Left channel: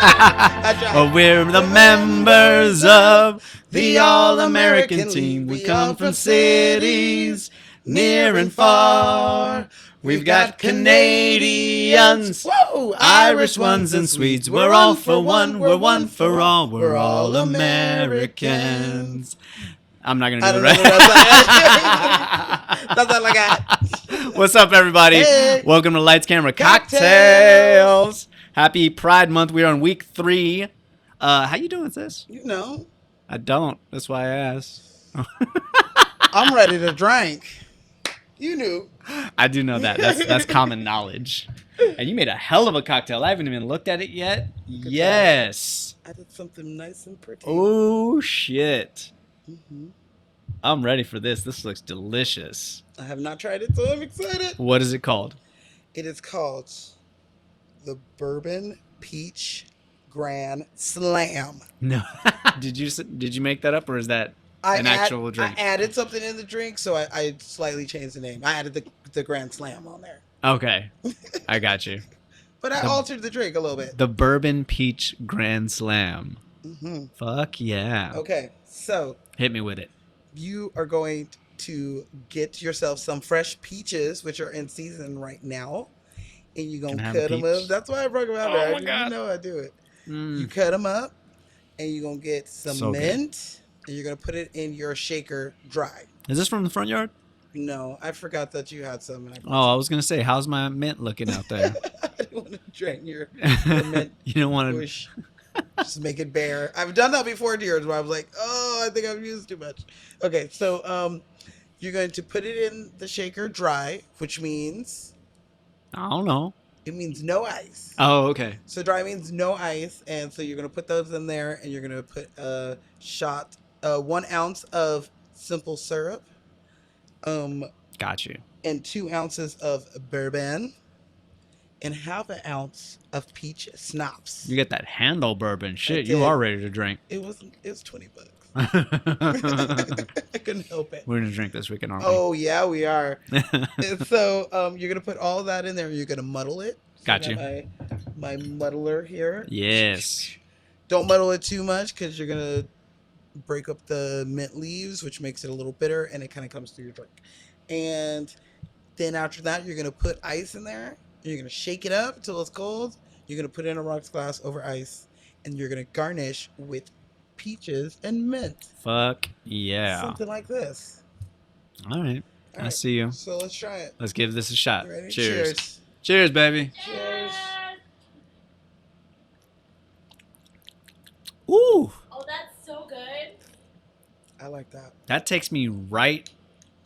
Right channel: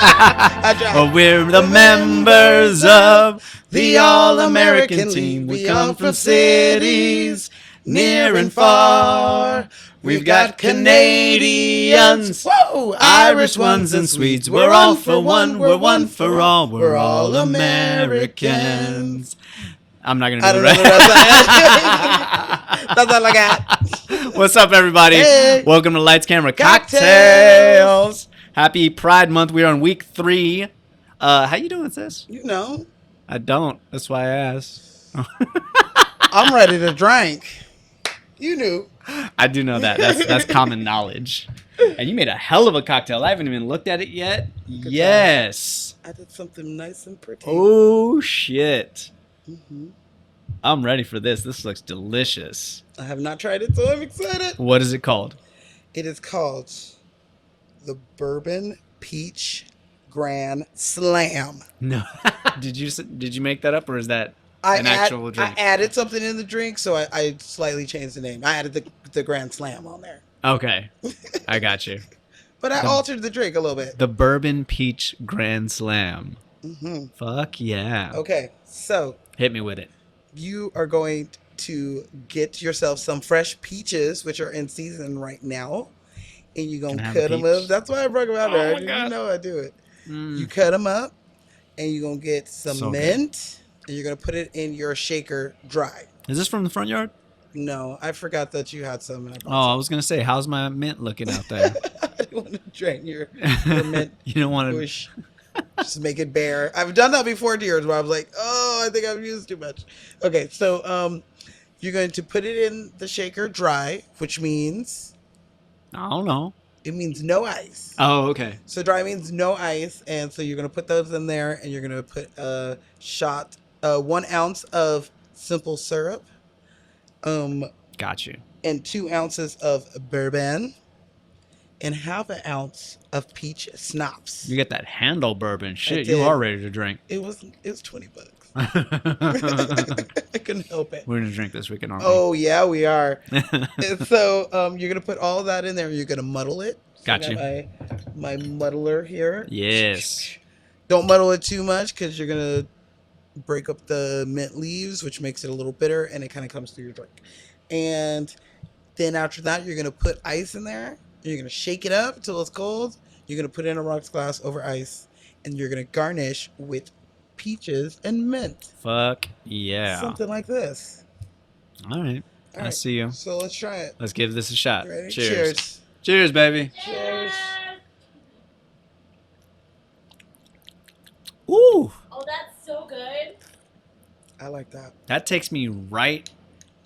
Oh, we're the members of the All-American team. We come from cities near and far. We've got Canadians, Irish ones, and Swedes. We're all for one, we're one for all. We're all Americans. I'm not going to do the rest. That's all I got. What's up, everybody? Hey. Welcome to Lights, Camera, Cocktails. Cocktails. Happy Pride Month. We're on week 3. How you doing, sis? You know. I don't. That's why I asked. I'm ready to drink. You knew. I do know that. That's common knowledge. And you made a hell of a cocktail. I haven't even looked at it yet. Yes. I did something nice and pretty. Oh, shit. Mm-hmm. I'm ready for this. This looks delicious. I have not tried it, so I'm excited. What is it called? It is called the Bourbon Peach Grand Slam. No. Did you make that up, or is that an actual drink? I added something in the drink, so I slightly changed the name. I added the Grand Slam on there. Okay. I got you. But I altered the drink a little bit. The Bourbon Peach Grand Slam. Mm-hmm. Fuck yeah. Okay, so Hit me with it. you are going to get yourself some fresh peaches, which are in season right now, and you're going to Can I have cut a them up. peach? That's why I brought them out there. Oh, You God. know I do it. You Mm. cut them up, and you're going to get some So good. mint, and you're going to put it in your shaker dry. Is this from the front yard? No, I forgot that you had some. And I Oh, I was going to say, how's my mint looking out there? I didn't want to drain your mint You don't want to... bush. Just make it bare. I've done that before to yours where I was like, oh, I think I've used too much. Okay, so you're going to put it in the shaker dry, which means I don't know. it means no ice. Oh, okay. So dry means no ice, and so you're going to put those in there, and you're going to put a shot, 1 ounce of simple syrup, Got you. and 2 ounces of bourbon, and half an ounce of peach schnapps. You get that handle bourbon. Shit, did. you are ready to drink. It was $20. We're I couldn't help it. going to drink this weekend, aren't we? Oh yeah, we are. And so you're gonna put all that in there. You're gonna muddle it. So Got I you. got my muddler here. Yes. Don't muddle it too much because you're gonna break up the mint leaves, which makes it a little bitter, and it kind of comes through your drink. And then after that, you're gonna put ice in there. You're gonna shake it up until it's cold. You're gonna put it in a rocks glass over ice, and you're gonna garnish with peaches and mint. Fuck yeah. Something like this. All right. All I right, see you. So let's try it. Let's give this a shot. Ready? Cheers. Cheers. Cheers, baby. Cheers. Ooh. Oh, that's so good. I like that. That takes me right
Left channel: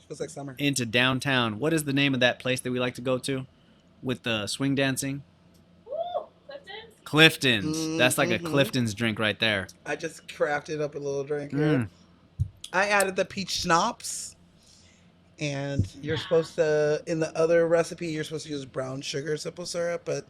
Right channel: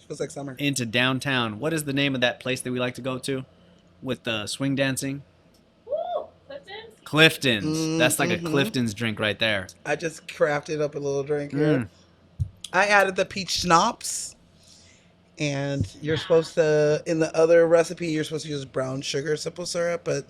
Feels like summer. into downtown. What is the name of that place that we like to go to with the swing dancing? Ooh, Clifton? Clifton's. That's like a Mhm. Clifton's drink right there. I just crafted up a little drink here. Mm. I added the peach schnapps. And you're supposed to, in the other recipe, you're supposed to use brown sugar simple syrup, but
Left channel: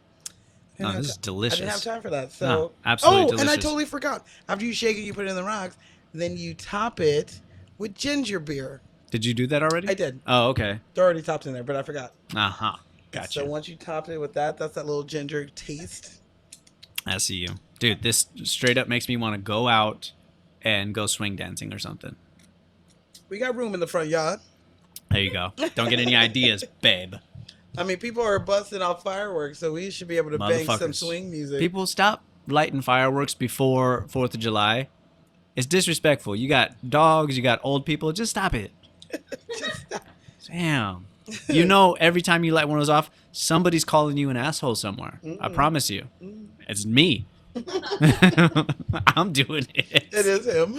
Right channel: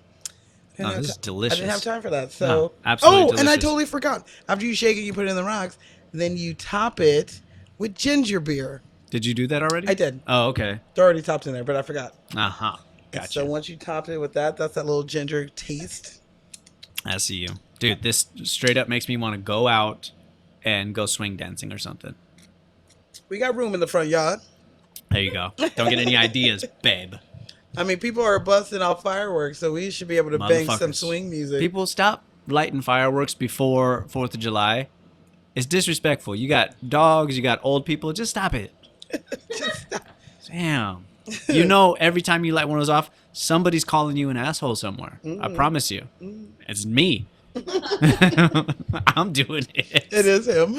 I No, didn't, this have, is delicious. I didn't have time for that. So, No, absolutely and I delicious. totally forgot. After you shake it, you put it in the rocks. Then you top it with ginger beer. Did you do that already? I did. Oh, okay. It's already topped in there, but I forgot. Uh-huh. So Gotcha. once you top it with that, that's that little ginger taste. I see you. Dude, this straight up makes me want to go out and go swing dancing or something. We got room in the front yard. There you go. Don't get any ideas, babe. I mean, people are busting off fireworks, so we should be able to bang some Motherfuckers. swing music. People, stop lighting fireworks before 4th of July. It's disrespectful. You got dogs, you got old people. Just stop it. Damn. You know, every time you light one of those off, somebody's calling you an asshole somewhere. I promise you. It's me. I'm doing it. It is him.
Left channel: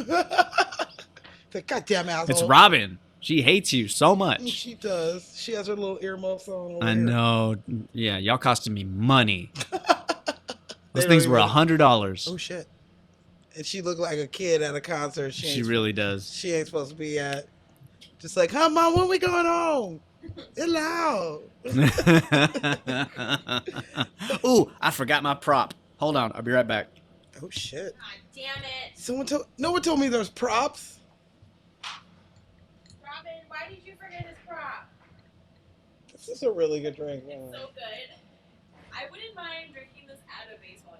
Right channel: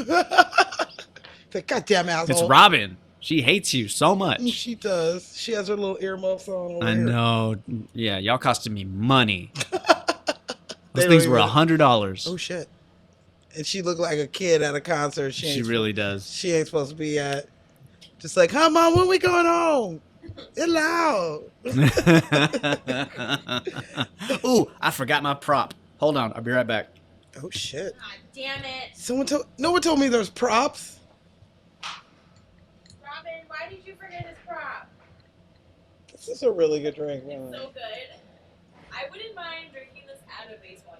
The goddamn asshole. It's Robin. She hates you so much. She does. She has her little earmuffs on over I here. know. Yeah, y'all costing me money. Those They things don't were even- $100. Oh shit. And she looked like a kid at a concert. She ain't- really does. She ain't supposed to be at. Just like, come on, when we going home? Hello. Ooh, I forgot my prop. Hold on, I'll be right back. Oh shit. God damn it. No one told me there's props. Robin, why did you forget his prop? This is a really good drink, man. So good. I wouldn't mind drinking this at a baseball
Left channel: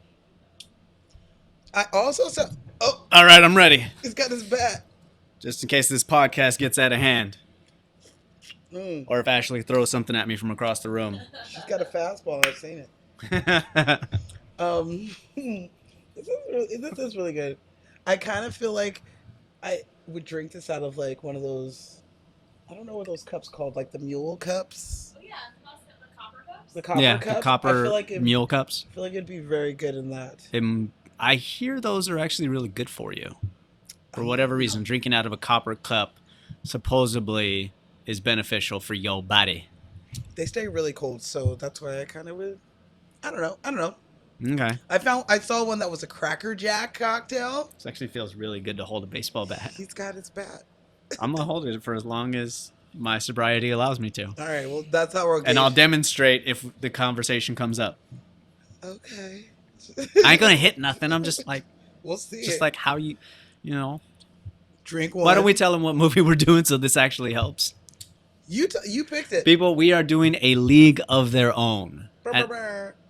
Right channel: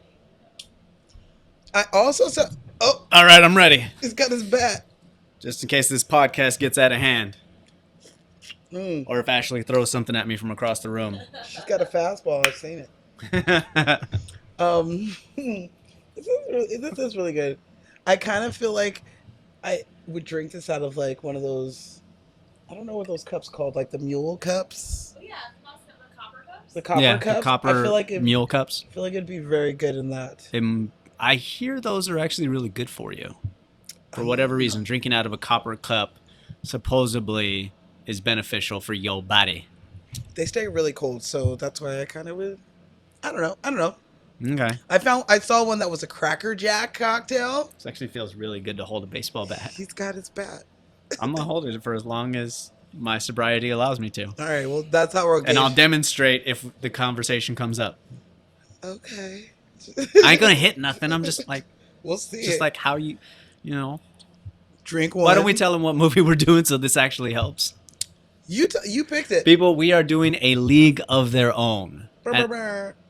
game. I also saw. Oh, All right, I'm ready. he's got his bat. Just in case this podcast gets out of hand, Mm, or if Ashley throws something at me from across the room. she's got a fastball. I've seen it. This is really good. I kind of feel like I would drink this out of like one of those. I don't know what those cups called, like the mule cups, Oh, yeah, the copper cups. the copper Yeah, cups. the copper I feel like mule cups. I feel like it'd be very good in that. I hear those are actually really good for you. For whatever reason, drinking out of a copper cup supposedly is beneficial for your body. They stay really cold, so that's why I kind of would. I don't know. Okay. I saw one that was a Cracker Jack cocktail. This actually feels really good to hold a baseball bat. He's got his bat. I'm going to hold it for as long as my sobriety allows me to. All right, well that's how we're. And I'll demonstrate if the conversation comes up. Okay. I ain't going to hit nothing. I'm just like, We'll see. just like how you know. Drink one. Why don't we tell them what movie we're doing so this actually helps? You picked it. People, we are doing A League of Their Own. And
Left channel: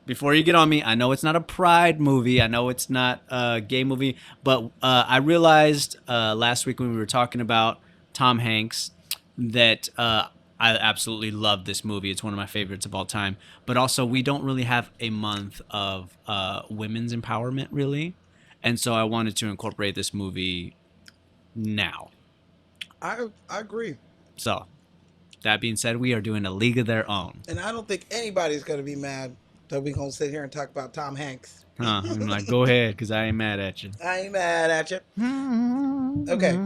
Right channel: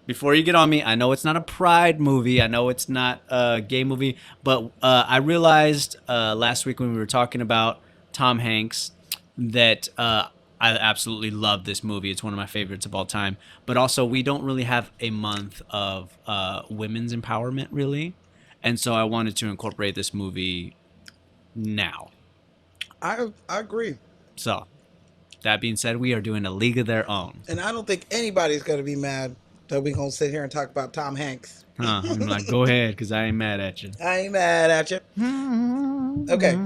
before you get on me, I know it's not a pride movie. I know it's not a gay movie. But I realized last week when we were talking about Tom Hanks that I absolutely love this movie. It's one of my favorites of all time. But also, we don't really have a month of women's empowerment, really. And so I wanted to incorporate this movie now. I agree. So, that being said, we are doing A League of Their Own. And I don't think anybody's gonna be mad that we're gonna sit here and talk about Tom Hanks. I'm like, go ahead, because I ain't mad at you. I ain't mad at you. Okay.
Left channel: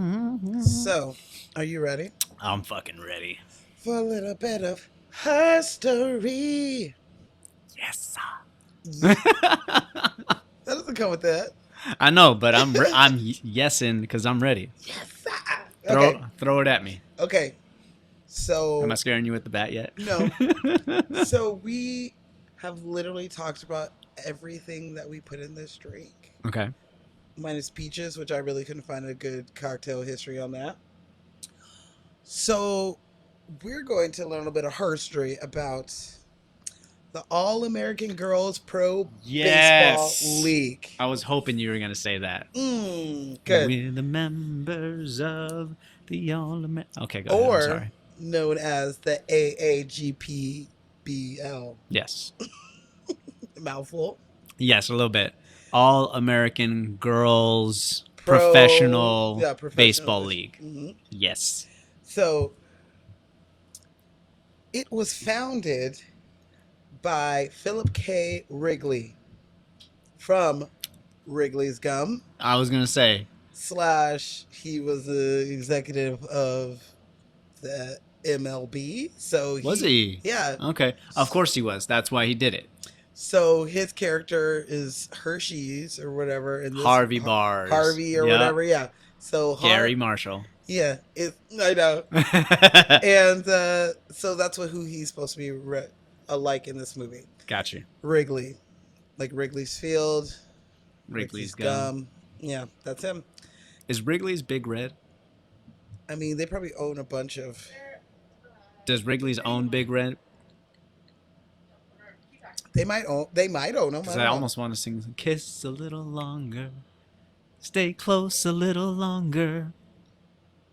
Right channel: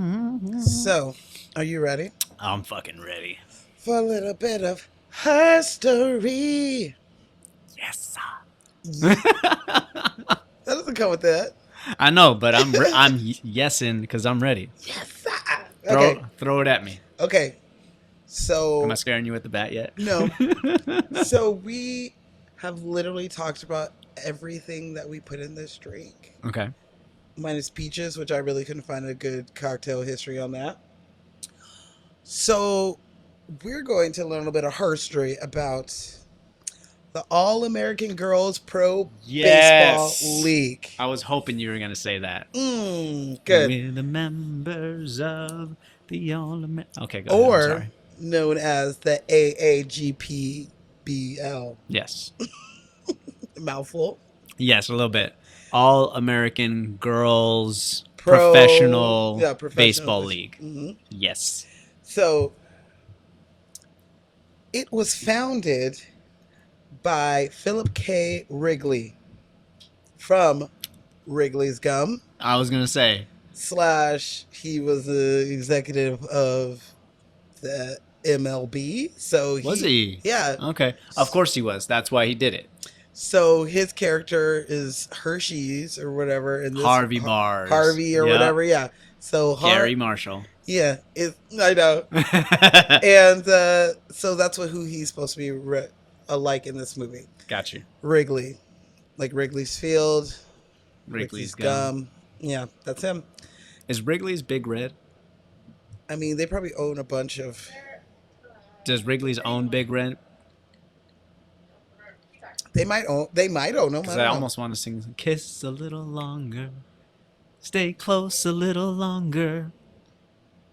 So, are you ready I'm fucking ready. for a little bit of history? Yes. That doesn't come with that. I know, but I'm yesing because I'm ready. Yes. Okay. Throw it at me. Okay. So Am I scaring you with the bat yet? no. So we have literally talked about everything that we put in this drink, Okay. minus peaches, which I really couldn't find a good cocktail history on that. So we're going to learn a bit of history about the All-American Girls Pro Yes. Baseball League. I was hoping you were going to say that. Good. We're the members of the All-American... Okay, go Or ahead. I'm sorry. known as the AAGPBL. Yes. Mouthful. Yes, a little bit. All-American Girls Pro- Professional, yeah, professional Baseball base- League. Mhm. Yes. So it was founded by Philip K. Wrigley from Wrigley's Gum. I was going to say... / he was the executive of the MLB. So Was he? Yeah. Okay. Of course he was. That's why he did it. So his character is Hershey's or whatever. And Harvey Bars. Harvey or Yep. whatever. Yeah. So Gary Marshall. Yeah. I know. And so that's who he's supposed to be alike in this movie. Got you. Wrigley, like Wrigley's Field, Wrigley's Gum. Yeah, that's him. Is Wrigley's Big Red? I mean, they probably own a bunch of. Does Wrigley's own Big Red? They might own them. Because I almost want to sing Kiss a little longer. Stay close a little longer.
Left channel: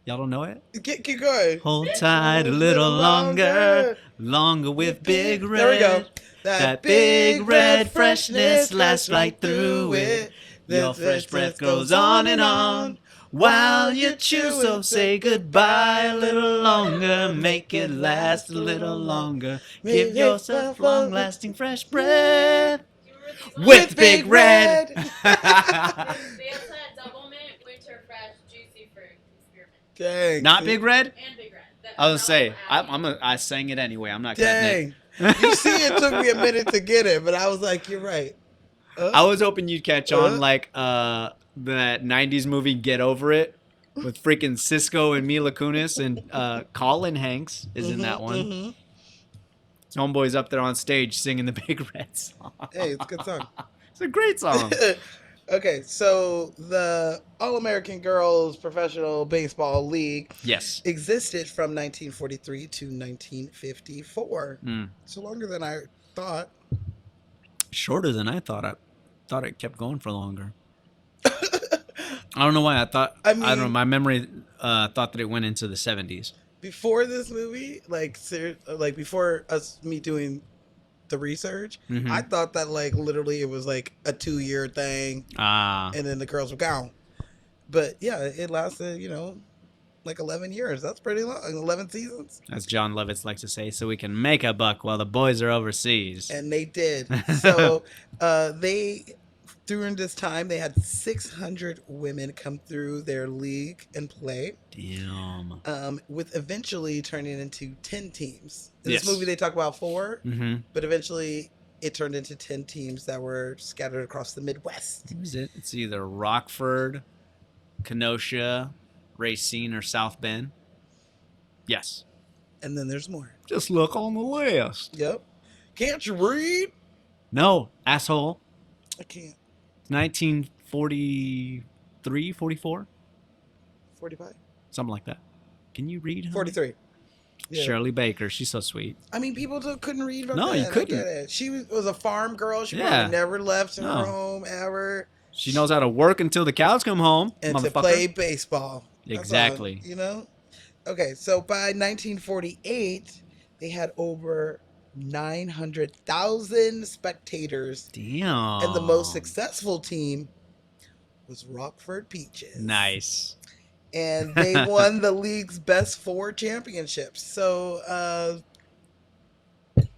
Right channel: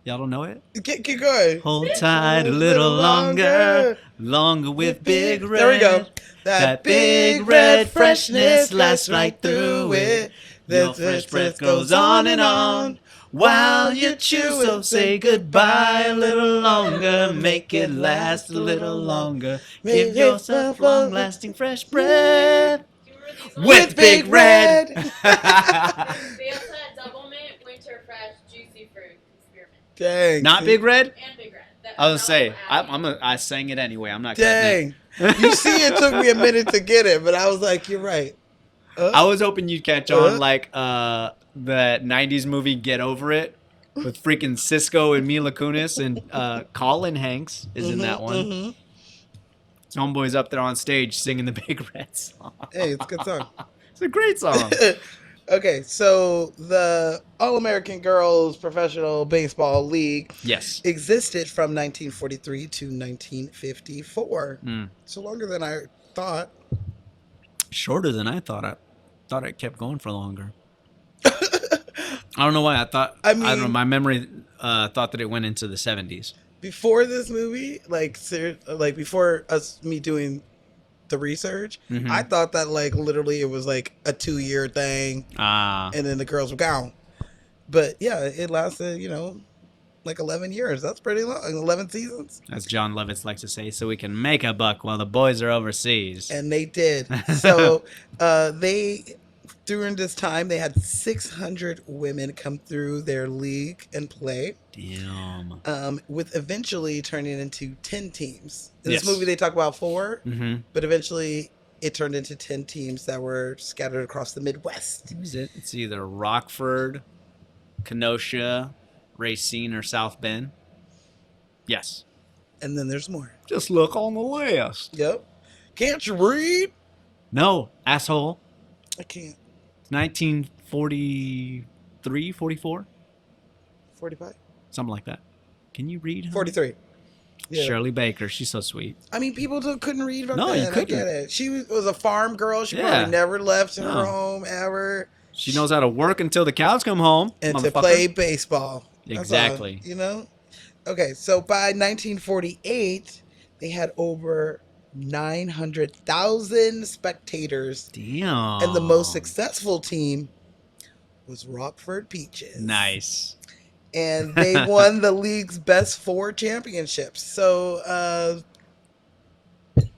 Y'all don't know it? Keep going. Hold tight a little longer. Longer with Big Red. There we go. That big red freshness lasts right through it. Your fresh breath goes on and on while you chew. So say goodbye a little longer. Make it last a little longer. Give yourself long-lasting fresh breath with Big Red. They also had Double Mint, Winter Fresh, Juicy Fruit Experiment. Dang. Not Big Red? And Big Red. I was gonna say I sang it anyway. I'm not cutting it. Dang. You see, it took me a minute to get it, but I was like, you're right. I was hoping you'd catch on like the 90s movie Get Over It with freaking Cisco and Mila Kunis and Colin Hanks is in that one. Mhm. Homeboy's up there on stage singing the Big Red song. Hey, it's a good song. It's a great song. Okay, so the All-American Girls Professional Baseball League Yes. existed from 1943 to 1954. Mm. So longer than I thought. Shorter than I thought. I thought it kept going for longer. don't know why. I don't know. mean- My memory thought that it went into the 70s. Before this movie, like before me doing the research, Mhm. I thought that like literally it was like a 2-year thing, Ah, and then the girls were gone. But yeah, it lasted, like 11 years. That's pretty long. 11 seasons. as John Lovitz likes to say, so we can make a buck while the boys are overseas. And they did. So during this time, they had 600 women come through their league and play, Damn. with eventually turning into 10 teams. In this Yes. movie, they talk about 4, Mm-hmm. but eventually it turned into 10 teams that were scattered across the Midwest. Who is it? It's either Rockford, Kenosha, Racine, or South Bend. Yes. And then there's more. Just look on the list. Yep. Can't you read? No, asshole. I can't. 1943, 44? 45? Something like that. Can you read? 43. Yeah. Shirley Baker. She's so sweet. I mean, people couldn't read back No, then. you couldn't. I get it. She was a farm girl. She Yeah. probably never left her No. home ever. She knows how to work until the cows come home, And to motherfucker. play baseball. That's Exactly. all, Okay, so by 1948, they had over 900,000 spectators, Damn. and the most successful team was Rockford Peaches. Nice. And they won the league's best 4 championships. So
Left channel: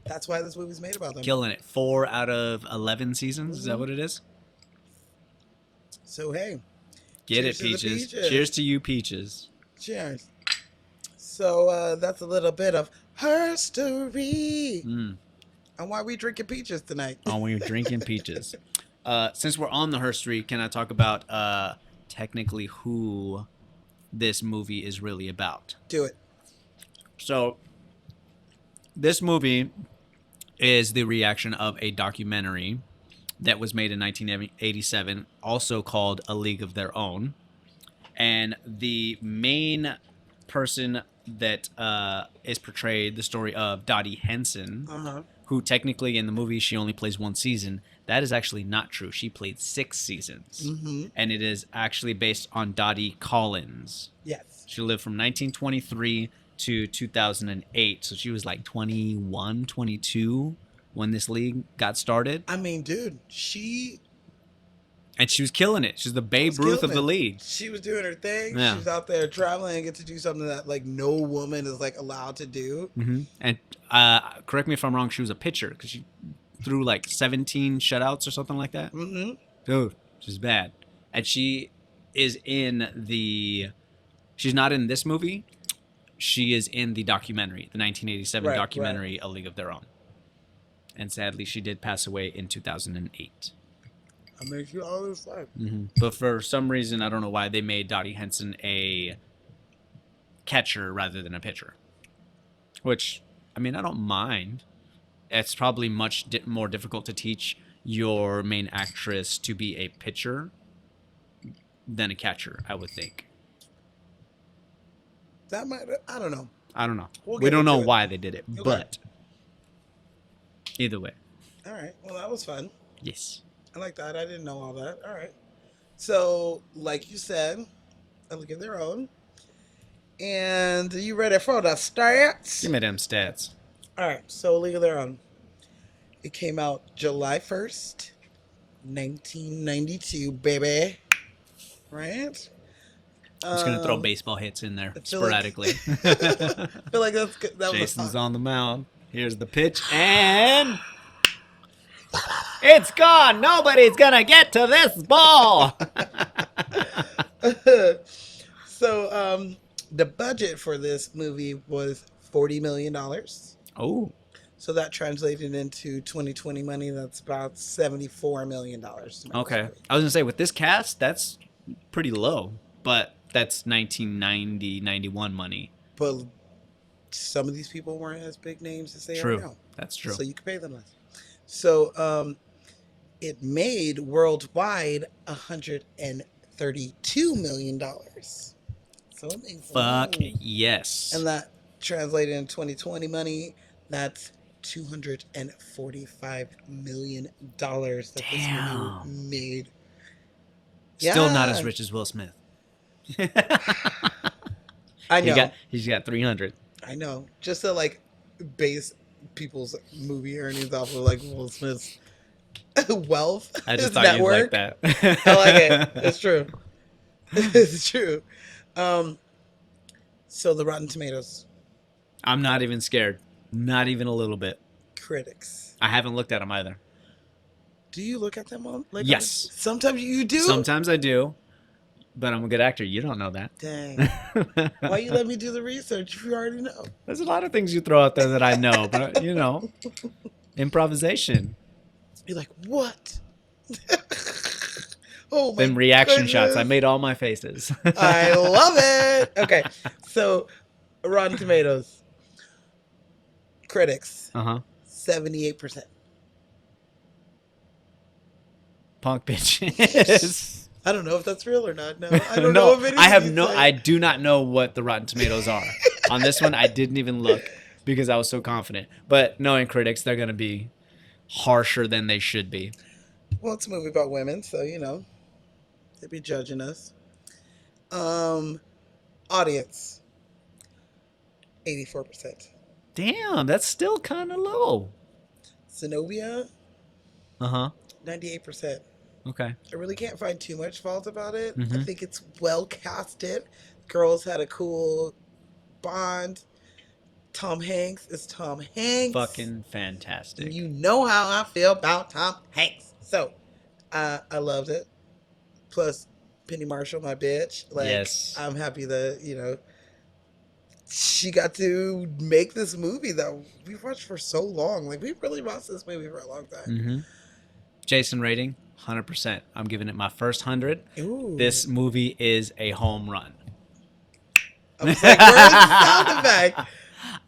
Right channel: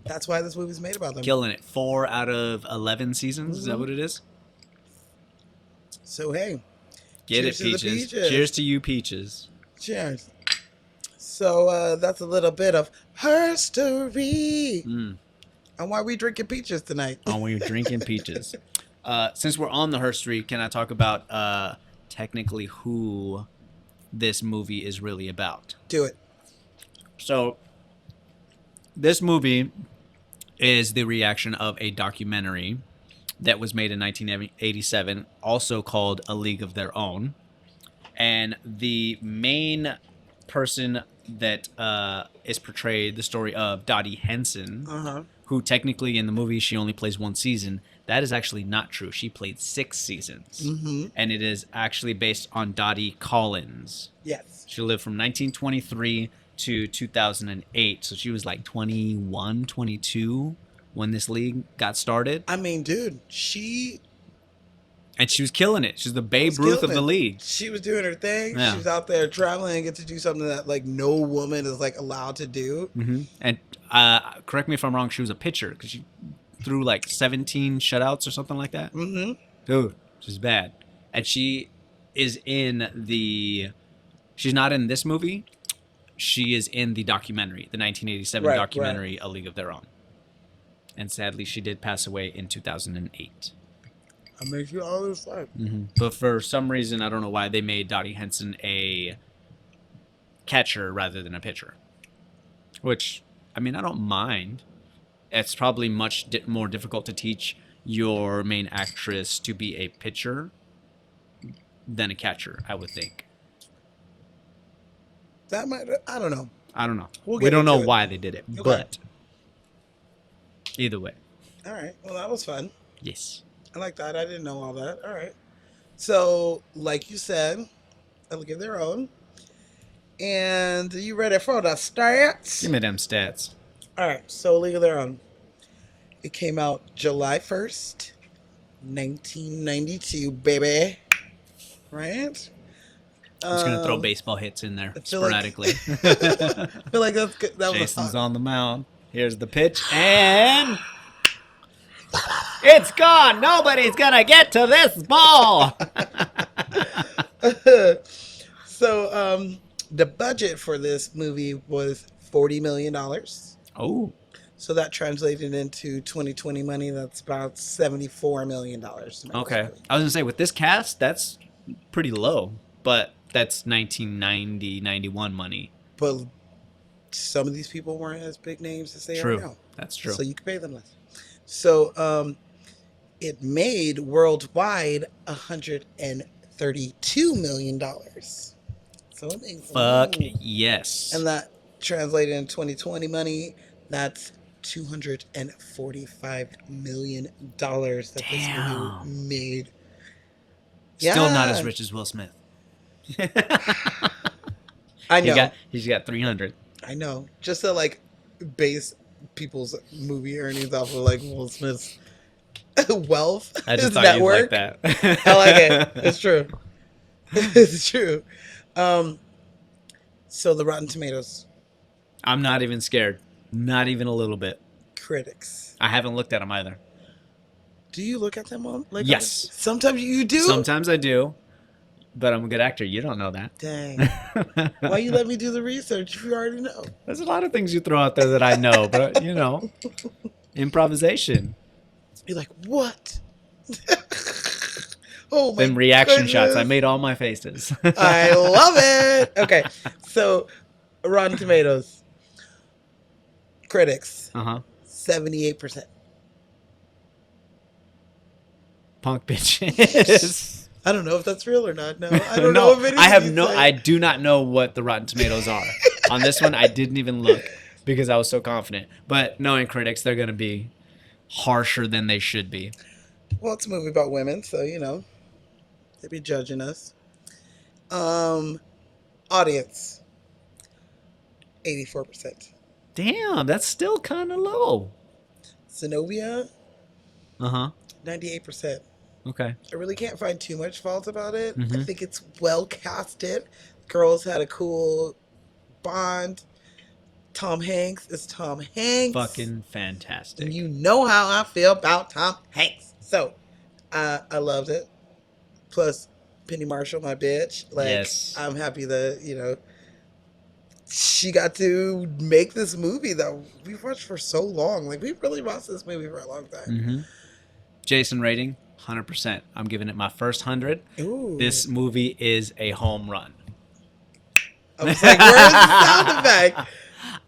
that's why this movie's made about them. Killing it. 4 out of 11 seasons. Is that what it is? So hey, Get Cheers it, to the Peaches. Peaches. Cheers to you, Peaches. cheers. So that's a little bit of herstory Mm. on why we drinking peaches tonight. Oh, when you're drinking peaches. Since we're on the herstory, can I talk about technically who this movie is really about? Do it. So, this movie is the reaction of a documentary that was made in 1987, also called A League of Their Own. And the main person that is portrayed, the story of Dottie Henson, Uh-huh. who technically in the movie she only plays 1 season. That is actually not true. She played 6 seasons. Mm-hmm. And it is actually based on Dottie Collins. Yes. She lived from 1923 to 2008. So she was like 21, 22 when this league got started. I mean, dude, she And she was killing it. She's the Babe was Ruth killing of the it. league. She was doing her thing. Yeah. She was out there traveling and get to do something that like no woman is like allowed to do. Mm-hmm. And correct me if I'm wrong, she was a pitcher because she threw like 17 shutouts or something like that. Mm-hmm. Dude, she's bad. And she is in the... She's not in this movie. She is in the documentary, the 1987 Right, documentary, A League of Their Own. And sadly, she did pass away in 2008. I mean, she always like. But for some reason, I don't know why, they made Dottie Henson a catcher rather than a pitcher. Which, I mean, I don't mind. It's probably much more difficult to teach your main actress to be a pitcher than a catcher, I would think. That might. I don't know. I don't know. We'll We get don't know into it. why they did it, Okay. but either way, All right. Well, that was fun. yes. I like that. I didn't know all that. All right. So, like you said, A League of Their Own. And you ready for the stats? Give me them stats. All right. So, League of Their Own. It came out July 1st, 1992, baby. Right? I'm just gonna throw baseball hits in there I feel like- sporadically. I feel like that's good. That was Jason's fun. on the mound. Here's the pitch, and it's gone. Nobody's gonna get to this ball. So, the budget for this movie was $40 million. Oh, So that translated into 2020 money. That's about $74 million. okay. I was gonna say with this cast, that's pretty low, but that's 1990, 91 money. But some of these people weren't as big names as they True. are now. That's true. So you can pay them less. So it made worldwide $132 million. So it made Fuck wow. yes. And that translated in 2020 money, that's $245 million that this movie Damn. made. Still not Yeah. as rich as Will Smith. I know. He's got 300. I know. Just to like base people's movie earnings off of like Will Smith's wealth. I just his thought you'd like network. that. I like it. It's true. It's true. So the Rotten Tomatoes I'm not even scared. Not even a little bit. critics. I haven't looked at them either. Do you look at them all? Like, Yes. Sometimes you do. Sometimes I do, but I'm a good actor. You don't know that. Dang. Why you let me do the research if you already know? There's a lot of things you throw out there that I know, but you know, improvisation. You're like, what? Oh my Then reaction goodness. shots. I made all my faces. I love it. Okay, so Rotten Tomatoes critics Uh-huh. 78%. Punk bitches. I don't know if that's real or not. No, I don't No, know if it is. I have You no. say. I do not know what the Rotten Tomatoes are. On this one, I didn't even look because I was so confident. But knowing critics, they're gonna be harsher than they should be. Well, it's a movie about women, so you know they'd be judging us. Audience 84%. Damn, that's still kind of low. Zenobia Uh huh. 98%. Okay. I really can't find too much fault about it. I Mhm. think it's well casted. Girls had a cool bond. Tom Hanks is Tom Hanks. Fucking fantastic. And you know how I feel about Tom Hanks. So, I loved it. Plus, Penny Marshall, my bitch. Like, Yes. I'm happy that, you know, she got to make this movie that we've watched for so long. Like, we really watched this movie for a long time. Mm-hmm. Jason rating 100%. I'm giving it my first 100. Ooh. This movie is a home run. I was like, where's the sound effect?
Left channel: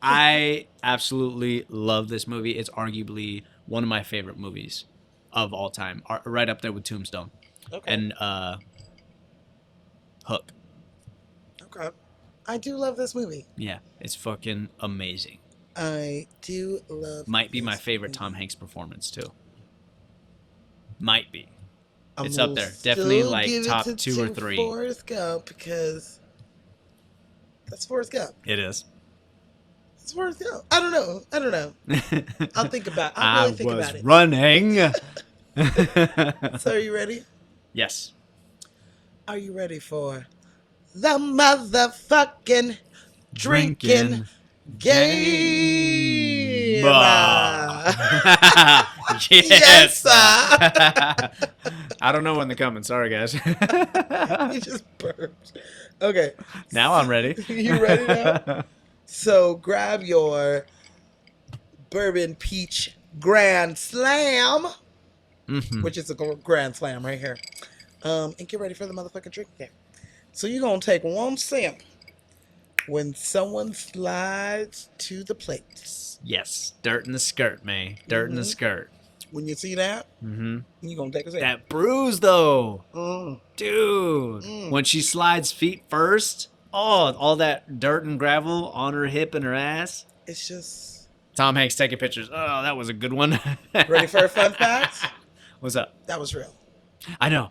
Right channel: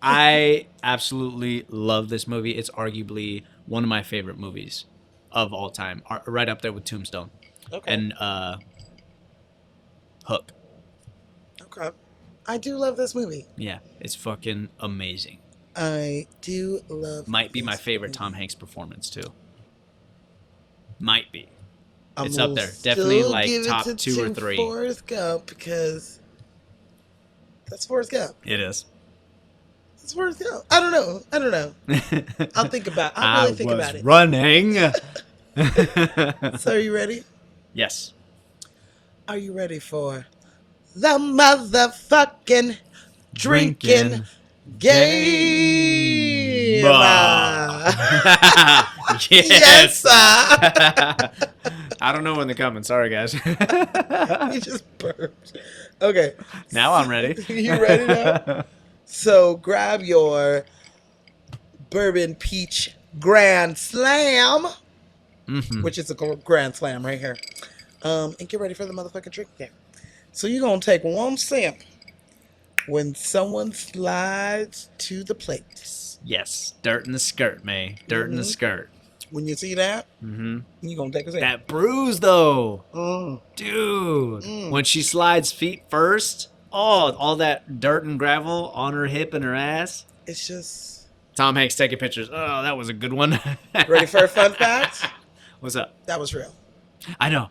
I absolutely love this movie. It's arguably one of my favorite movies of all time, right up there with Tombstone Okay. and Hook. Okay. I do love this movie. Yeah, it's fucking amazing. I do love Might be my this favorite movie. Tom Hanks performance too. Might be. I'm It's up gonna there. Definitely, still like, give it top to 2 or 3. Forrest Gump because that's Forrest Gump. It is. It's Forrest Gump. I don't know. I'll think about. I'll really think about it. Running. So are you ready? Yes. Are you ready for the motherfucking drinking game? Yes. Yes, sir. I don't know when they're coming. Sorry, guys. You just burped. Okay. Now I'm ready. You ready now? So grab your bourbon peach grand slam, Mhm. which is a grand slam right here. And get ready for the motherfucking drink game. So you're gonna take one sip when someone slides to the plate. Yes. Dirt in the skirt, May. Dirt in the skirt. When you see that, Mm-hmm. you're gonna take a sip. That bruise, though. Mm. Dude. Mm. When she slides feet first, oh, all that dirt and gravel on her hip and her ass. It's just Tom Hanks taking pictures. Oh, that was a good one. ready for a fun fact? What's up? That was real. I know.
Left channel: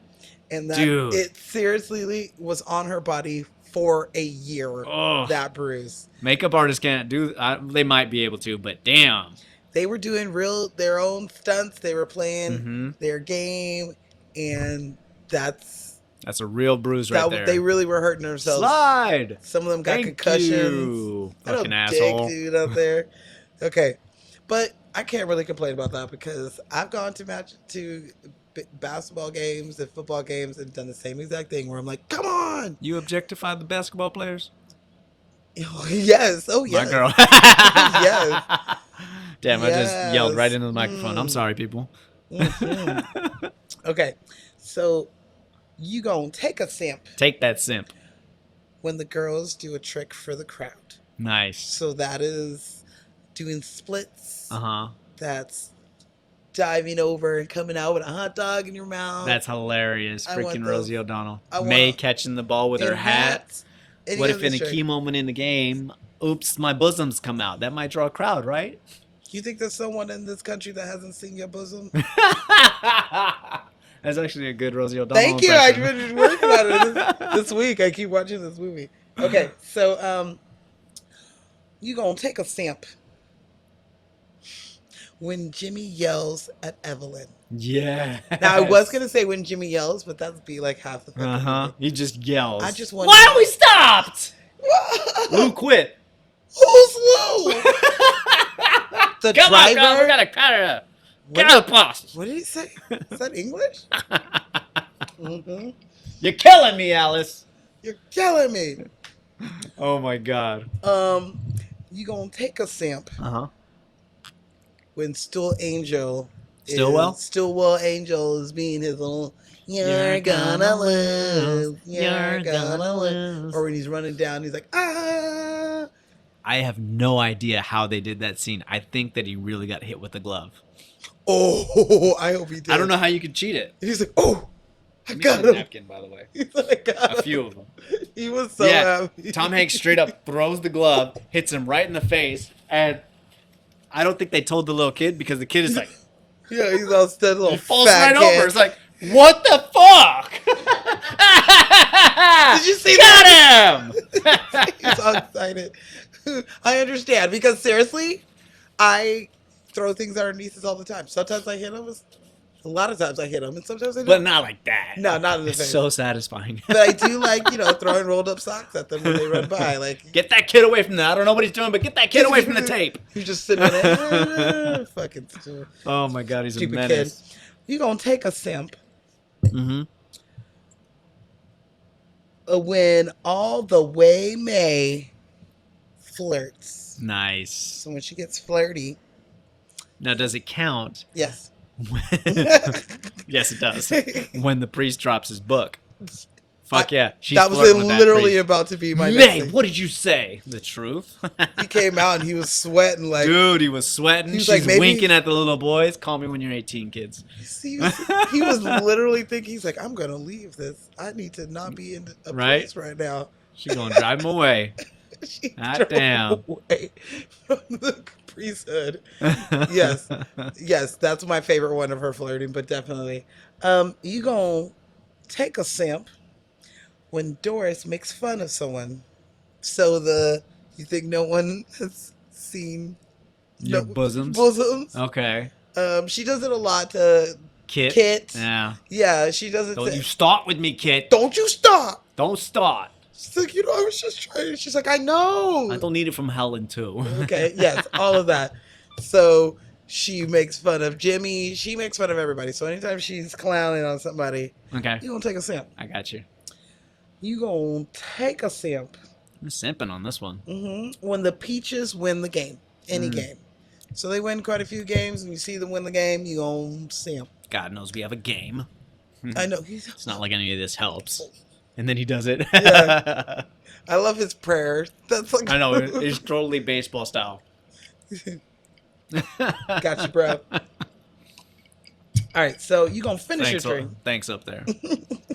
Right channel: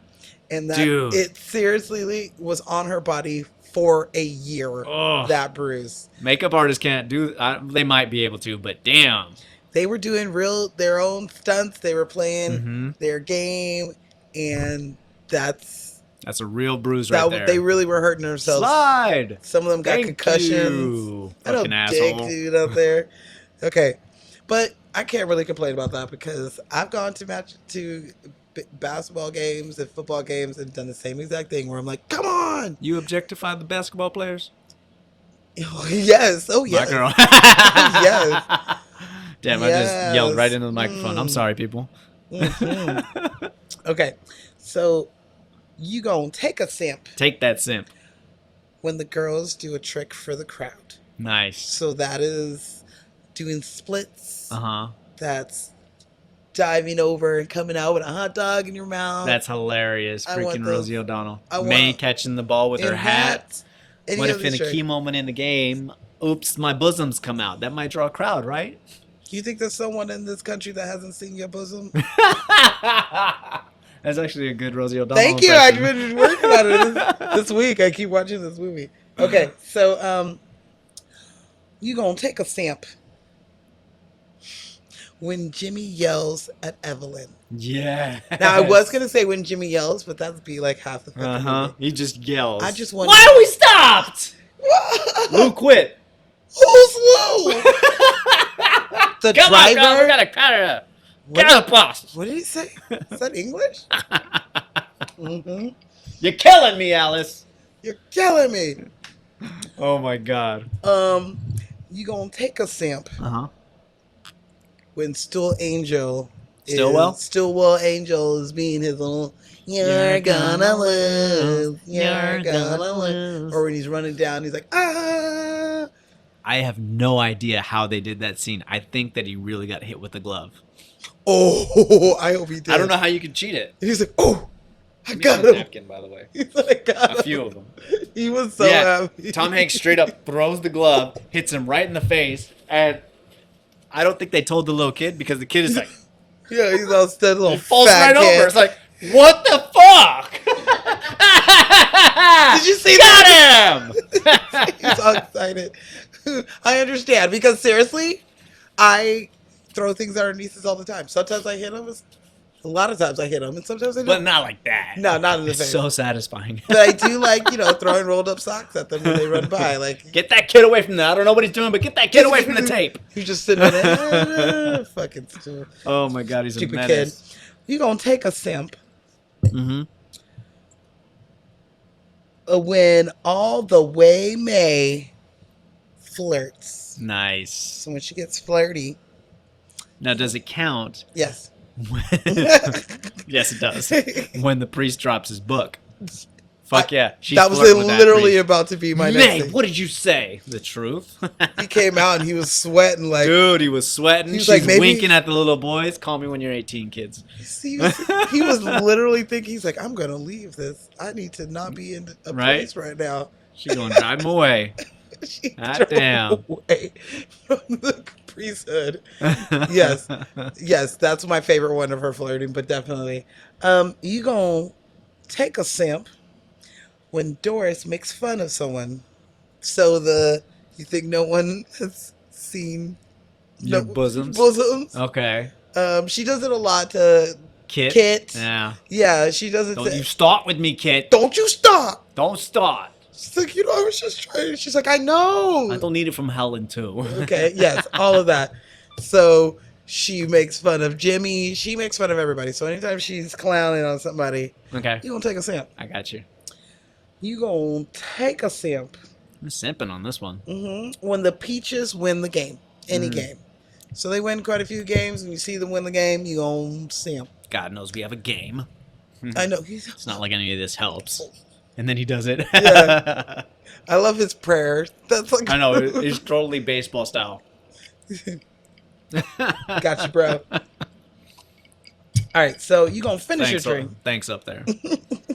And that Dude. it seriously was on her body for a year. Oh. That bruise. Makeup artists can't do. They might be able to, but damn. They were doing their own stunts. They were playing Mm-hmm. their game, and that's That's a real bruise right there. They really were hurting themselves. Slide. Some of them got Thank concussions. you, What a fucking dick asshole. dude out there. Okay, but I can't really complain about that because I've gone to basketball games and football games and done the same exact thing where I'm like, come on. You objectify the basketball players? Yes. Oh, My yes. girl. Yes. Damn, I just yelled right into the microphone. I'm Mm. sorry, people. Mhm. Okay, so you gonna take a sip Take that simp. when the girls do a trick for the crowd. Nice. So that is doing splits. Uh-huh. That's diving over and coming out with a hot dog in your mouth. That's hilarious. I want Freaking those. Rosie O'Donnell. I want- May catching the ball with her And hat. hats. Any What of if in a this trick. key moment in the game, oops, my bosoms come out? That might draw a crowd, right? You think there's someone in this country that hasn't seen your bosom? That's actually a good Rosie O'Donnell. Thank you. I've been working on it this week. I keep watching this movie. Okay, so you gonna take a stamp when Jimmy yells at Evelyn. Yeah. Now I was gonna say when Jimmy yells, but that'd be like half the fucking movie. He just yells. I just want. Why are we stopped? Who quit? Who's Lou? The Come on, driver. girl, we gotta cut it up. Get out of the boss. What did he say? Is that English? Mm-hmm. You're killing me, Alice. You're killing me. Oh my god. You gonna take a stamp Uh-huh. when Stillwell Angel is being his own. You're gonna lose. You're gonna lose. Or when he's running down, he's like, ah. I have no idea how they did that scene. I think that he really got hit with the glove. Oh, I hope he did. I don't know how you can cheat it. And he's like, oh, I got him. Napkin, by the way. He's like, I got A him. few of them. He was so Yeah, happy. Tom Hanks straight up throws the glove, hits him right in the face, and I don't think they told the little kid because the kid is like, Yeah, he's all steady, little falls fat right kid. over. It's like, what the fuck? Did you see Got him! He's so excited. I understand because seriously, I throw things at our nieces all the time. Sometimes I hit them. A lot of times I hit them, and sometimes I But don't. not like that. No, not in the It's face. so satisfying. But I do like, throwing rolled up socks at them when they run by. Like, Get that kid away from that. I don't know what he's doing, but get that kid away from the tape. you just sitting there, fucking stupid. Oh my god, he's Stupid a menace. You gonna take a simp Mm-hmm. when all the way May flirts. Nice. So when she gets flirty, Now, does it count? yes. Yes, it does. When the priest drops his book. Fuck yeah. She's That was flirting with that literally priest. about to be my next Nay, thing. what did you say? The truth? He came out and he was sweating like, Dude, he was sweating. He was She's like, maybe- winking at the little boys. Call me when you're 18, kids. he was literally thinking, he's like, I'm going to leave this. I need to not be in a Right? place right now. She's going to drive him away. She God drove damn. away from the priesthood. Yes, that's my favorite one of her flirting, but definitely. You gonna take a simp when Doris makes fun of someone. So you think no one has seen Your bosoms? bosoms? Okay. She does it a lot to Kit? Kit. Yeah. Yeah, she does it. Don't you start with me, Kit. Don't you stop. Don't start. She's like, I was just trying. She's like, I know. I don't need it from Helen, too. Okay, yes, all of that. So she makes fun of Jimmy. She makes fun of everybody. So anytime she's clowning on somebody, Okay. you gonna take a simp. I got you. You gonna take a simp I'm simping on this one. when the Peaches win the game, any game. So they win quite a few games, and you see them win the game, you gonna simp. God knows we have a game. I know. It's not like any of this helps. And then he does it. Yeah. I love his prayers. That's like I know. It's totally baseball style. Got you, bro. All right, so you gonna finish your drink. Thanks up there.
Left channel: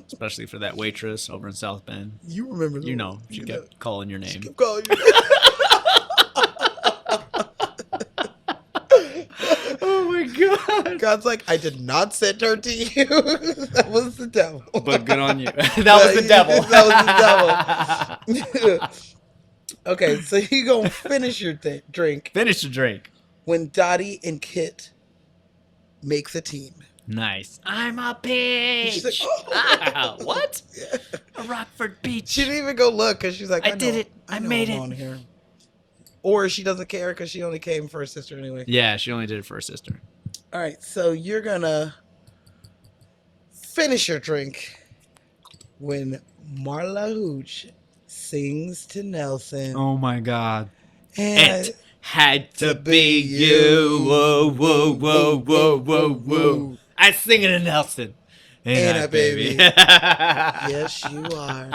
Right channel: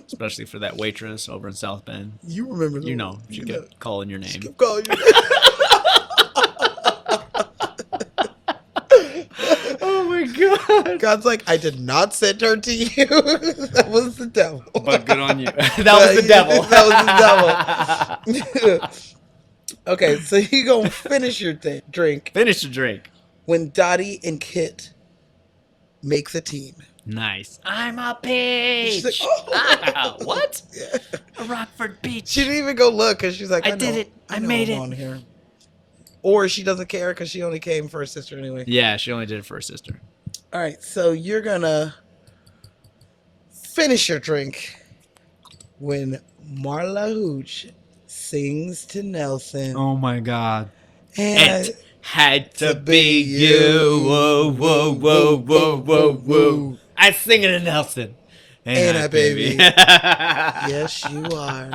Especially for that waitress over in South Bend. You remember? You know, she kept calling your She name. kept calling you. Oh my god. God's like, I did not send her to you. That was the devil. But good on you. That was the devil. That was the devil. Okay, so you gonna finish your drink Finish the drink. when Dottie and Kit make the team. Nice. I'm a She's peach. like, Ah, what? Yeah. A Rockford peach. She didn't even go look because she's like, I know- did it. I know made I'm it. on here. Or she doesn't care because she only came for her sister anyway. Yeah, she only did it for her sister. All right, so you're gonna finish your drink when Marla Hooch sings to Nelson. Oh my god. And It had to be you. Whoa, whoa, whoa, whoa, whoa, whoa. I sing it to Nelson. Ain't I, baby? Yeah. yes, you are.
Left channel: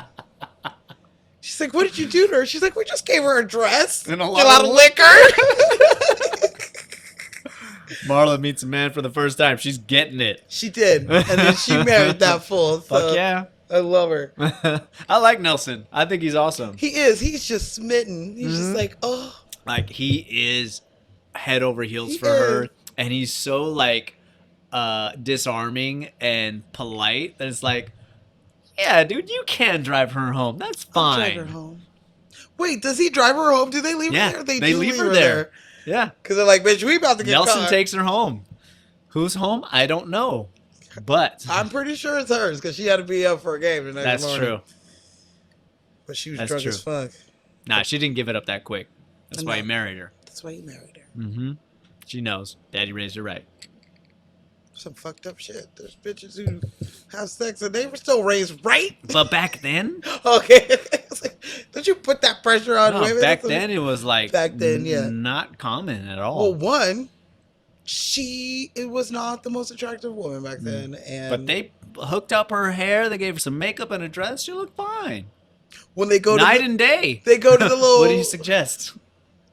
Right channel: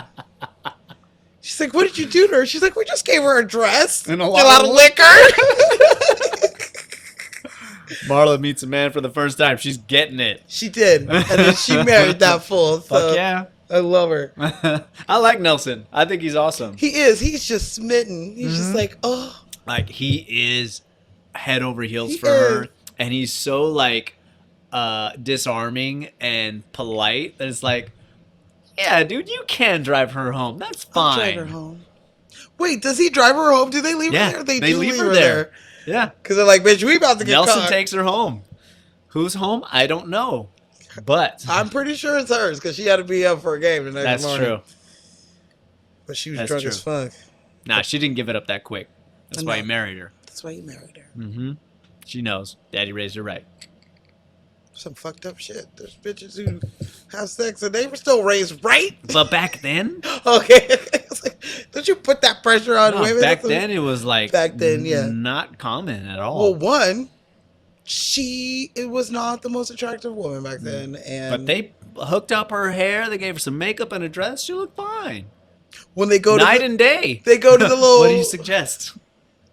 She's like, what did you do to her? She's like, we just gave her a dress And a a lot lot of of liquor. Marla meets a man for the first time. She's getting it. She did, and then she married that fool. So Fuck yeah. I love her. I like Nelson. I think he's awesome. He is. He's just smitten. He's just like, oh. Like, he is head over heels He for is. her. And he's so, like, disarming and polite that it's like, yeah, dude, you can drive her home. That's I'll drive her fine. home. Wait, does he drive her home? Do they leave Yeah, her there? they do leave her there. Yeah. Because they're like, bitch, we about to get Nelson caught. takes her home. Who's home? I don't know. But I'm pretty sure it's hers because she had to be up for a game. The next that's morning. true. But she was That's drunk true. as fuck. Nah, she didn't give it up that quick. That's why he married her. That's why he married her. Mm-hmm. She knows. Daddy raised her right. Some fucked up shit. There's bitches who have sex and they were still raised right. But back then, Okay. It's like, don't you put that pressure on no, women? back then it was like Back then, yeah. not common at Well, all. one, it was not the most attractive woman back then, and But they hooked up her hair. They gave her some makeup and a dress. She looked fine. when they go Night to and day. they go to the little What do you suggest?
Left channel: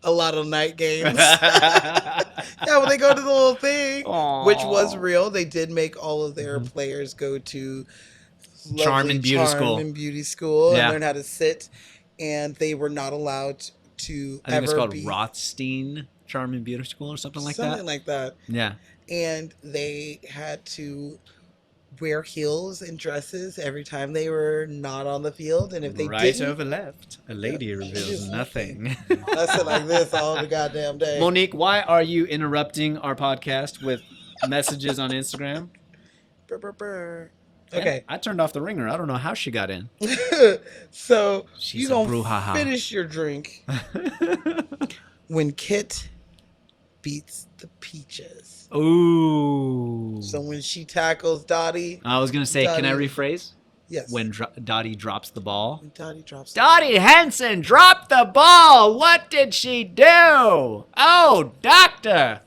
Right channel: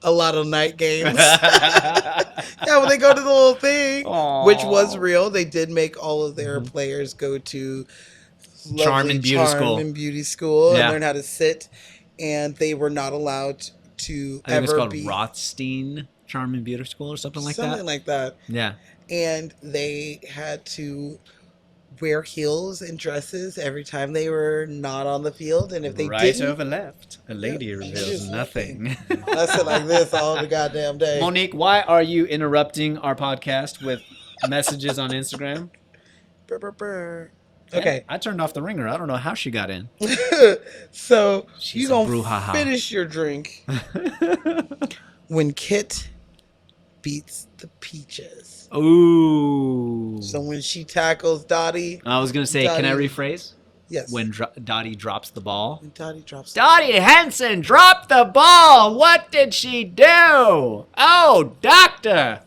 a lot of night games. Yeah, when they go to the little thing, which was real, they did make all of their players go to Charm lovely and beauty school. Charm and beauty school Yeah. and learn how to sit, and they were not allowed to I think it's ever called be Rothstein Charm and Beauty School or something like that. like that. Yeah. And they had to wear heels and dresses every time they were not on the field, and if they Right didn't, over left. A lady reveals nothing. I sit like this all the goddamn day. Monique, why are you interrupting our podcast with messages on Instagram? Brr, brr, brr. Okay, I turned off the ringer. I don't know how she got in. so She's you a gonna brouhaha. finish your drink when Kit beats the Peaches. Ooh. So when she tackles Dottie, I was going to say, can I Dottie. rephrase? yes, When Dottie drops the ball. when Dottie drops. Dottie Henson dropped the ball. What did she do? Oh, doctor.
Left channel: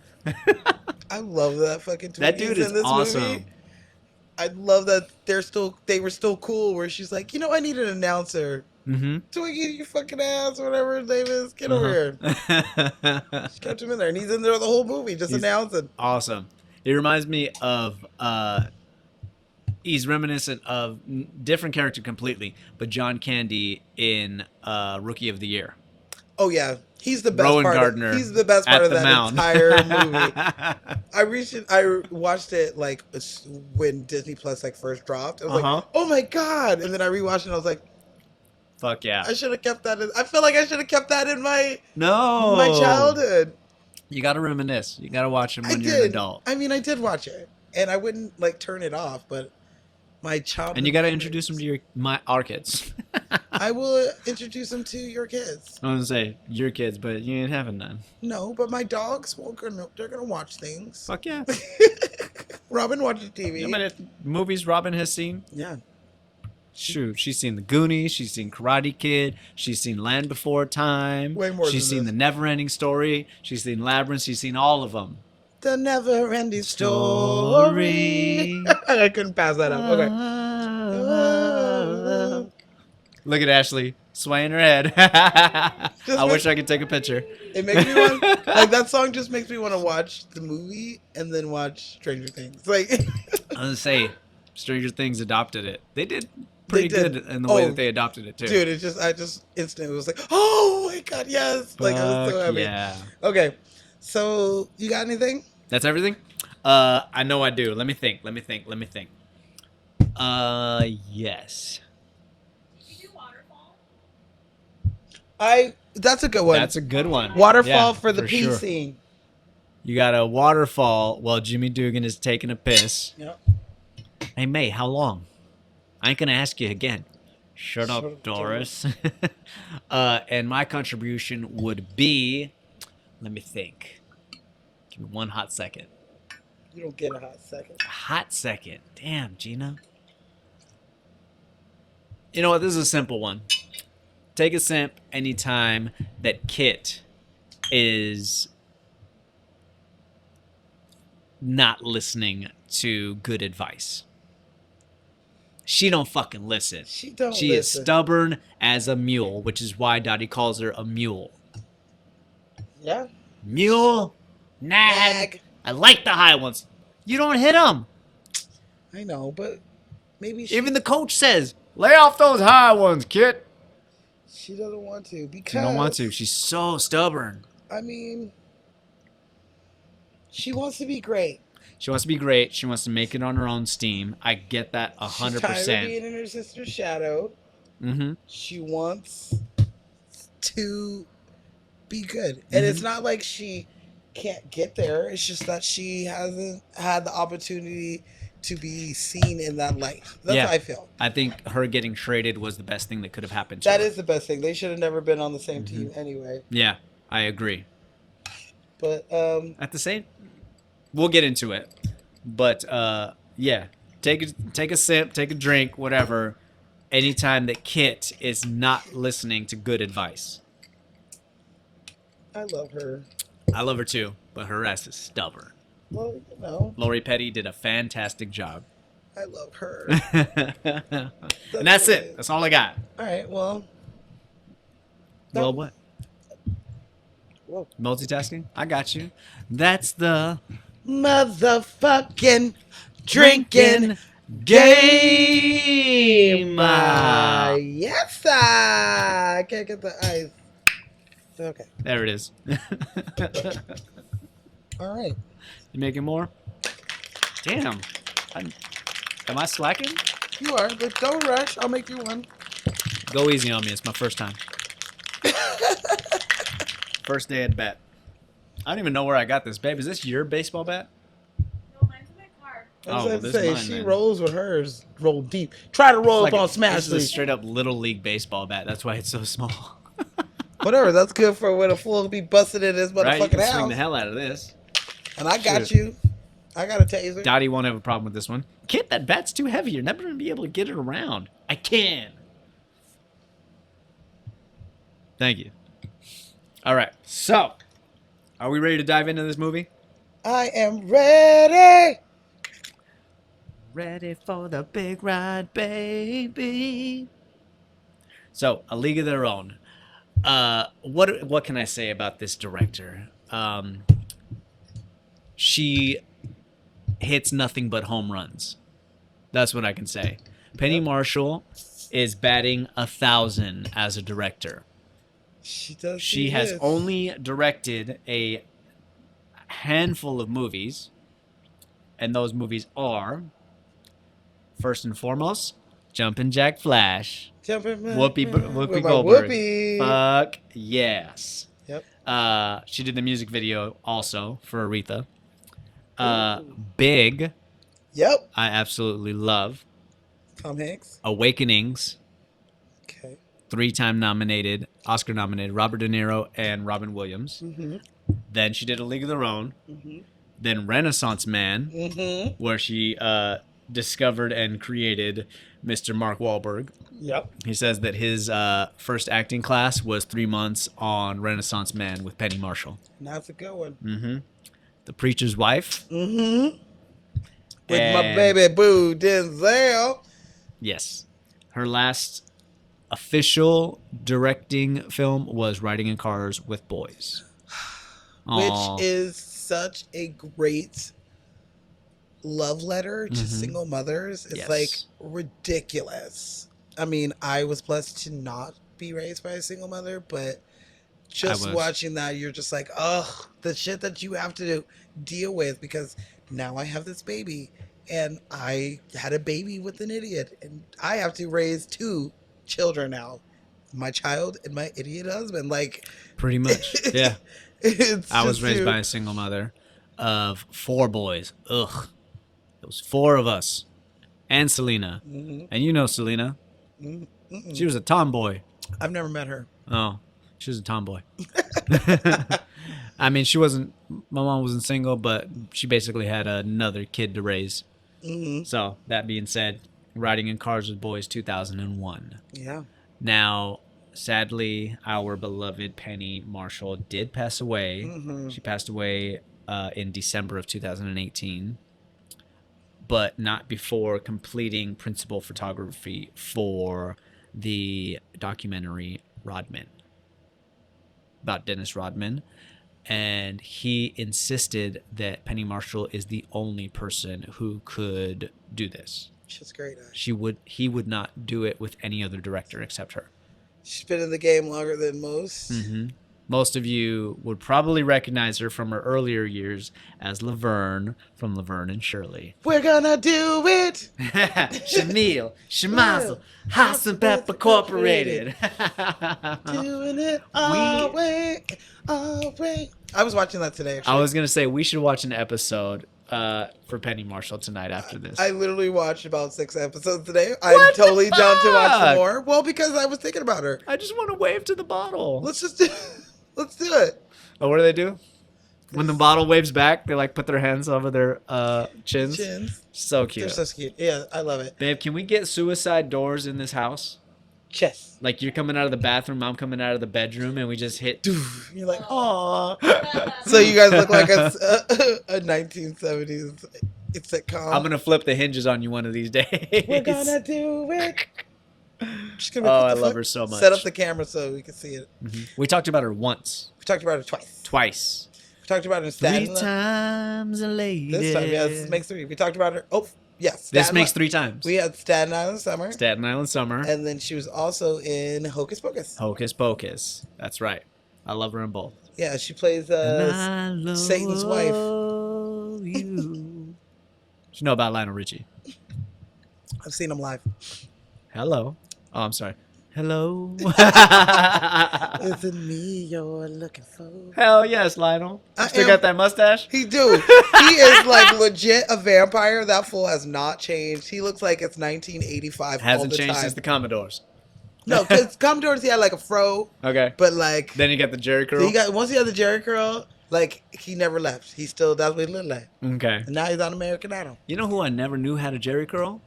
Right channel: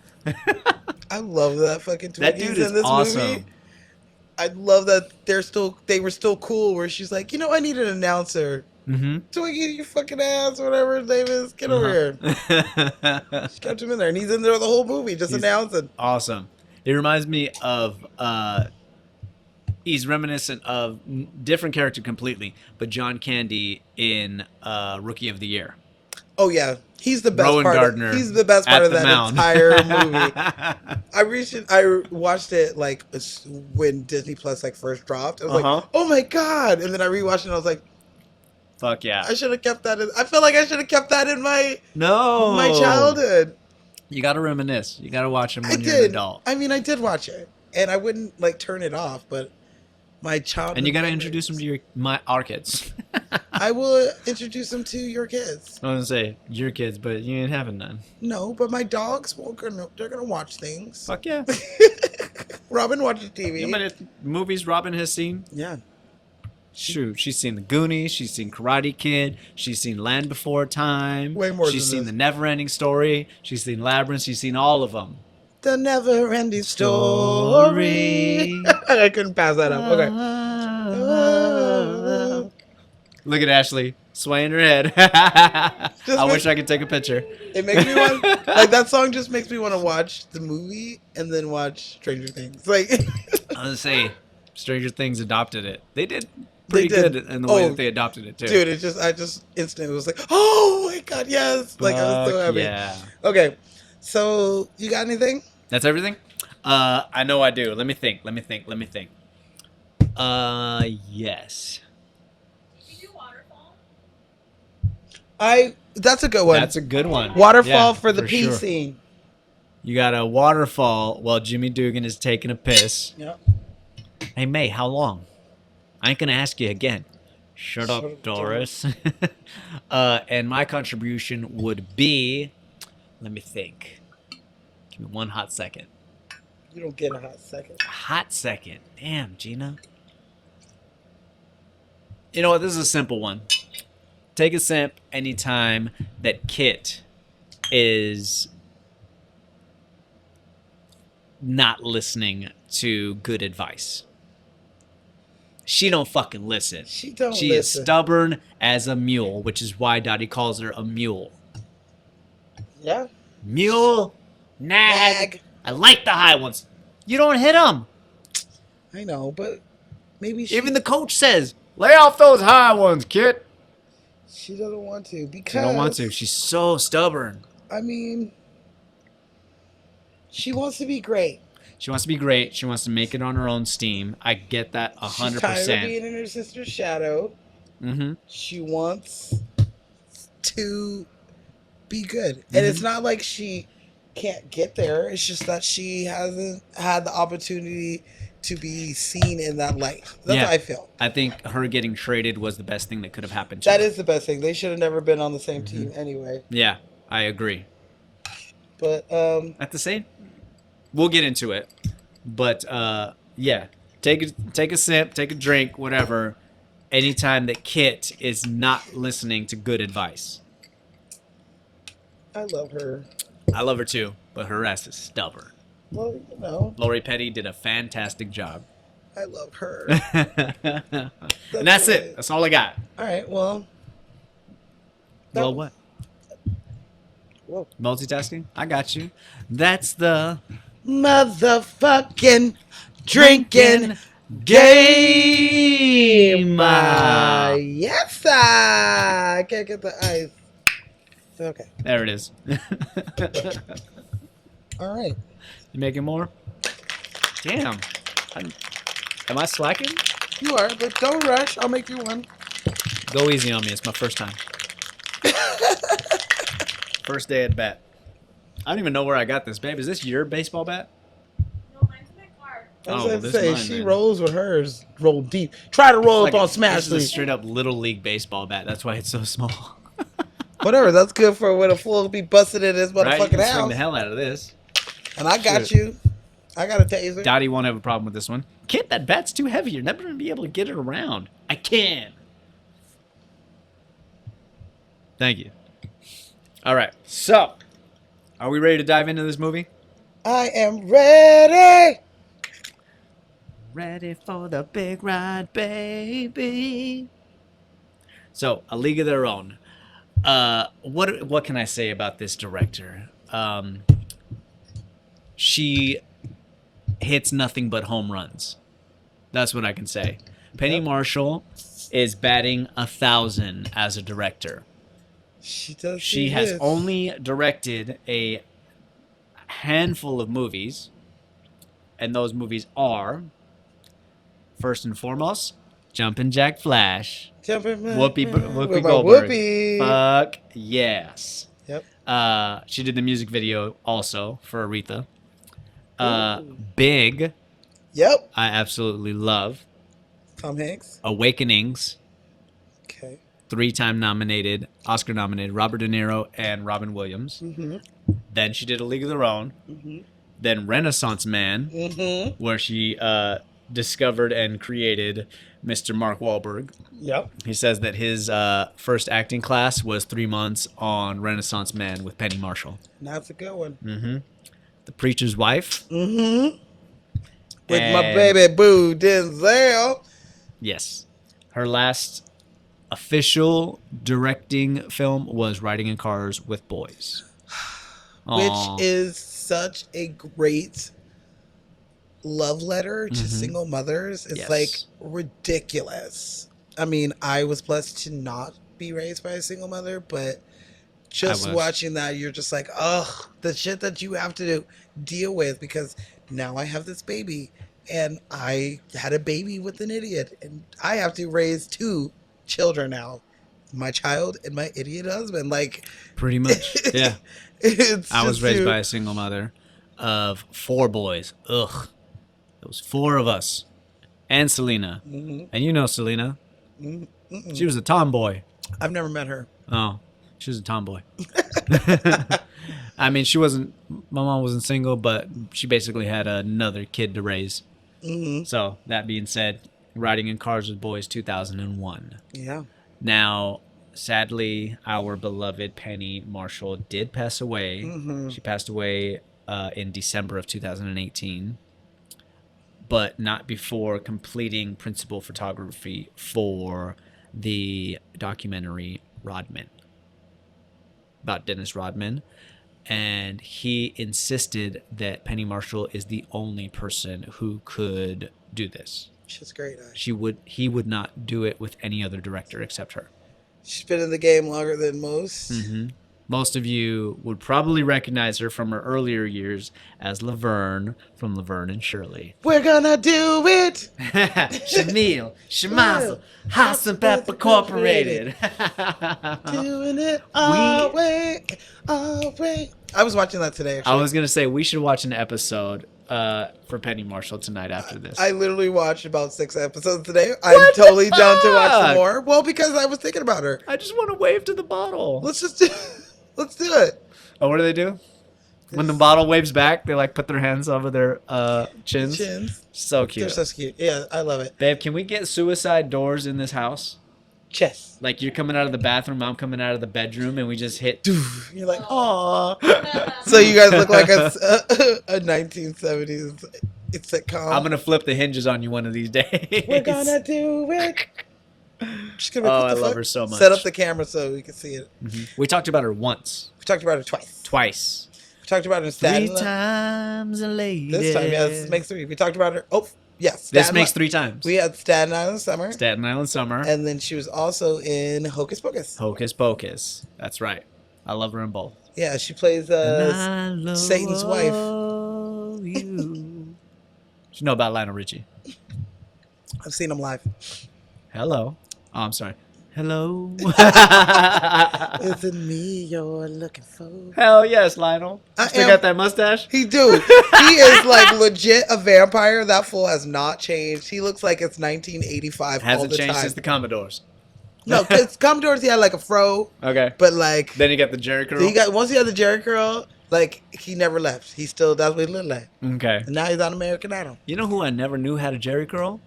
I love that fucking. That 20s dude is in this awesome. movie. I love that they were still cool. Where she's like, I need an announcer. Mm-hmm. Twiggy, you fucking ass, whatever his name is, get over here. Mm-hmm. She kept him in there, and he's in there the whole movie, just He's- announcing. Awesome. It reminds me of he's reminiscent of different character completely, but John Candy in Rookie of the Year. Oh yeah, he's the best Rowan part. Gardner He's the best part at of the that mound. entire movie. I watched it like when Disney Plus like first dropped. I was Uh-huh. like, oh my god! And then I rewatched it. and I was like, Fuck yeah. I should have kept that. I feel like I should have kept that in my No. childhood. You gotta reminisce. You gotta watch them I when you're did. an adult. I mean, I did watch it, and I wouldn't like turn it off, but my child. And you gotta introduce them to our kids. I will introduce them to your kids. I was gonna say your kids, but you ain't having none. No, but my dogs, they're gonna watch things. Fuck yeah. Robin watches TV. How many movies Robin has seen? Yeah. Shoot, she's seen The Goonies, she's seen Karate Kid, she's seen Land Before Time, Way more she's than seen this. The Never-Ending Story, she's seen Labyrinth, she's seen all of them. The never-ending Story. story. I couldn't pass that up. Okay. Look at Ashley swaying her head. I wish I could take a picture. It makes me want, like, that song just makes me want to watch the movie and then watch Stranger Things. Like, I was gonna say, Stranger Things adopted it. They did pretty did. good in the way Oh, that they adopted it too. dude, I just instantly was like, oh my god, yes. Like, I was so Fuck happy. yeah. Okay. So, you got anything? That's everything? I know I do. Let me think. Yes. You do waterfall? That's a good one. That's a good one. Waterfall Yeah, for the pee sure. scene. You got a waterfall while Jimmy Dugan is taking a piss. Yep. Hey, May, how long? I ain't gonna ask you again. Shut up, up, Doris. And my contribution would be, let me think. Give me one hot second. You don't get a hot second. Hot second. Damn, Gina. You know what? This is a simple one. Take a sip anytime that Kit is not listening to good advice. She don't fucking listen. She don't She is listen. stubborn as a mule, which is why Dottie calls her a mule. Yeah. Mule, nag. Nag. I like the high ones. You don't hit them. I know, but maybe Even the coach says, lay off those high ones, Kit. she doesn't want to She because don't want to. She's so stubborn. I mean, she wants to be great. She wants to be great. She wants to make it on her own steam. I get that She's tired of 100%. being in her sister's shadow. Mm-hmm. She wants to be good. And it's not like she can't get there. It's just that she hasn't had the opportunity to be seen in that light. That's how I feel. I think her getting traded was the best thing that could have happened to her. That is the best thing. They should have never been on the same team anyway. Yeah, I agree. But At the same, we'll get into it. But yeah, take a sip, take a drink, whatever. Anytime that Kit is not listening to good advice. I love her. I love her too, but her ass is stubborn. Well, you know, Lori Petty did a fantastic job. I love her. And that's it. That's all I got. All right, well. Well, what? Whoa. Multitasking? I got you. That's the Motherfucking drinking game. Yes, I can't get the ice. Okay. There it is. All right. You making more? Damn. Am I slacking? You are, but don't rush. I'll make you one. Go easy on me. It's my first time. First day at bat. I don't even know where I got this, babe. Is this your baseball bat? No, mine's in my car. I was Oh, about to this say, is mine, she man. rolls with hers. Roll deep. Try to roll Like, up on Smash. this is a League. straight up little league baseball bat. That's why it's so small. Whatever. That's good for when a fool be busted in his Right? You motherfucking can swing house. the hell out of this. And I got Shit. you. I got a taser. Dottie won't have a problem with this one. Kit, that bat's too heavy. You're never going to be able to get it around. I can. Thank you. All right. So, are we ready to dive into this movie? I am ready. Ready for the big ride, baby. So, A League of Their Own. What can I say about this director? She hits nothing but home runs. That's what I can say. Penny Marshall is batting 1,000 as a director. She does. She has only directed a handful of movies, and those movies are, first and foremost, Jumpin' Jack Flash, Whoopi Goldberg. Whoopi. Fuck yes. Yep. She did the music video also for Aretha. Big, Yep. I absolutely love. Tom Hanks. Awakenings, Okay. 3-time nominated, Oscar nominated, Robert De Niro and Robin Williams. Mm-hmm. Then she did A League of Their Own. Mm-hmm. Then Renaissance Man, Mm-hmm. where she discovered and created Mr. Mark Wahlberg. Yep. He says that his first acting class was 3 months on Renaissance Man with Penny Marshall. That's a good one. Mm-hmm. The Preacher's Wife. Mm-hmm. With my And- baby boo Denzel. Yes. Her last official directing film was Riding in Cars with Boys. Aw. Which is such a great love letter to single mothers. It's Yes. like ridiculous. I mean, I was blessed to not be raised by a single mother, but just was. watching that, you're just like, oh, the shit that you have to deal with, because now I have this baby and I had a baby with an idiot and I have to raise 2 children now. My child and my idiot husband. Like, Pretty much. Yeah. it's I was just raised you- by a single mother of 4 boys. Ugh. It was 4 of us. And Selena. Mhm. And you know Selena. Mm-mm. She was a tomboy. I've never met her. Oh, she was a tomboy. I mean, she wasn't, my mom wasn't single, but she basically had another kid to raise. Mm-hmm. So, that being said, Riding in Cars with Boys 2001. Yeah. Now, sadly, our beloved Penny Marshall did pass away. Mm-hmm. She passed away in December of 2018, but not before completing principal photography for the documentary Rodman, about Dennis Rodman. And he insisted that Penny Marshall is the only person who could do this. She's great. He would not do it with any other director except her. She's been in the game longer than most. Mm-hmm. Most of you would probably recognize her from her earlier years as Laverne from Laverne and Shirley. We're gonna do it. Shamil, Shemazel, Hassan Pepper Corporated. Doing it all way, all way. I was watching that today. Actually. I was gonna say we should watch an episode for Penny Marshall tonight after this. I literally watched about 6 episodes today. I'm totally down to watch fuck? some more. Well, because I was thinking about her. I just want to wave to the bottle. Let's do it. Oh, what do they do? When the bottle waves back, they like put their hands over their chins. So They're cute. so cute. Yeah, I love it. Babe, can we get suicide doors in this house? Chess. Like you're coming out of the bathroom, I'm coming out of the bedroom, and we just hit. You're like, oh. So you guys look like a 1970s sitcom. I'm gonna flip the hinges on you one of these days. We're gonna do it. Oh, I love her so much. Set up the camera so we can see it. We talked about her once, We talked about her twice. twice, We talked about her 3 Staten times a lady. This time, yeah, this makes 3. We talked about her. Oh, yeah. This Staten makes Island. 3 times. We had Staten Island Summer. Staten Island Summer, And then she was also in Hocus Pocus. Hocus Pocus. That's right. I love her in both. Yeah, she plays I love Satan's wife. you. You know about Lionel Richie? I've seen him live. Hello. Oh, I'm sorry. Hello. Is it me you're looking for? Hell yes, Lionel. I Still am- got that mustache? He do. He is like legit a vampire. That fool has not changed. He looks like it's 1985 all Hasn't the changed time. since the Commodores. No, because Commodores, he had like a fro, Okay. but like Then you got the Jerry curl. once he had the Jerry curl, like he never left. He still that's what he looked like. Okay. And now he's on American Idol. You know who I never knew had a Jerry curl?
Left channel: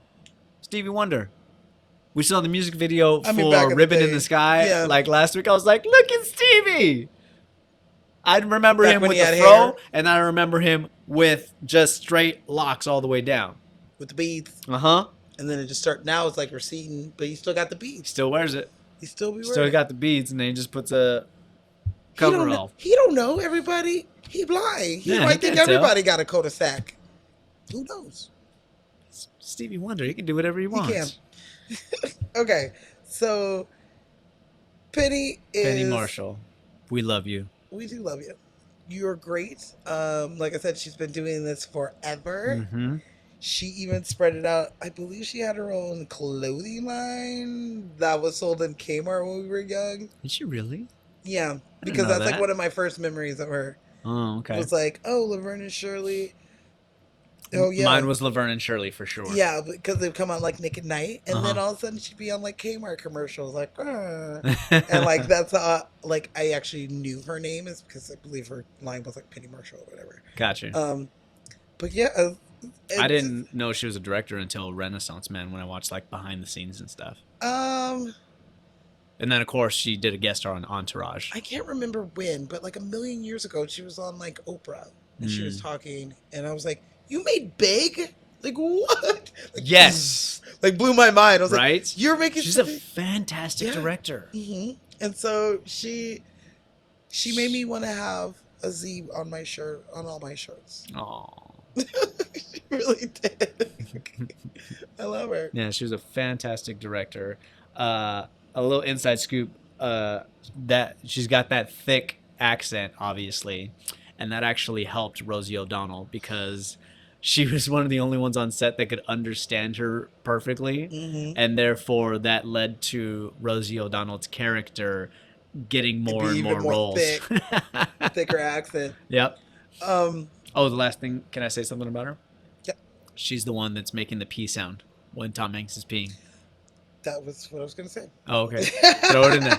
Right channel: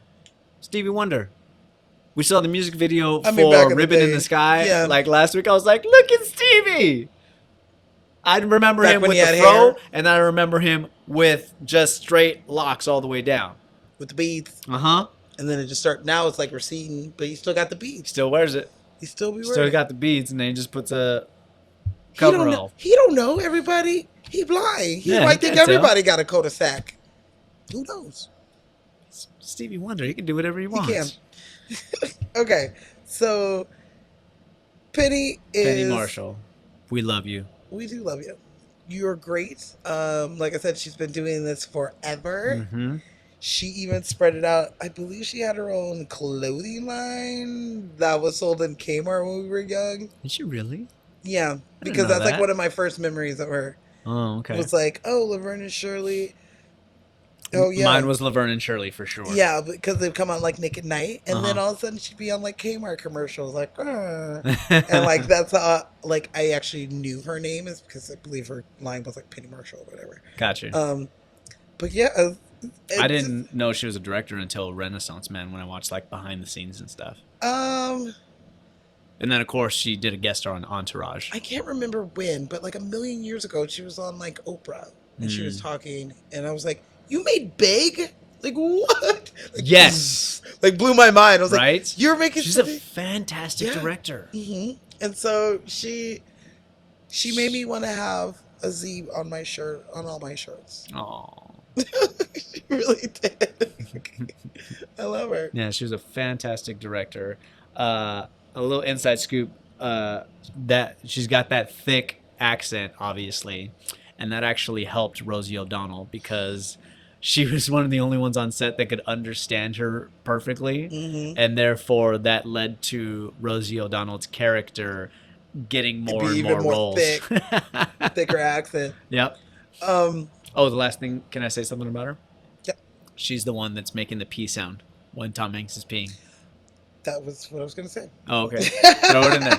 Stevie Wonder. We saw the music video I mean, back for in the Ribbon in day. the Sky Yeah. like last week. I was like, look at Stevie. I remember Back him when with he the had fro, hair? and I remember him with just straight locks all the way down. With the beads, Uh-huh. and then it just start. Now it's like receding, but he still got the beads. Still wears it. He still be Still wearing. got the beads, and then he just puts a He don't cover know- off. He don't know everybody. He blind. He Yeah, might he think can't tell. everybody got a cul-de-sac. Who knows? Stevie Wonder, he can do whatever he wants. Okay, so Penny is. Penny Marshall, we love you. We do love you. You're great. Like I said, she's been doing this forever. Mm-hmm. She even spread it out. I believe she had her own clothing line that was sold in Kmart when we were young. Is she really? Yeah, because know that's like that. one of my first memories of her. Oh, okay. It was like, oh, Laverne and Shirley. Oh yeah, Mine was Laverne and Shirley for sure. yeah, because they'd come on like Nick at Night, and then all of a sudden she'd be on like Kmart commercials, like, and like that's how like I actually knew her name is because I believe her line was like Penny Marshall or whatever. Gotcha. But yeah, I didn't know she was a director until Renaissance Man when I watched like behind the scenes and stuff. And then of course she did a guest star on Entourage. I can't remember when, but like a million years ago, she was on like Oprah, and she was talking, and I was like, "You made Big? Like what?" Like, Yes. like blew my mind. I was Right? like, "You're making." She's a fantastic director. hmm And so she made me want to have a Z on my shirt, on all my shirts. Oh. She really did. I love her. Yeah, she was a fantastic director. A little inside scoop, that she's got that thick accent, obviously, and that actually helped Rosie O'Donnell because she was one of the only ones on set that could understand her perfectly, and therefore that led to Rosie O'Donnell's character getting more and even more more roles. thicker accent. Yep. Um, Oh, the last thing, can I say something about her? Yeah. She's the one that's making the pee sound when Tom Hanks is peeing. that was what I was gonna say. Oh, okay. Throw it in there.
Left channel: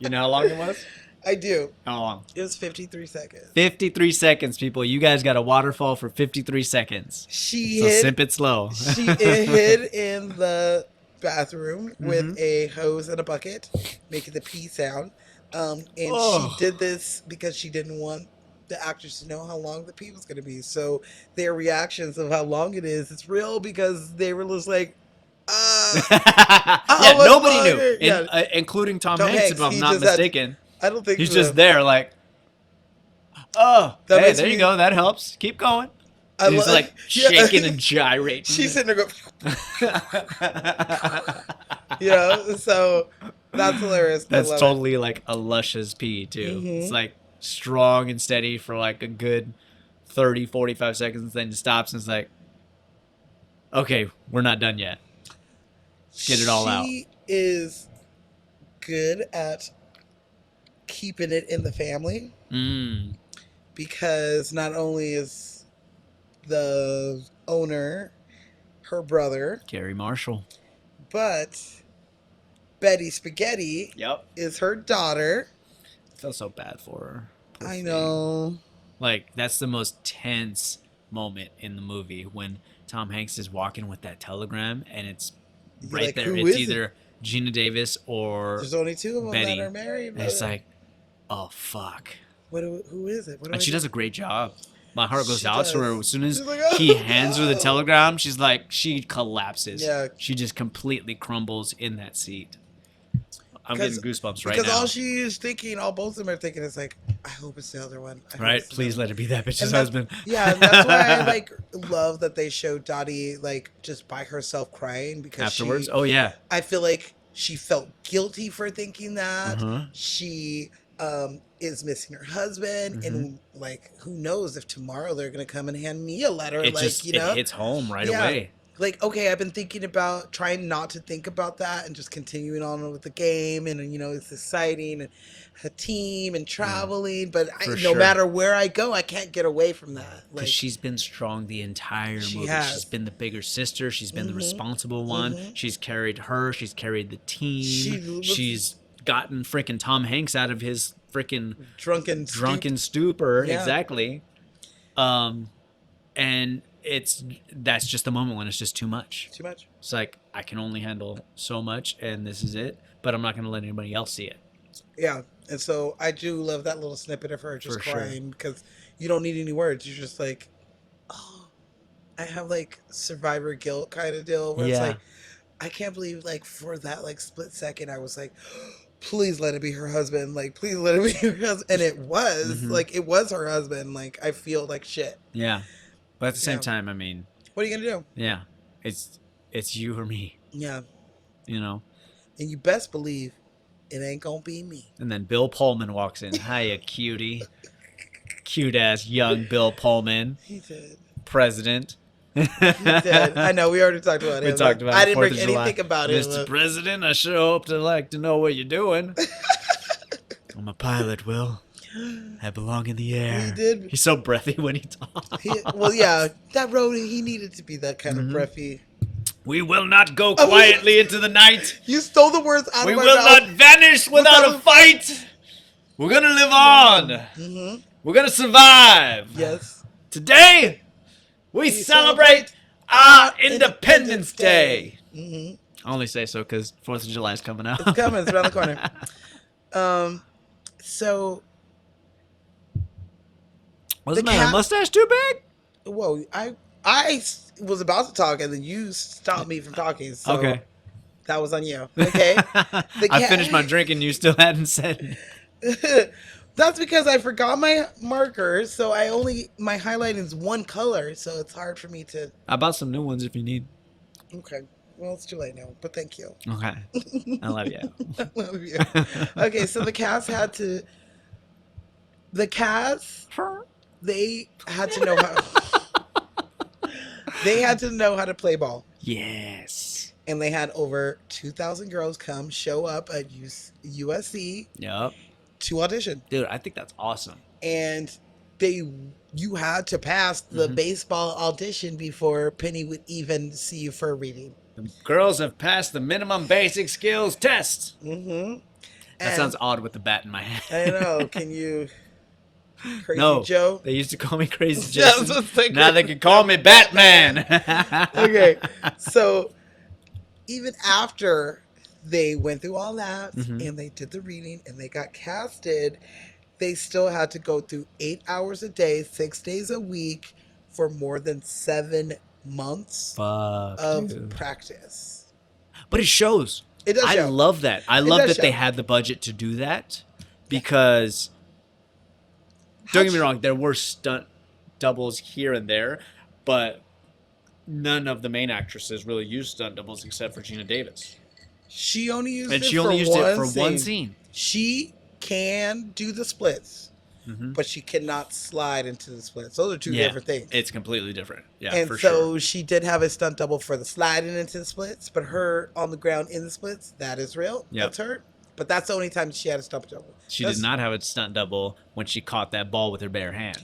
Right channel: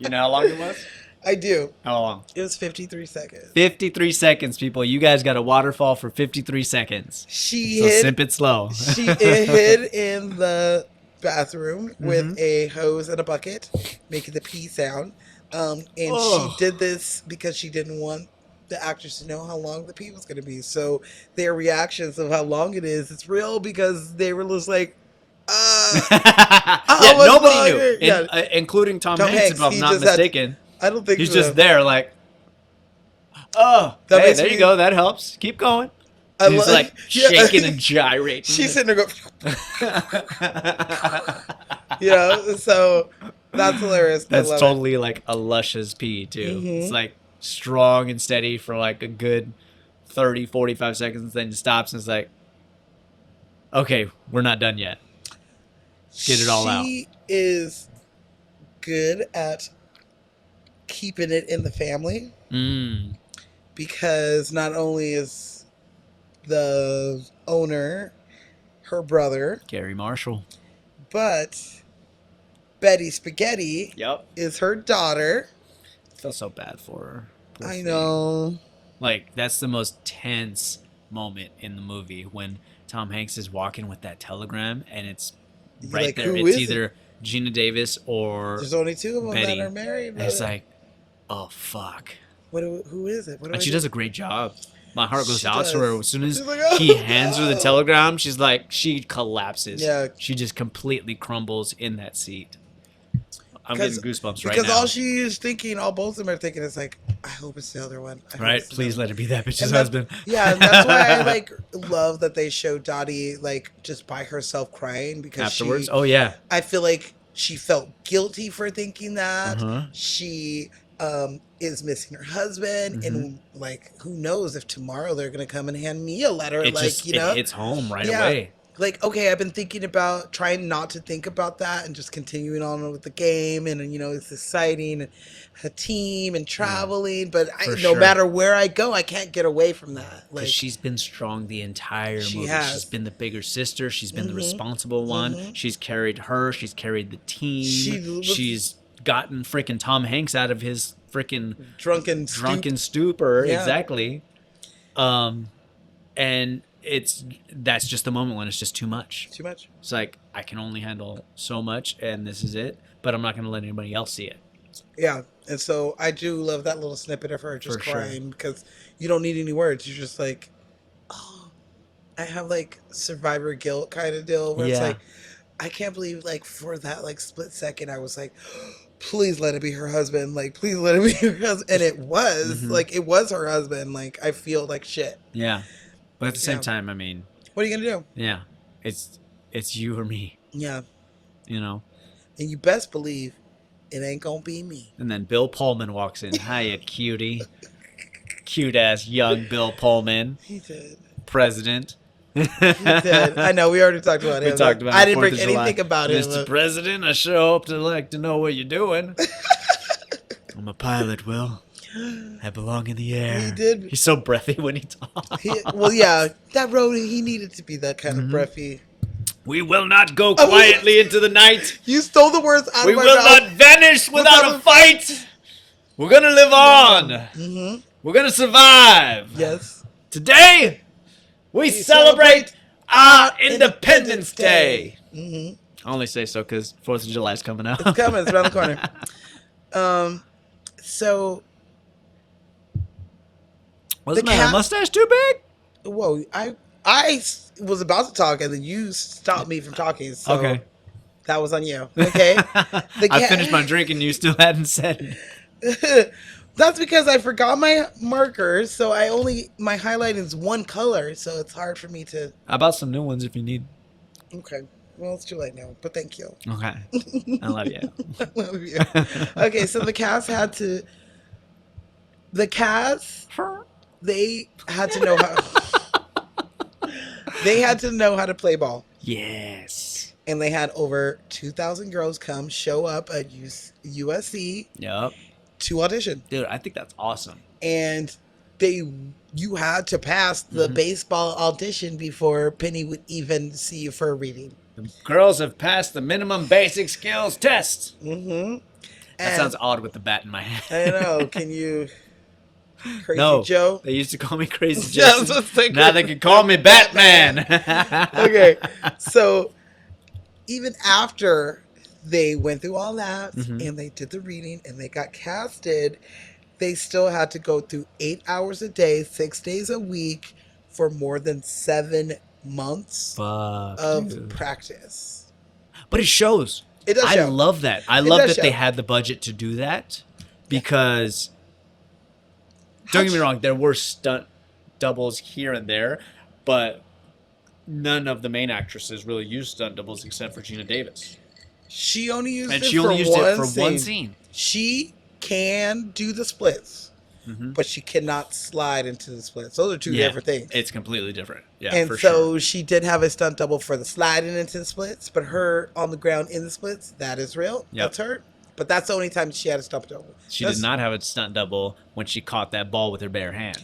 You know how long it was? I do. How long? It was 53 seconds. 53 seconds, people. You guys got a waterfall for 53 seconds. She So hid, simp it slow. she hid in the bathroom with Mm-hmm. a hose and a bucket, making the pee sound. And Oh. she did this because she didn't want the actors to know how long the pee was going to be. So their reactions of how long it is, it's real because they were just like, Yeah, what's nobody going knew, on? Yeah. including Tom Tom Hanks, Hanks, if I'm he not just had- mistaken. I don't think He's so. just there like, oh, That hey, makes there me- you go. That helps. Keep going. I He's love- like Yeah. shaking and gyrating. She's sitting there going, you know, so That's hilarious. I That's love totally like a luscious pee too. It's Mhm. like strong and steady for like a good 30, 45 seconds, then it stops and it's like, okay, we're not done yet. Get it all out. She is good at keeping it in the family Mm. because not only is the owner her brother, Gary Marshall. but Betty Spaghetti Yep. is her daughter. I feel so bad for her. Poor I thing. know. Like, that's the most tense moment in the movie when Tom Hanks is walking with that telegram and it's right Like, there. who It's is it? either Gina Davis or There's only two of them Betty. that are married. and it's like, oh fuck. Who is it? What do And I she do? does a great job. My heart goes She out to her does. as soon as She's like, he hands her the telegram. She's like, she collapses. Yeah. She just completely crumbles in that seat. I'm 'Cause- getting goosebumps right Because now. all she is thinking, all both of them are thinking, is like, I hope it's the other one. I hope Right? it's the Please other let it be that bitch's And that- husband. Yeah, and that's why I like love that they show Dottie like just by herself crying because Afterwards? she. Oh, yeah. I feel like she felt guilty for thinking that. Uh-huh. She is missing her husband, Mm-hmm. and like who knows if tomorrow they're gonna come and hand me a letter, It like just you know, it hits home right Yeah. away. like okay, I've been thinking about trying not to think about that and just continuing on with the game, and you know it's exciting, and a team and traveling, but For no sure. matter where I go, I can't get away from that. Like Because she's been strong the entire She movie. has. She's been the bigger sister. She's been the Mhm. responsible one. Mhm. She's carried her. She's carried the team. She was- She's gotten freaking Tom Hanks out of his freaking drunken stupor. Yeah. Exactly. And that's just the moment when it's just too much. too much. It's like, I can only handle so much and this is it, but I'm not going to let anybody else see it. Yeah, and so I do love that little snippet of her just For sure. crying because you don't need any words. You're just like, oh, I have like survivor guilt kind of deal where it's Yeah. like, I can't believe like for that like split second I was like, please let it be her husband. Like, please let it be her husband. And it was Mhm. like, it was her husband. Like, I feel like shit. Yeah. But at the same Yeah. time, I mean, What are you gonna do? yeah, it's you or me, Yeah, you know? and you best believe it ain't gonna be me. And then Bill Pullman walks in. Hiya, cutie. Cute ass young Bill Pullman, He did. president. He did. I know. We already talked about it. We talked about I it, didn't 4th bring of July. anything about it. Mr. President, I sure hope to know what you're doing. I'm a pilot, Will. I belong in the air. He did. He's so breathy when he talks. Well, yeah, that road, he needed to be that kind Mhm. of breathy. We will not go quietly into the night. You stole the words out We of my will mouth. not vanish without a fight. We're gonna live on. Mm-hmm. We're gonna survive. Yes. Today, we celebrate our Independence Day. Mm-hmm. I only say so because 4th of July is coming out. It's coming. It's around the corner. So, Was The my cat- mustache too big? whoa, I was about to talk and then you stopped me from talking. So Okay. that was on you. Okay. I cat- finished my drink and you still hadn't said it. That's because I forgot my marker, so my highlight is one color, so it's hard for me to. I bought some new ones if you need. Okay. Well, it's too late now, but thank you. Okay. I love you. I love you. Okay, so the cats had to. The cats, they had to know how. They had to know how to play ball, Yes. and they had over 2,000 girls show up at USC Yep. to audition, Dude, I think that's awesome. and you had to pass the Mhm. baseball audition before Penny would even see you for a reading. The girls have passed the minimum basic skills test. Mm-hmm. That sounds odd with the bat in my hand. I know. Can you, Crazy No. Joe? They used to call me Crazy Yeah, I Joe. was gonna say Now they can call me Batman. Okay, so even after they went through all that Mhm. and they did the reading and they got casted, they still had to go through 8 hours a day, 6 days a week for more than 7 months Fuck, of dude. practice. But it shows. It does I show. love that. I love does that they show. had the budget to do that because don't get me wrong, there were stunt doubles here and there, but none of the main actresses really used stunt doubles except for Gina Davis. She only used And it she only used it for scene. one scene. She can do the splits, Mhm. but she cannot slide into the splits. Those are two Yeah. different things. It's completely different. Yeah, And for so sure. she did have a stunt double for the sliding into the splits, but her on the ground in the splits, that is real. Yep. That's her. But that's the only time she had a stunt double. She did not have a stunt double when she caught that ball with her bare hand.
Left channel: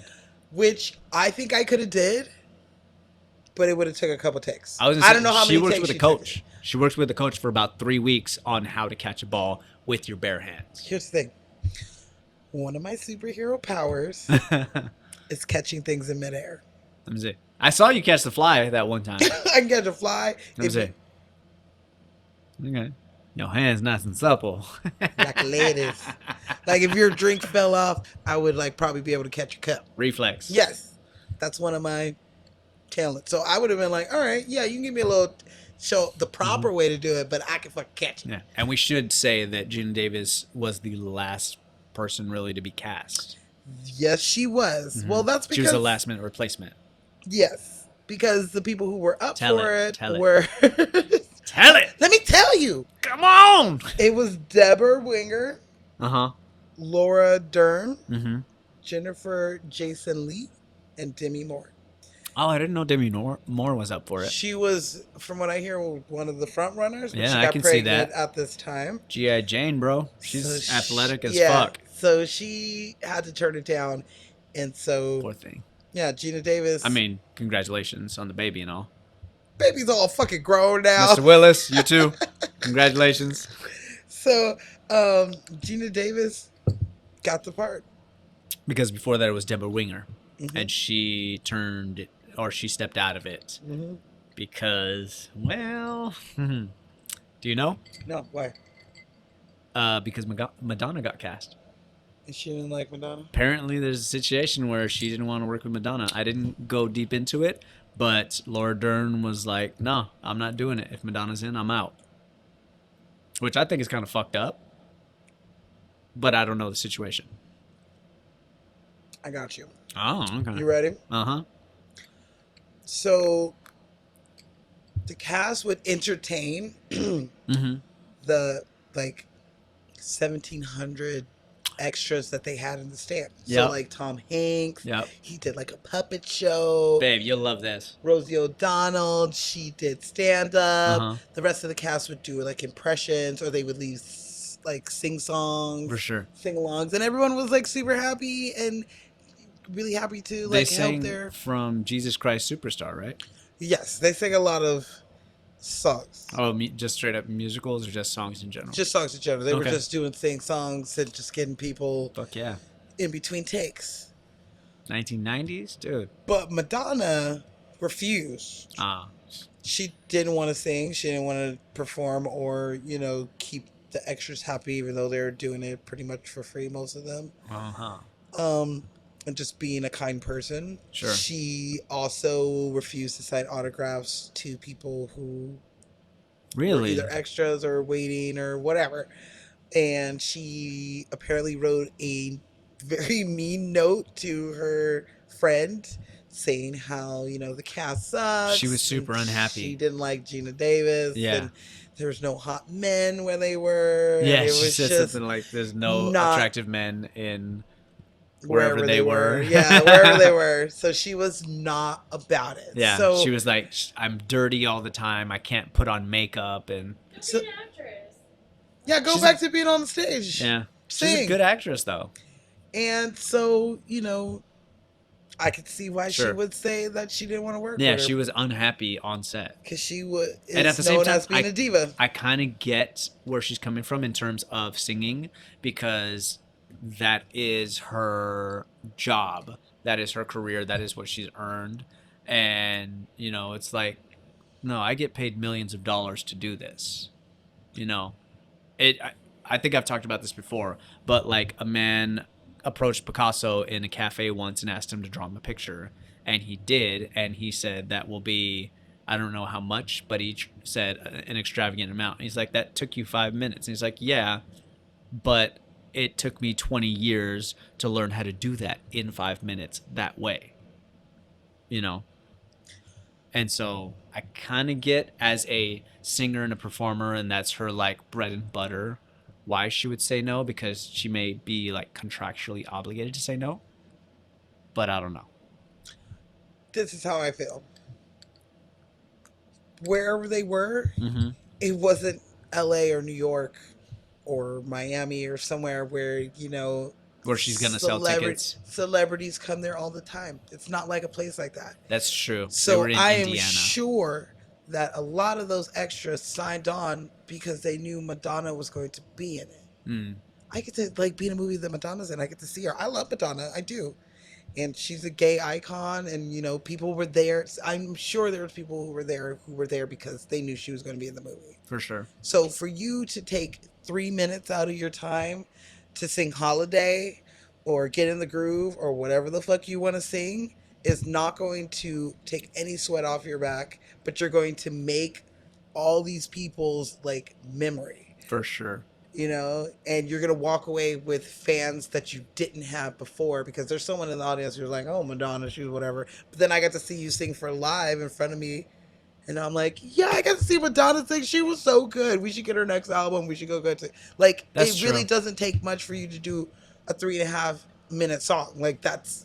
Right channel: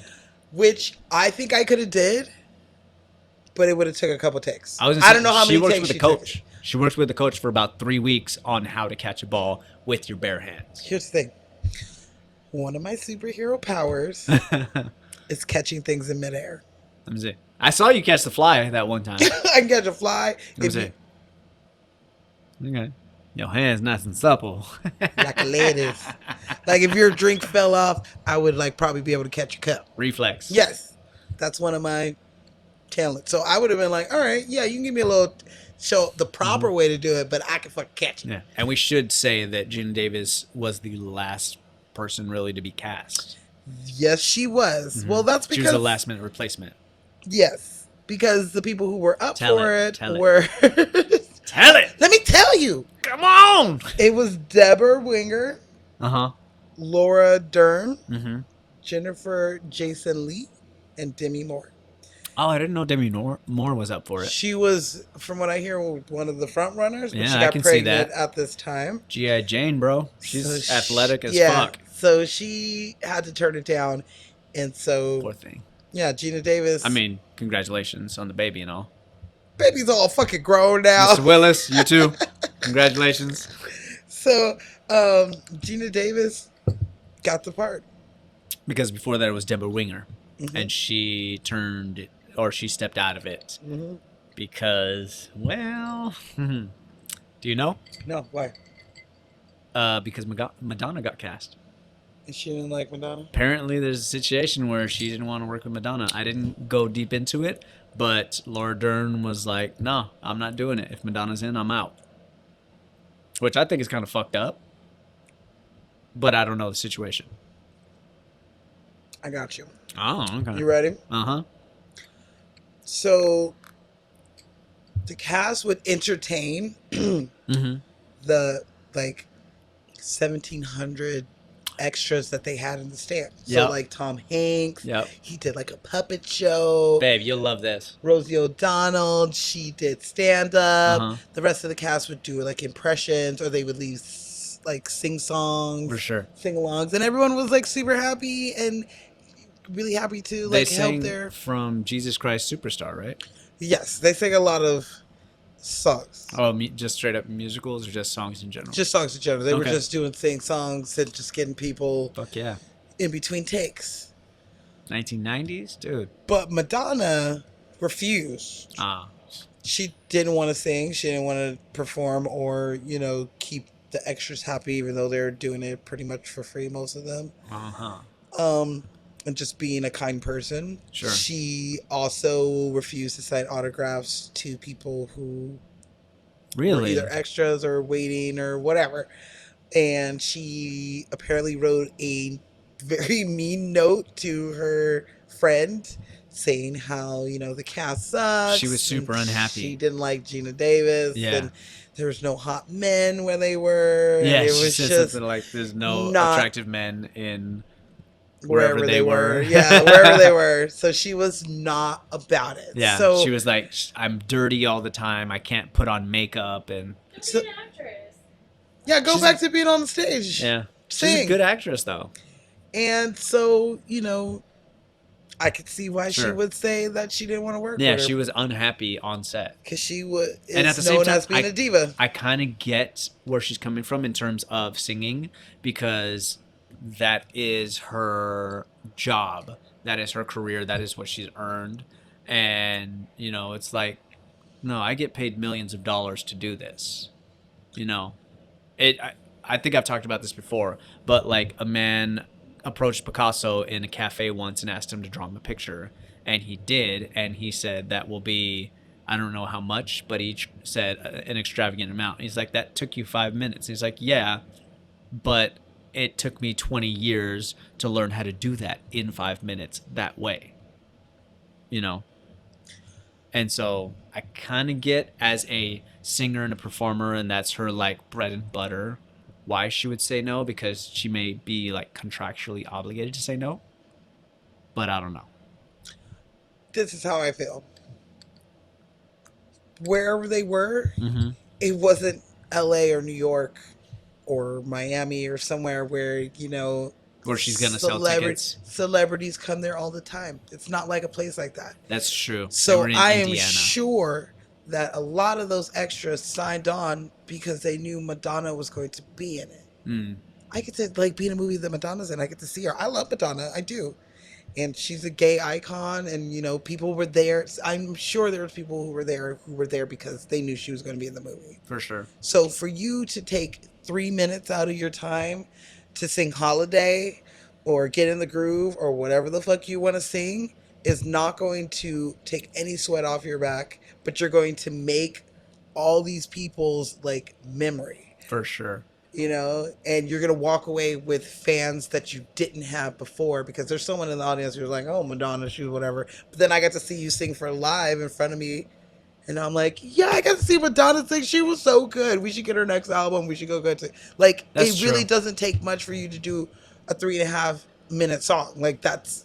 Which I think I could have did, but it would have took a couple takes. I don't know how she many works takes with a she coach. took. She works with the coach for about 3 weeks on how to catch a ball with your bare hands. Here's the thing. One of my superhero powers is catching things in midair. Let me see. I saw you catch the fly that one time. I can catch a fly. Let me see. Okay. Your hand's nice and supple. Like ladies. Like if your drink fell off, I would like probably be able to catch your cup. Reflex. Yes. That's one of my talents. So I would have been like, all right, yeah, you can give me a little show the proper way to do it, but I can fucking catch it. Yeah. And we should say that Gina Davis was the last person really to be cast. Yes, she was. Well, that's She because was a last minute replacement. yes, because the people who were up Tell for it, it tell it. were. Tell it! Let me tell you, Come on! it was Deborah Winger, Uh-huh. Laura Dern, Mm-hmm. Jennifer Jason Lee, and Demi Moore. Oh, I didn't know Demi Moore was up for it. She was, from what I hear, one of the front runners. When Yeah, she I got can see pregnant that. at this time. G.I. Jane, bro. She's So she- athletic as yeah, fuck. So she had to turn it down, and so Poor thing. yeah, Gina Davis. I mean, congratulations on the baby and all. baby's all fucking grown now. Mr. Willis, you too. Congratulations. So Gina Davis got the part. Because before that it was Deborah Winger. Mhm. And she she stepped out of it. Mhm. Because, well, do you know? No, why? Because Madonna got cast. And she didn't like Madonna. Apparently there's a situation where she didn't want to work with Madonna. I didn't go deep into it, but Laura Dern was like, no, I'm not doing it. If Madonna's in, I'm out. Which I think is kind of fucked up. But I don't know the situation. I got you. Oh, okay. You ready? Uh-huh. So the cast would entertain Mm-hmm. the like 1,700 extras that they had in the stand. So Yep. like Tom Hanks, Yep. he did like a puppet show. Babe, you'll love this. Rosie O'Donnell, she did stand up. Uh-huh. The rest of the cast would do like impressions, or they would leave like sing songs, For sure. sing alongs, and everyone was like super happy and really happy to They like help sing their. from Jesus Christ Superstar, right? Yes, they sing a lot of songs. Oh, just straight up musicals or just songs in general? Just songs in general. They were Okay. just doing sing songs and just getting people Fuck yeah. in between takes. 1990s? Dude. But Madonna refused. Ah. She didn't want to sing. She didn't want to perform or, keep the extras happy, even though they were doing it pretty much for free, most of them. Uh-huh. And just being a kind person. Sure. She also refused to sign autographs to people who were Really? either extras or waiting or whatever. And she apparently wrote a very mean note to her friend saying how, the cast sucks. She was super and unhappy. She didn't like Gina Davis. Yeah. And there was no hot men where they were. Yeah, it she was said just something like, there's no not- attractive men in wherever they were. Yeah, wherever they were. So she was not about it. Yeah, So she was like, I'm dirty all the time. I can't put on makeup. And She's So- an actress. yeah, go back to being on the stage. yeah, she's a Sing. good actress, though. And so, I could see why she Sure. would say that she didn't want to work Yeah, with her. she was unhappy on set. Because she would. And at It's the same known time, as being a diva. I kind of get where she's coming from in terms of singing because that is her job. That is her career. That is what she's earned. And, it's like, no, I get paid millions of dollars to do this. I think I've talked about this before, but like a man approached Picasso in a cafe once and asked him to draw him a picture. And he did. And he said that will be, I don't know how much, but he said an extravagant amount. He's like, that took you 5 minutes. He's like, yeah, but it took me 20 years to learn how to do that in 5 minutes that way. And so I kind of get as a singer and a performer, and that's her like bread and butter, why she would say no, because she may be like contractually obligated to say no. But I don't know. This is how I feel. Wherever they were, Mm-hmm. it wasn't LA or New York or Miami or somewhere where, you know, Or she's gonna sell tickets. Celebrities come there all the time. It's not like a place like that. That's true. They So were in I am Indiana. sure that a lot of those extras signed on because they knew Madonna was going to be in it. Mm. I get to like be in a movie that Madonna's in. I get to see her. I love Madonna. I do. And she's a gay icon, and you know, people were there. I'm sure there were people who were there because they knew she was going to be in the movie. For sure. So for you to take 3 minutes out of your time to sing Holiday or Get in the Groove or whatever the fuck you want to sing is not going to take any sweat off your back, but you're going to make all these people's like memory, For sure. you know, and you're going to walk away with fans that you didn't have before because there's someone in the audience who's like, oh, Madonna, she was whatever. But then I got to see you sing for live in front of me. And I'm like, yeah, I got to see Madonna sing. She was so good. We should get her next album. We should go to like. That's it really true. doesn't take much for you to do a 3.5 minute song. Like that's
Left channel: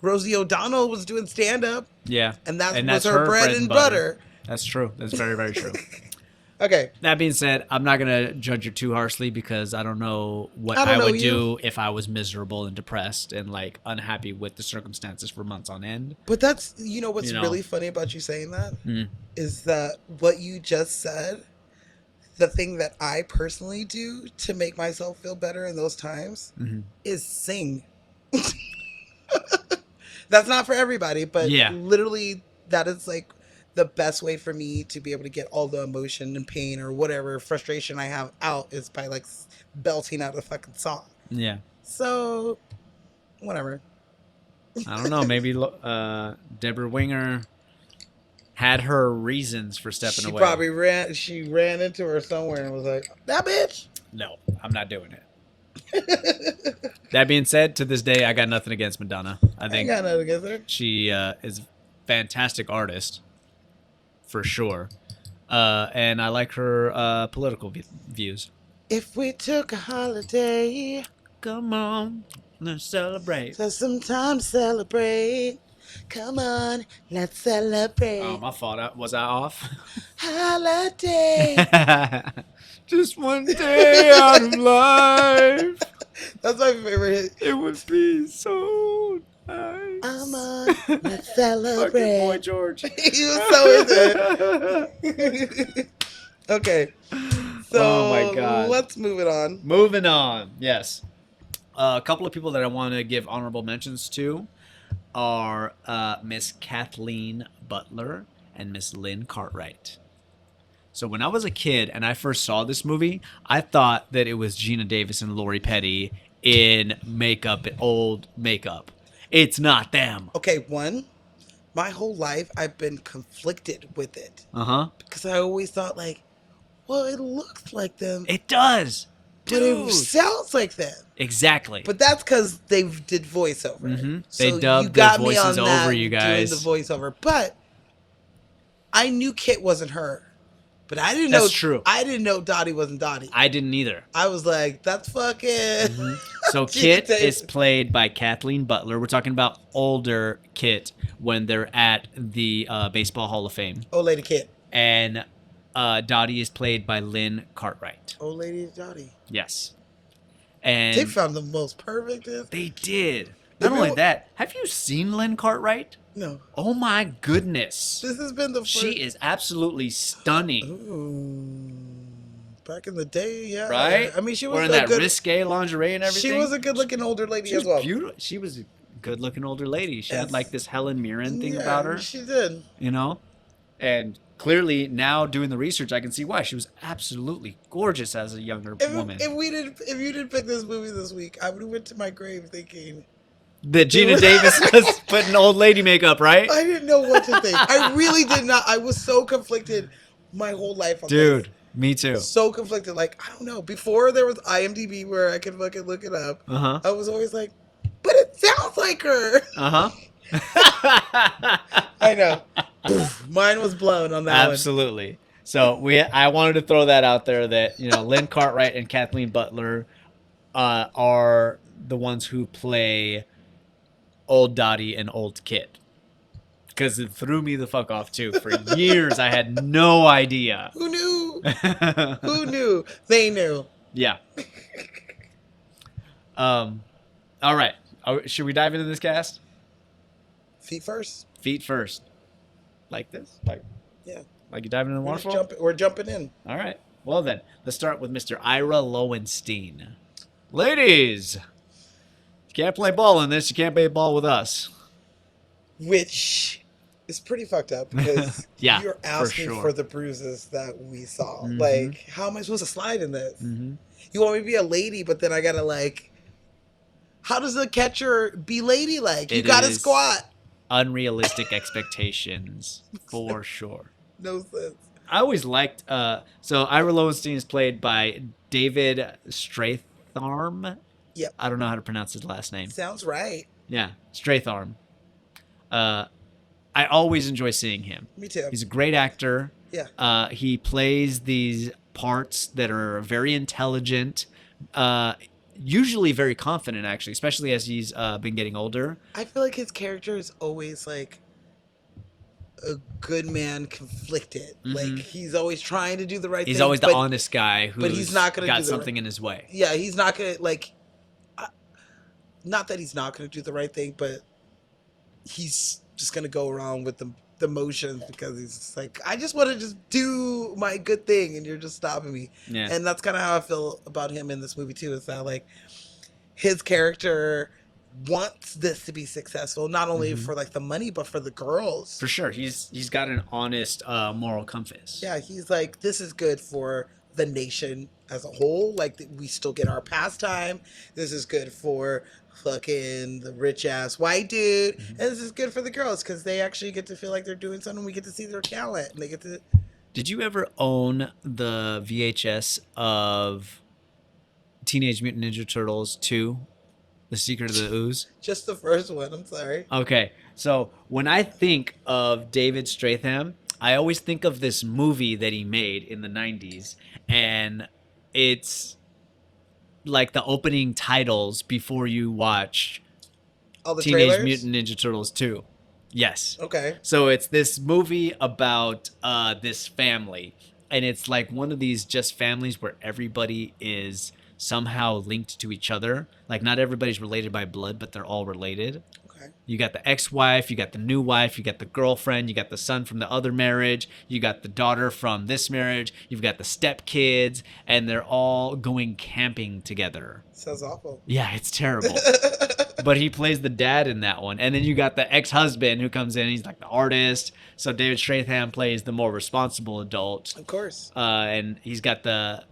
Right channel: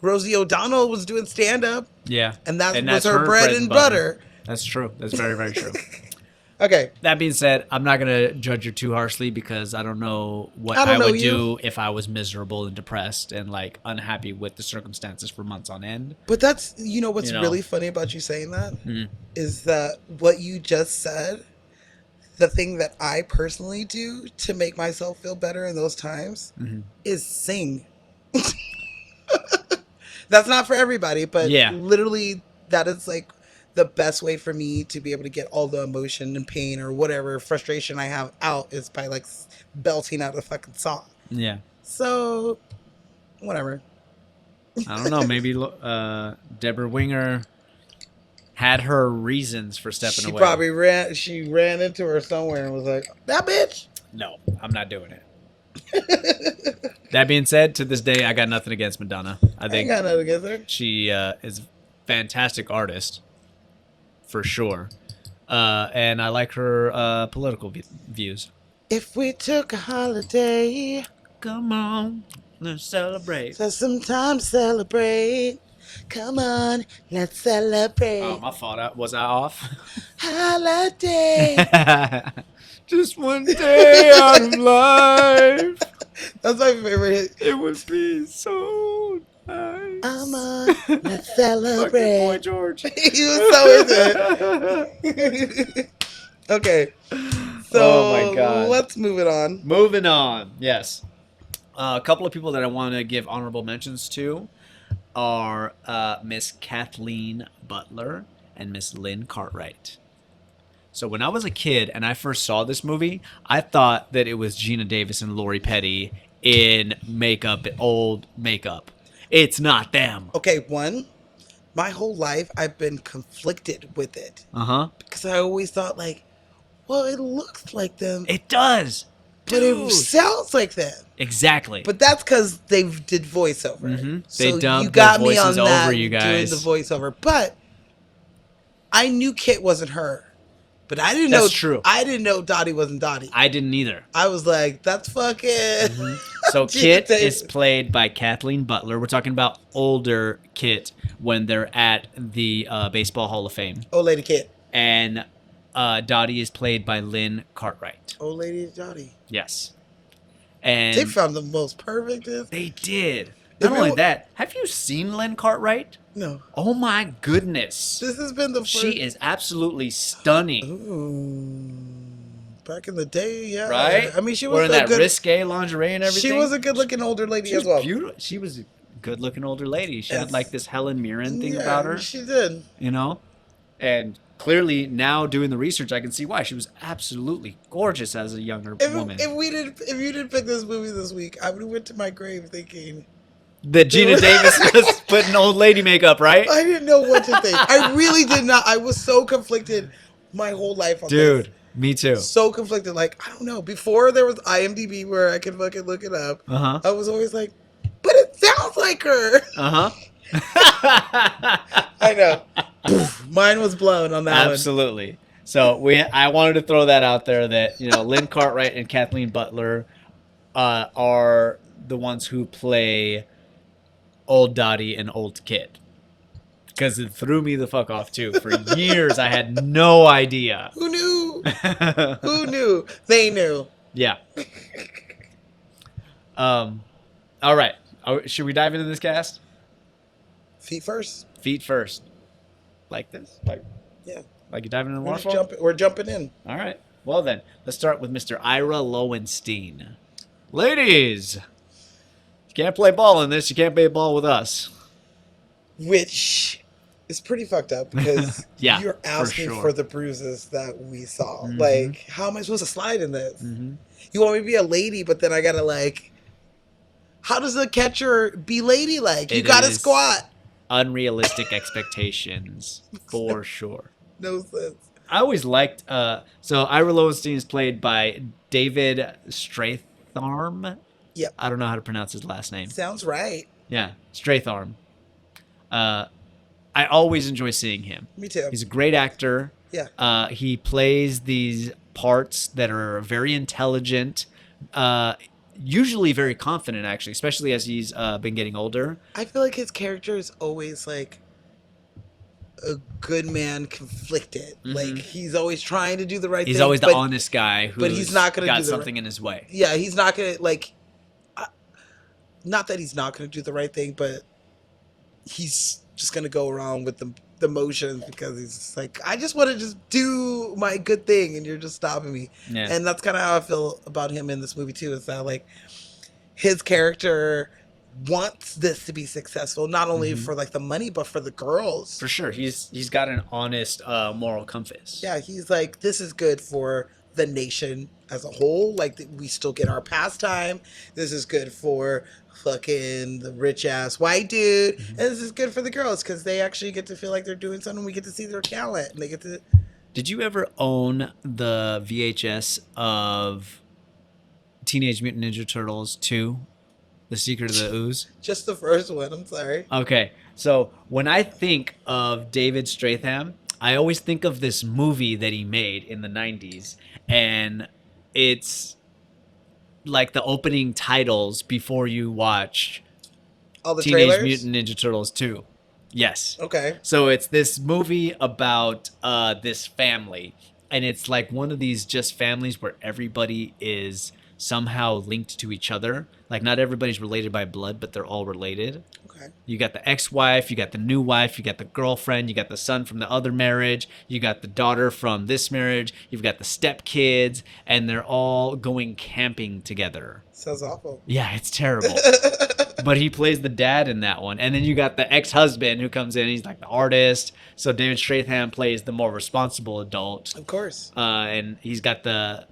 Rosie O'Donnell was doing stand up, Yeah. and that And was that's her her bread and butter. That's true. That's very, very true. Okay, That being said, I'm not gonna judge her too harshly because I don't know what I don't I know would you. do if I was miserable and depressed and like unhappy with the circumstances for months on end. but that's you know what's You know. really funny about you saying that Mm. is that what you just said. The thing that I personally do to make myself feel better in those times Mhm. is sing. That's not for everybody, but Yeah. literally that is like the best way for me to be able to get all the emotion and pain or whatever frustration I have out is by like belting out a fucking song. Yeah. So, whatever. I don't know. Maybe Deborah Winger had her reasons for stepping She away. probably ran into her somewhere and was like, that bitch. No, I'm not doing it. That being said, to this day, I got nothing against Madonna. I I think got nothing against her. she is a fantastic artist, for sure. And I like her political views. If we took a holiday, Come on, let's celebrate. let's sometimes celebrate. Come on, let's celebrate. Oh, my fault. Was I off? Holiday. Just one day out of life. That's my favorite. It would be so nice. Come on, let's Fucking Boy celebrate. George. He was so into it. Okay. So, Oh my God. let's move it on. Moving on. Yes. A couple of people that I want to give honorable mentions to are Miss Kathleen Butler and Miss Lynn Cartwright. So when I was a kid and I first saw this movie, I thought that it was Gina Davis and Lori Petty in makeup, old makeup. It's not them. Okay, my whole life I've been conflicted with it Uh-huh. because I always thought like, well, it looks like them, It does. but it Dude. sounds like them. Exactly. But that's because they did voiceover. Mhm. So They dubbed you got the me on voices that, over you doing guys. the voiceover, but I knew Kit wasn't her. But I didn't That's know. true. I didn't know Dottie wasn't Dottie. I didn't either. I was like, that's fucking. So Gina Kit Davis. is played by Kathleen Butler. We're talking about older Kit when they're at the Baseball Hall of Fame. Old lady Kit. And Dottie is played by Lynn Cartwright. Old lady Dottie. Yes. They And found the most perfect. they did. Not only that, have you seen Lynn Cartwright? No, Oh my goodness. this has been the first. She is absolutely stunning. Ooh, back in the day, yeah. Right? I mean, she was Wearing a that good. risque lingerie and everything. She was a good-looking older lady She as was well. beautiful. She was a good-looking older lady. She had Yes. like this Helen Mirren thing Yeah, about her, She did. you know? And clearly now doing the research, I can see why. She was absolutely gorgeous as a younger woman. If you didn't pick this movie this week, I would have went to my grave thinking That Gina Davis was putting old lady makeup, right? I didn't know what to think. I really did not. I was so conflicted my whole life on Dude, me too. this. So conflicted. Like, I don't know. Before there was IMDb where I could fucking look it up, Uh-huh. I was always like, but it sounds like her. Uh-huh. I know. Mine was blown on that Absolutely. So I wanted to throw that out there that Lynn Cartwright and Kathleen Butler are the ones who play Old Dottie and Old Kid. Because it threw me the fuck off too. For years, I had no idea. Who knew? Who knew? They knew. Yeah. All right. Should we dive into this cast? Feet first. Feet first. Like this? Yeah. Like you diving in the We're, just waterfall? we're jumping in. All right. Well then, let's start with Mr. Ira Lowenstein. Ladies, you can't play ball in this. You can't play ball with us. Which is pretty fucked up because Yeah, you're for asking sure. for the bruises that we saw. Mhm. Like, how am I supposed to slide in this? Mm-hmm. You want me to be a lady, but then I gotta like, how does the catcher be ladylike? You It gotta is- squat. Unrealistic expectations, for sure. No sense. I always liked. So Ira Lowenstein is played by David Stratharm. Yep. I don't know how to pronounce his last name. Sounds right. Yeah, Stratharm. I always enjoy seeing him. Me too. He's a great actor. Yeah. He plays these parts that are very intelligent, usually very confident, actually, especially as he's been getting older. I feel like his character is always like a good man conflicted. Mhm. Like he's always trying to do the right He's thing. always the but honest guy who's he's not gonna got do the something in his way. yeah, he's not gonna like. Not that he's not gonna do the right thing, but he's just gonna go around with the motions because he's just like, I just want to just do my good thing, and you're just stopping me. Yeah. And that's kind of how I feel about him in this movie too. It's not like his character wants this to be successful, not only Mhm. for like the money, but for the girls. For sure, he's got an honest moral compass. Yeah, he's like, this is good for the nation as a whole. Like, we still get our pastime. This is good for fucking the rich ass white dude. And this is good for the girls because they actually get to feel like they're doing something. We get to see their talent, and they get to. Did you ever own the VHS of Teenage Mutant Ninja Turtles 2, The Secret of the Ooze? Just the first one. I'm sorry. Okay, so when I think of David Strathairn, I always think of this movie that he made in the 90s, and it's like the opening titles before you watch All the Teenage trailers. Mutant Ninja Turtles 2. Yes. Okay. So it's this movie about this family, and it's like one of these just families where everybody is somehow linked to each other. Like, not everybody's related by blood, but they're all related. Okay. You got the ex-wife, you got the new wife, you got the girlfriend, you got the son from the other marriage, you got the daughter from this marriage, you've got the stepkids, and they're all going camping together. Sounds awful. Yeah, it's terrible. But he plays the dad in that one. And then you got the ex-husband who comes in, he's like the artist. So David Strathairn plays the more responsible adult. Of course. And he's got the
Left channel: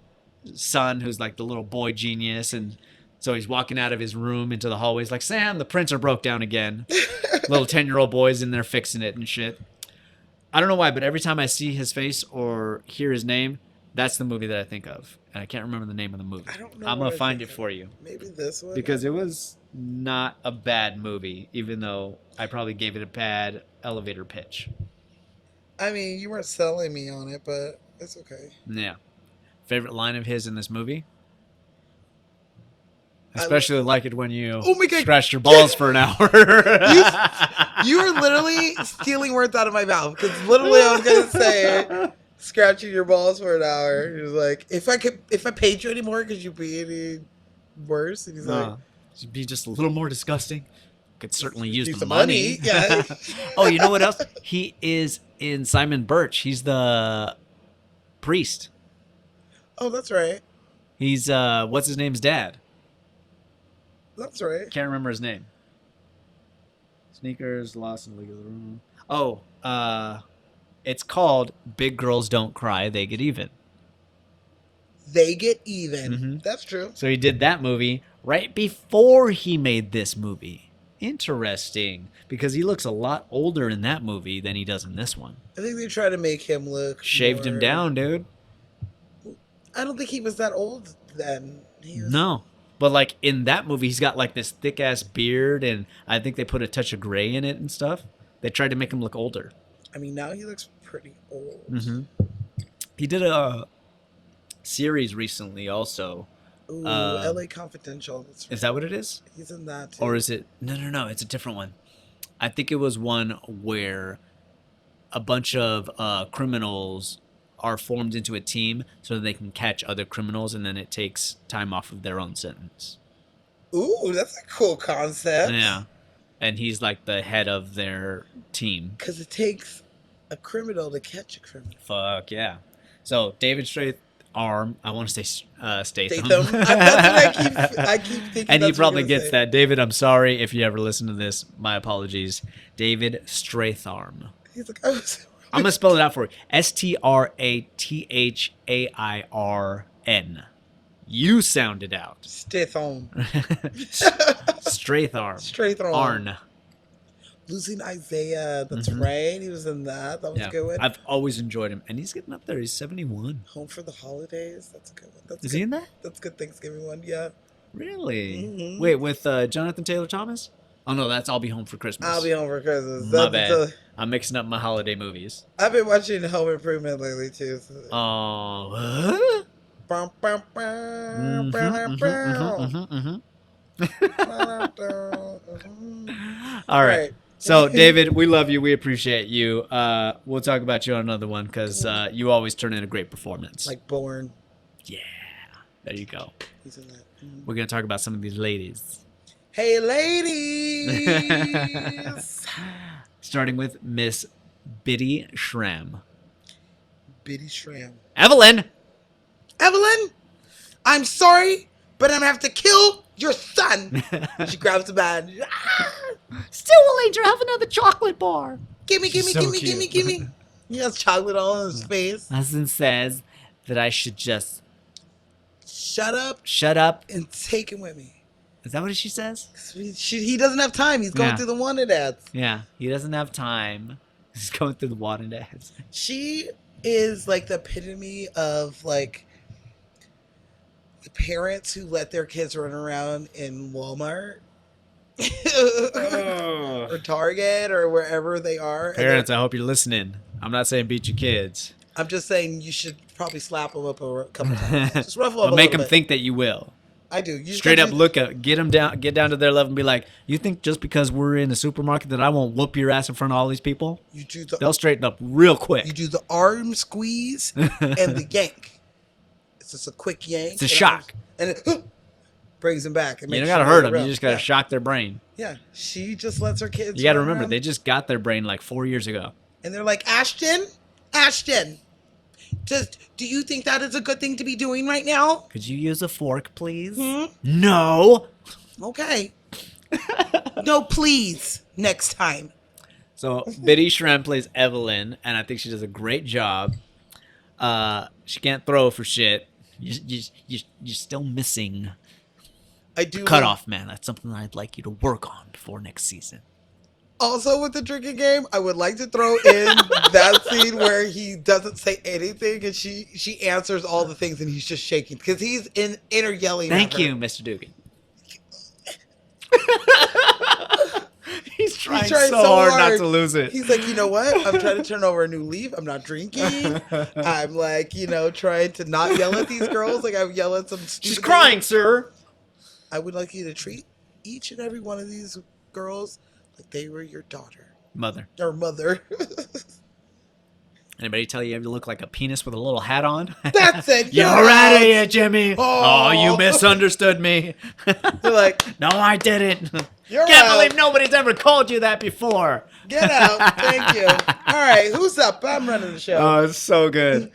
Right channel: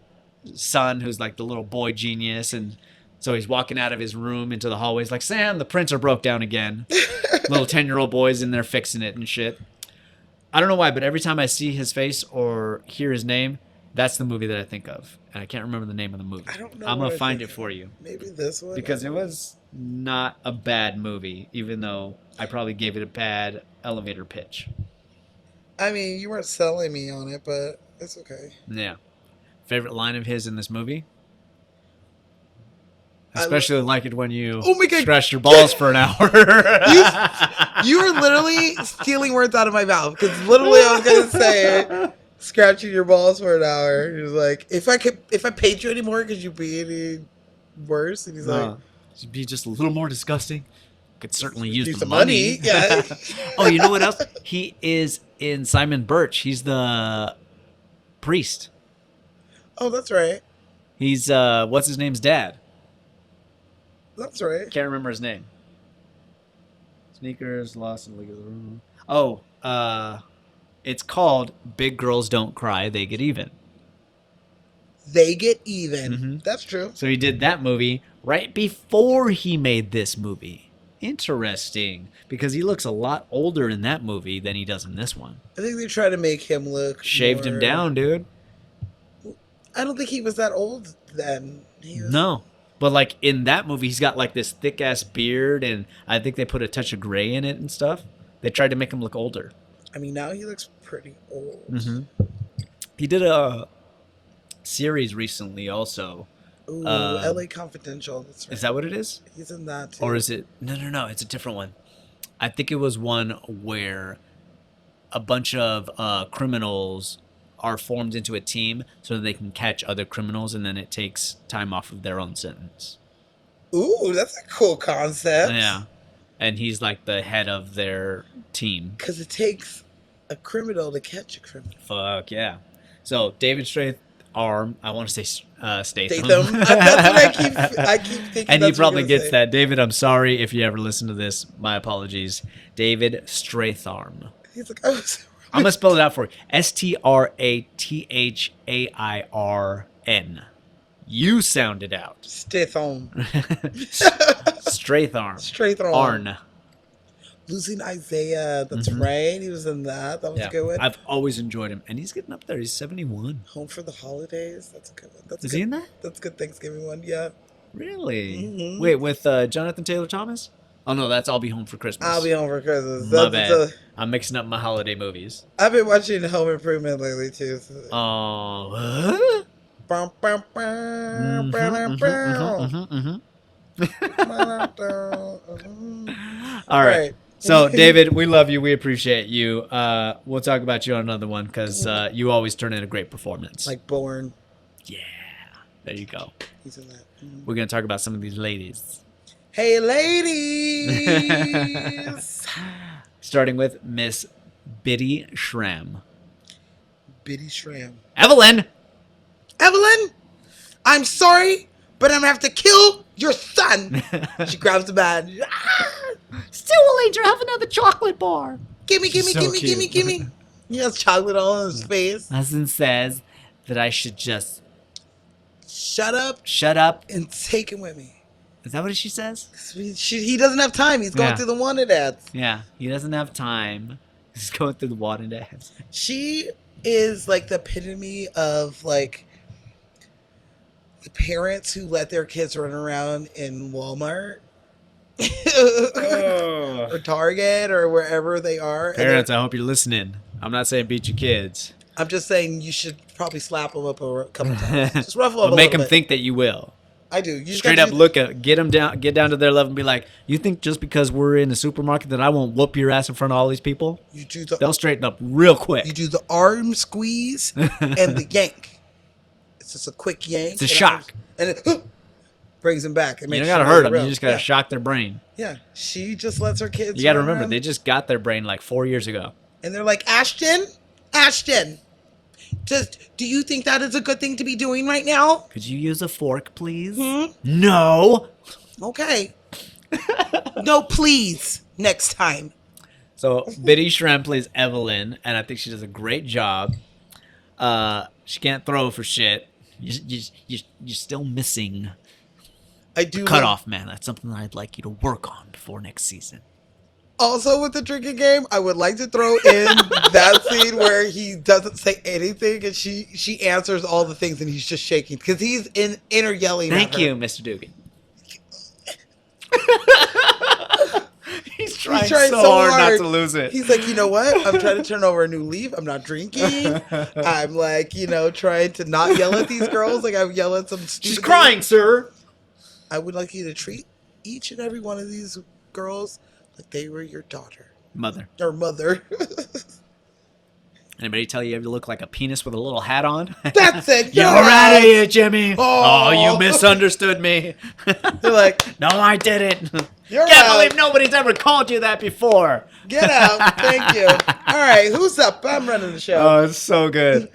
son who's like the little boy genius, and so he's walking out of his room into the hallways like, Sam, the printer broke down again. Little 10-year-old boys in there fixing it and shit. I don't know why, but every time I see his face or hear his name, that's the movie that I think of. And I can't remember the name of the movie. I don't know. I'm what gonna I find think it for you Maybe this one. because it was not a bad movie, even though I probably gave it a bad elevator pitch. I mean, you weren't selling me on it, but it's okay. Yeah. Favorite line of his in this movie? I Especially like it when you Oh my God. scratched your balls for an hour. You were literally stealing words out of my mouth because literally I was gonna say scratching your balls for an hour. He was like, if I paid you anymore, could you be any worse? And he's like, Should be just a little more disgusting. Could certainly use need the some money. money. Yeah. Oh, you know what else? He is in Simon Birch. He's the priest. Oh, that's right. He's what's his name's dad? That's right. Can't remember his name. Sneakers, lost in the legal room. Oh, it's called Big Girls Don't Cry, They Get Even. They get even. Mhm. That's true. So he did that movie right before he made this movie. Interesting, because he looks a lot older in that movie than he does in this one. I think they try to make him look Shaved him more- down, dude. I don't think he was that old then. He was- No. But like in that movie, he's got like this thick ass beard, and I think they put a touch of gray in it and stuff. They tried to make him look older. I mean, now he looks pretty old. Mm-hmm. He did a series recently also. Ooh, Um, LA Confidential. That's right. Is that what it is? He's in that too. Or is it? No. It's a different one. I think it was one where a bunch of criminals are formed into a team so that they can catch other criminals, and then it takes time off of their own sentence. Ooh, that's a cool concept. Yeah. And he's like the head of their team. Because it takes a criminal to catch a criminal. Fuck yeah. So David Stratham, I want to say Statham. Statham. That's what I keep thinking. And he that's what probably you're gonna gets say. that. David, I'm sorry if you ever listen to this. My apologies. David Stratham. He's like, oh, I'm going to spell it out for you. Strathirn. You sound it out. Statham. Stratham. Straight on. Arn. Losing Isaiah. That's right. He was in that. That was Yeah. a good one. I've always enjoyed him. And he's getting up there. He's 71. Home for the Holidays. That's a good one. That's Is good. he in that? That's a good Thanksgiving one. Yeah. Really? Mhm. Wait, with Jonathan Taylor Thomas? Oh, no, that's I'll Be Home for Christmas. I'll be home for Christmas. My That's bad. I'm mixing up my holiday movies. I've been watching Home Improvement lately too. So. Oh. Bum, bum, bum, Mhm, bum, mhm, bum. mhm. All right. So, David, we love you. We appreciate you. We'll talk about you on another one because you always turn in a great performance. Like Born. Yeah. There you go. He's in that. Mhm. We're going to talk about some of these ladies. Hey, ladies. Starting with Miss Biddy Schramm. Biddy Schramm. Evelyn! Evelyn, I'm sorry, but I'm gonna have to kill your son. She grabs the bat. Still will Angel have another chocolate bar. Gimme, She's gimme, so gimme, gimme, cute. gimme. He has chocolate all on his face. Husband says that I should just Shut up shut up. and take him with me. Is that what she says? He doesn't have time. He's going Yeah. through the wanted ads. Yeah. He doesn't have time. He's going through the water ads. She is like the epitome of like the parents who let their kids run around in Walmart or Target or wherever they are. Parents, I hope you're listening. I'm not saying beat your kids. I'm just saying you should probably slap them up a couple times. Just ruffle But up a make little them bit. think that you will. I do. You just Straight gotta up do- look at get down to their level and be like, you think just because we're in the supermarket that I won't whoop your ass in front of all these people? You do the They'll straighten up real quick. you do the arm squeeze and the yank. It's just a quick yank. It's a and shock. And it brings him back. It You makes don't gotta sure hurt they're them. You real. just gotta yeah. shock their brain. Yeah, she just lets her kids. You gotta run remember, around. they just got their brain like 4 years ago. And they're like, Ashton, do you think that is a good thing to be doing right now? Could you use a fork, please? Hmm? No. Okay. No, please. Next time. So Biddy Schramm plays Evelyn, and I think she does a great job. She can't throw for shit. You're still missing I do. cut off, man. That's something I'd like you to work on before next season. Also, with the drinking game, I would like to throw in that scene where he doesn't say anything and she answers all the things and he's just shaking because he's in inner yelling. Thank at her. you, Mr. Dugan. He's trying trying so so hard not hard. to lose it. He's like, you know what? I'm trying to turn over a new leaf. I'm not drinking. I'm like, trying to not yell at these girls. Like I would yell at some stupid. She's crying, sir. I would like you to treat each and every one of these girls like they were your daughter, Mother. your mother. Anybody tell you ever look like a penis with a little hat on? That's it. You're yes. out of here, Jimmy. Oh. Oh, you misunderstood me. You're like, No, I didn't. you're Can't out. believe nobody's ever called you that before. Get out. Thank you. All right, who's up? I'm running the show. Oh, it's so good.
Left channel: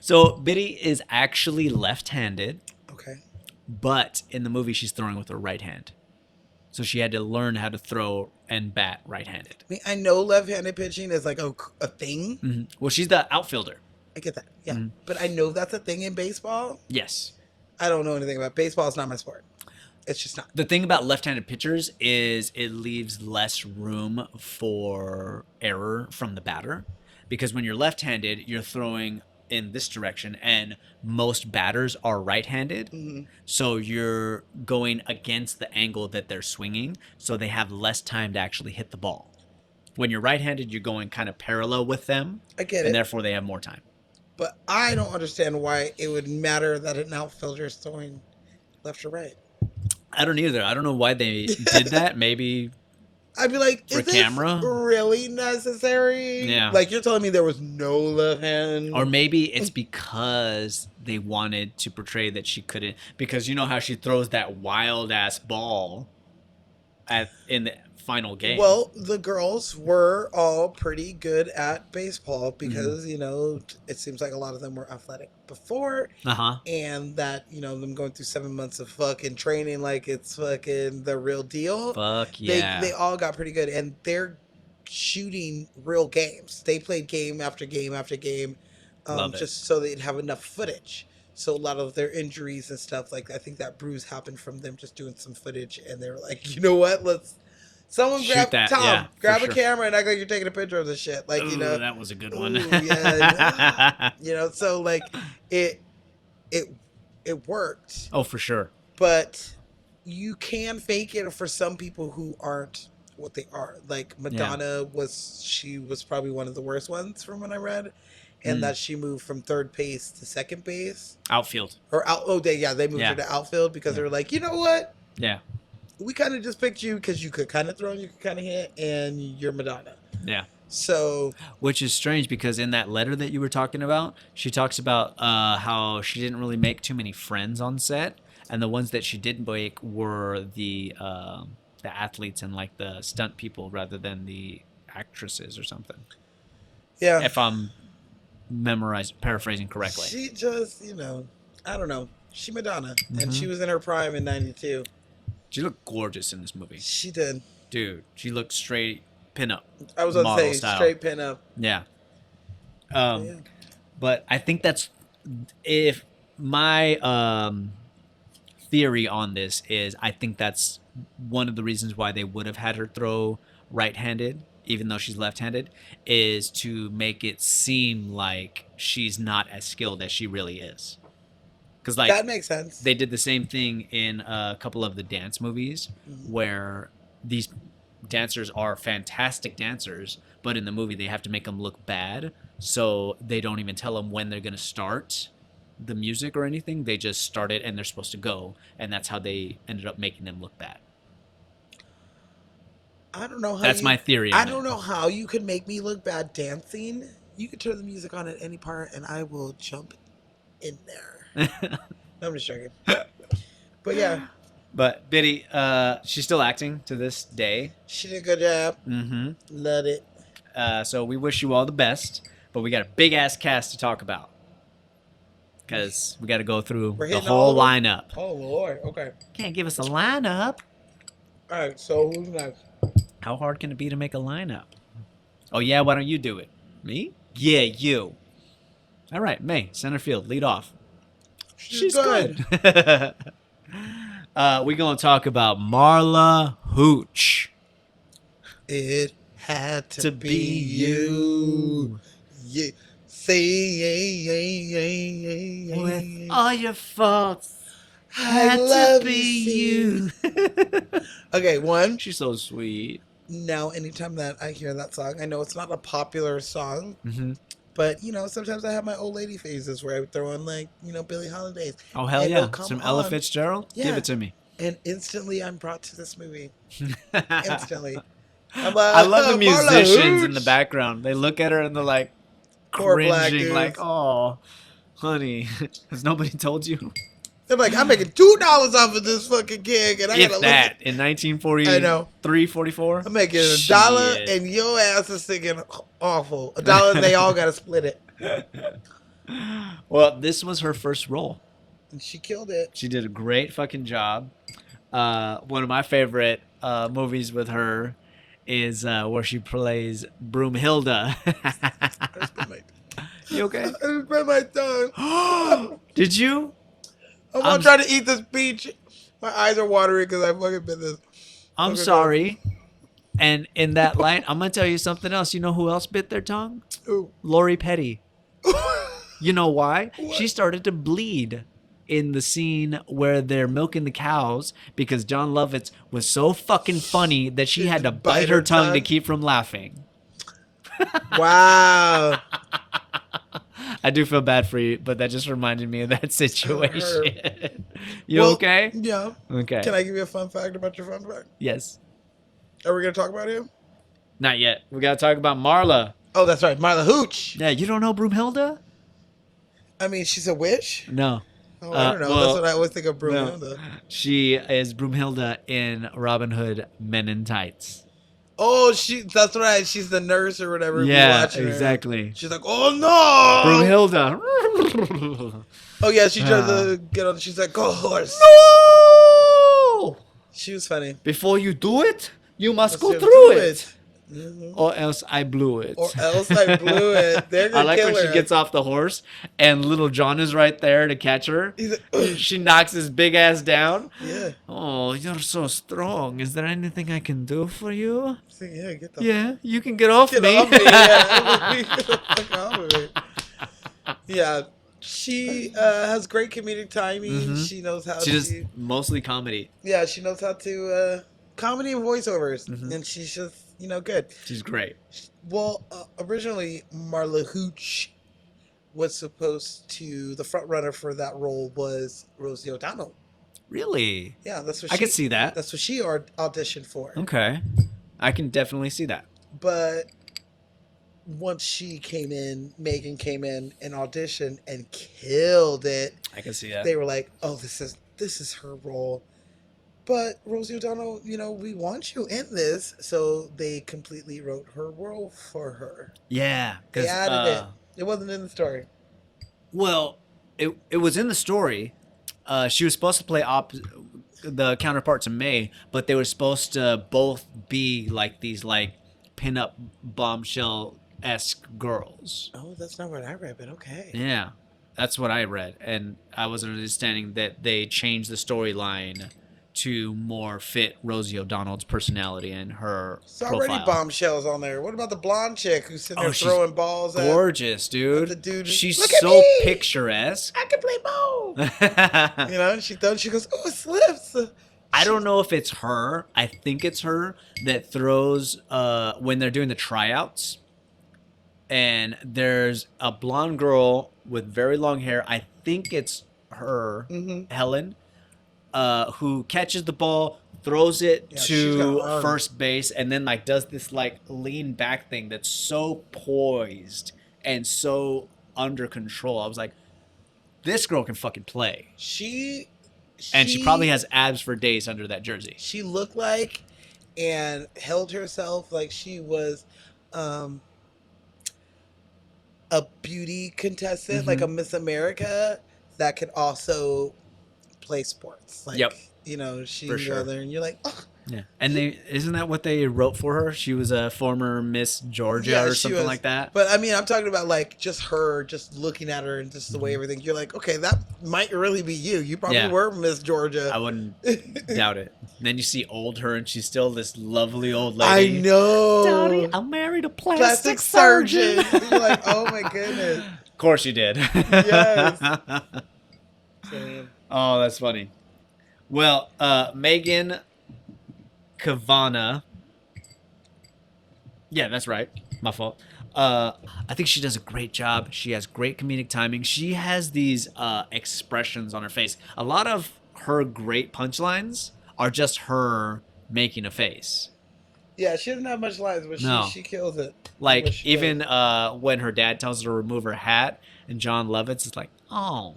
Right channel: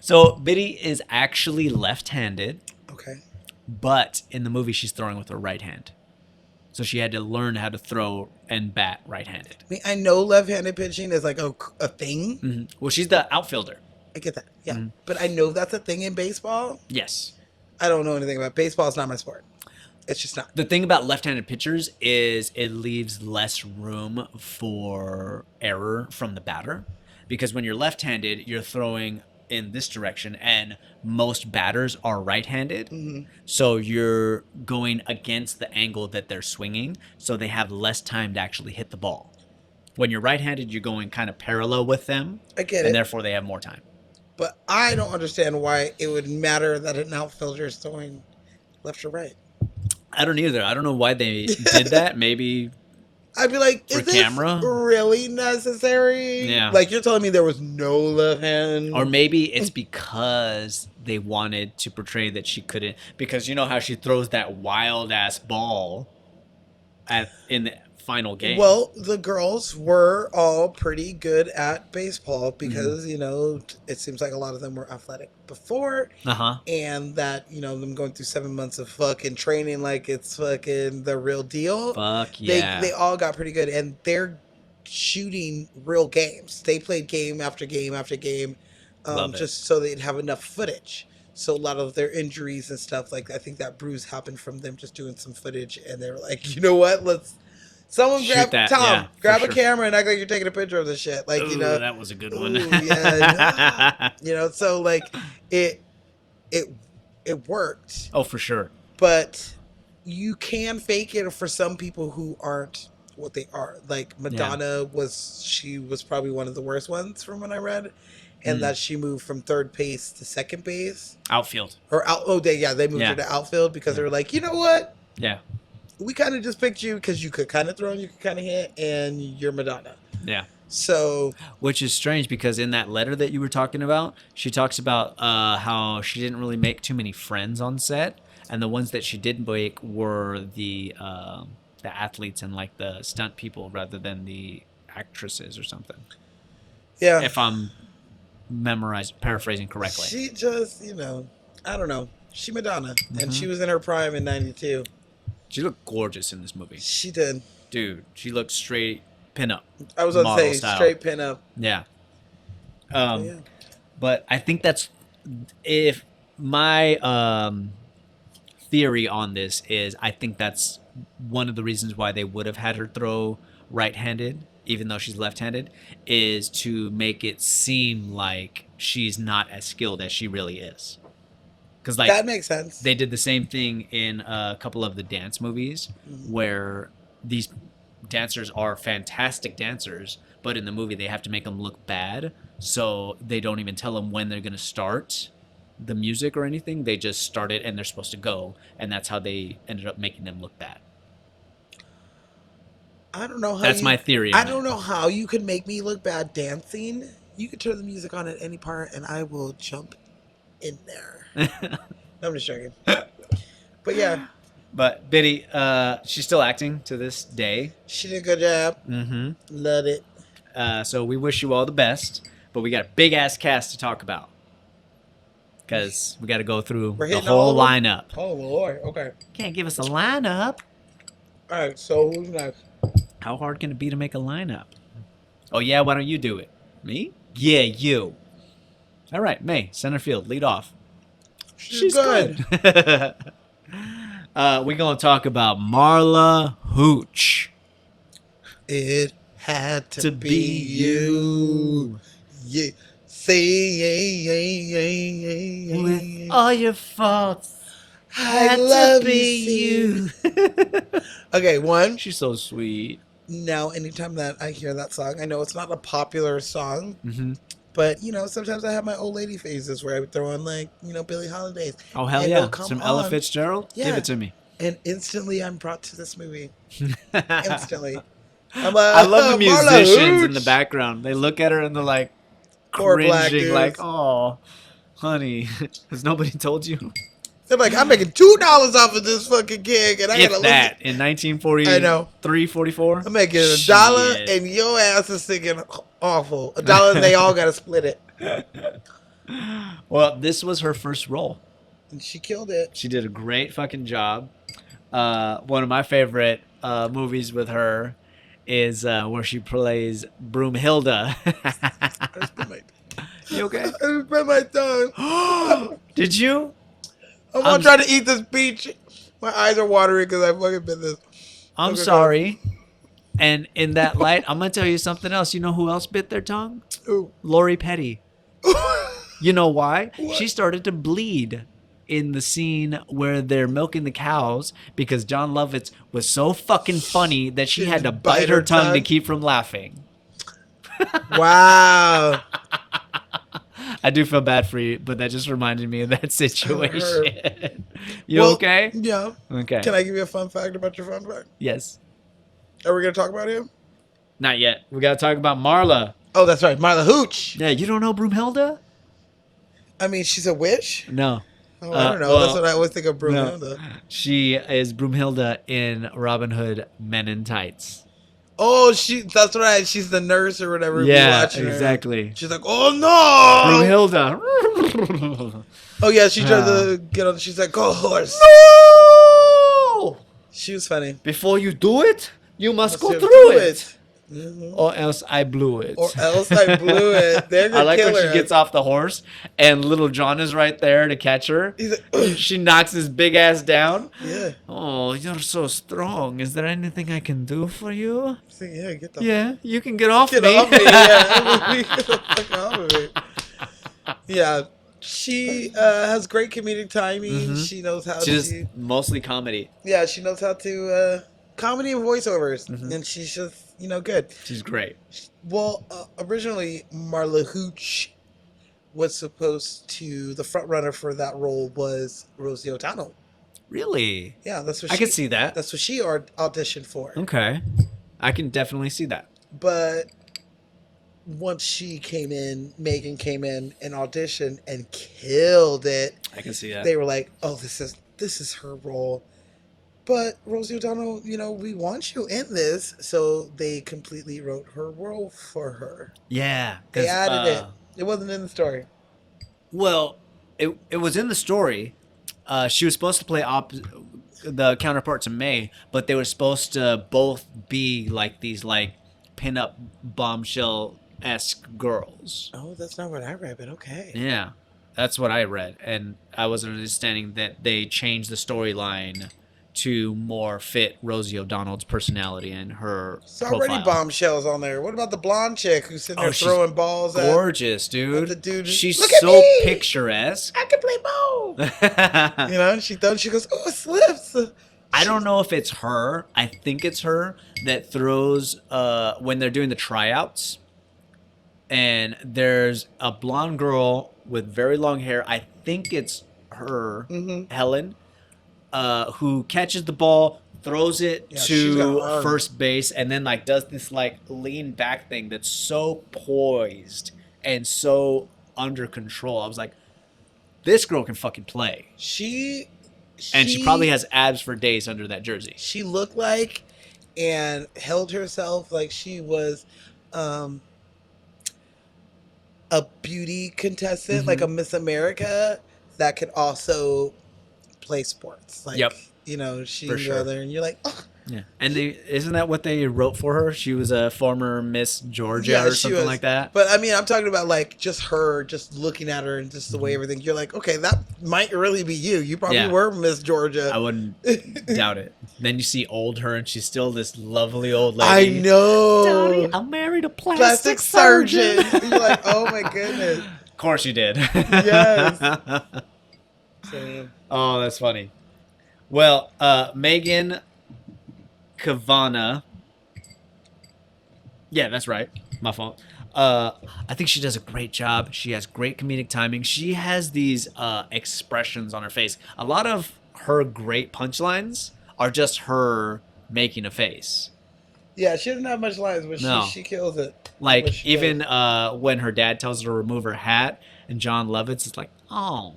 So Biddy is actually left-handed, Okay. but in the movie she's throwing with her right hand. So she had to learn how to throw and bat right-handed. I mean, I know left-handed pitching is like a thing. Well, she's the outfielder. I get that. Yeah. Mm-hmm. But I know that's a thing in baseball. Yes. I don't know anything about baseball. It's not my sport. It's just not. The thing about left-handed pitchers is it leaves less room for error from the batter, because when you're left-handed, you're throwing in this direction, and most batters are right-handed. So you're going against the angle that they're swinging, so they have less time to actually hit the ball. When you're right-handed, you're going kind of parallel with them, I get and it. therefore they have more time. But I don't understand why it would matter that an outfielder is throwing left or right. I don't either. I don't know why they did that. Maybe I'd be like, For is this camera? really necessary? Yeah. Like, you're telling me there was no left hand? or maybe it's because they wanted to portray that she couldn't, because you know how she throws that wild ass ball in the final game. Well, the girls were all pretty good at baseball because, Mm-hmm. you know, it seems like a lot of them were athletic before. Uh-huh. And that, you know, them going through 7 months of fucking training like it's fucking the real deal. Fuck yeah. They all got pretty good. And they're shooting real games. They played game after game after game Love it. just so they'd have enough footage. So a lot of their injuries and stuff, like I think that bruise happened from them just doing some footage. And they were like, you know what? Someone Shoot grab that, Tom, yeah, for grab sure. a camera and act like you're taking a picture of this shit. Like, you Ooh, know, that was a good one. ooh, yeah, you know, so like it worked, Oh, for sure. but you can fake it for some people who aren't what they are. Like Madonna she was probably one of the worst ones from what I read, and that she moved from third base to second base Outfield. or they moved Yeah. her to outfield because they were like, you know what? Yeah. We kind of just picked you because you could kind of throw and you could kind of hit, and you're Madonna. Yeah. So Which is strange because in that letter that you were talking about, she talks about how she didn't really make too many friends on set, and the ones that she did make were the athletes and like the stunt people rather than the actresses or something. yeah, If I'm paraphrasing correctly. she just, you know, I don't know. She Madonna, and she was in her prime in '92. She looked gorgeous in this movie. She did. Dude, she looked straight pinup. I was gonna Model say style. straight pin up. Yeah. Yeah. But I think that's if my theory on this is I think that's one of the reasons why they would have had her throw right-handed, even though she's left-handed, is to make it seem like she's not as skilled as she really is. Because like That makes sense. they did the same thing in a couple of the dance movies where these dancers are fantastic dancers, but in the movie they have to make them look bad, so they don't even tell them when they're going to start the music or anything. They just start it and they're supposed to go, and that's how they ended up making them look bad. I don't know how. That's my theory on I don't know how you could make me look bad dancing. You could turn the music on at any part, and I will jump in there. it. No, I'm just joking. But yeah, But Biddy, she's still acting to this day. she did a good job. Mm-hmm. Loved it. So we wish you all the best, but we got a big ass cast to talk about because we got to go through We're the hitting whole all of them? lineup. Oh Lord. Okay. Can't give us a lineup. All right. So who's next? How hard can it be to make a lineup? Oh yeah, why don't you do it? Me? Yeah, you. All right, May, center field, lead off. She's good. We're gonna talk about Marla Hooch. It had to, To be, be you. Yeah. With Say. all your faults, I had love to be you. you. Okay, one. She's so sweet. Now, anytime that I hear that song, I know it's not a popular song, Mm-hmm. but you know, sometimes I have my old lady phases where I would throw on like, you know, Billie Holiday, Oh hell You yeah! know, come Some Ella on. Fitzgerald. Give Yeah. it to me. and instantly I'm brought to this movie. I Instantly. I'm like, love the "Oh, Marla musicians in the Hooch." background. They look at her and they're like Poor black cringing, dudes. like, "Oh, honey, has nobody told you?" They're like, I'm making $2 off of this fucking gig, and I If gotta that look. in 1943, I know. 44. I'm making $1, Shit. and your ass is thinking awful. $1, and they all gotta split it. Well, this was her first role. And she killed it. She did a great fucking job. One of my favorite movies with her is where she plays Broomhilda. I just bit my, You okay? I just bit my tongue. Did you? I'm gonna try to eat this peach. My eyes are watering because I fucking bit this. I'm Okay, go. sorry. And in that light, I'm gonna tell you something else. You know who else bit their tongue? Ooh. Lori Petty. You know why? She started to bleed in the scene where they're milking the cows because John Lovitz was so fucking funny that she had to bite her tongue to keep from laughing. Wow. I do feel bad for you, but that just reminded me of that situation. You Well, okay? Yeah. Okay. Can I give you a fun fact about your fun fact? Yes. Are we gonna talk about him? Not yet. We got to talk about Marla. Oh, that's right, Marla Hooch. Yeah, you don't know Broomhilda? I mean, she's a witch. No. Oh, I don't know. That's what I always think of Brunhilde. She is Broomhilda in Robin Hood Men in Tights. Oh, that's right. She's the nurse or whatever. Yeah, watching her. exactly. She's like, oh no, Broomhilda. Oh yeah, she tried to get on. She's like, horse. No! She was funny. Before you do it, you must go Let's through do it. Or else I blew it. Or else I blew it. They're I like kill when her. she gets off the horse and Little John is right there to catch her. He's like, She knocks his big ass down. yeah. Oh, you're so strong. Is there anything I can do for you? She's like, yeah, get the Yeah, you can get off Get me. off me. Yeah. Get the fuck off of me. Yeah. She has great comedic timing. Mhm. She knows how She's to. mostly comedy. Yeah, she knows how to comedy and voiceovers, Mhm. and she's just good. She's great. Well, originally Marla Hooch was supposed to. The front runner for that role was Rosie O'Donnell. Really? Yeah, that's what I can see that. That's what she auditioned for. Okay. I can definitely see that. But once she came in, Megan came in and auditioned and killed it. I can see that. They were like, "Oh, this is her role." But Rosie O'Donnell, we want you in this, so they completely wrote her role for her. Yeah, They because added it. It wasn't in the story. well, it was in the story. She was supposed to play the counterpart to May, but they were supposed to both be like these pin-up bombshell-esque girls. Oh, that's not what I read, but okay. Yeah, that's what I read, and I was understanding that they changed the storyline to more fit Rosie O'Donnell's personality and her There's already profile. bombshells on there. What about the blonde chick who's sitting there Oh, she's throwing balls at? Gorgeous, dude. The dude- She's Look at so me! picturesque. I can play ball. She goes, oh, it slips. I don't know if it's her. I think it's her that throws when they're doing the tryouts. And there's a blonde girl with very long hair. I think it's her, Mm-hmm. Helen, who catches the ball, throws it Yeah, she's got to arms. first base, and then does this lean back thing that's so poised and so under control. I was like, this girl can fucking play. And she probably has abs for days under that jersey. She looked like and held herself like she was a beauty contestant, Mm-hmm. like a Miss America that could also play sports. Like, Yep. She For can sure. go there and you're like, oh. Yeah. And isn't that what they wrote for her? She was a former Miss Georgia Yeah, or she something was. like that. But I mean, I'm talking about like just her, just looking at her and just the way Mm-hmm. everything. You're like, okay, that might really be you. You probably Yeah. were Miss Georgia. I wouldn't doubt it. Then you see old her, and she's still this lovely old I lady. know. Daddy, I married a Plastic plastic surgeon. surgeon. You're like, oh my goodness. Of course you did. Yes. I mean, Oh, that's funny. Well, Megan Kavana. Yeah, that's right. My fault. I think she does a great job. She has great comedic timing. She has these expressions on her face. A lot of her great punchlines are just her making a face. yeah, she doesn't have much lines, but No. she kills it. Like What she even when her dad tells her to remove her hat, and John Lovitz is like, "Oh,"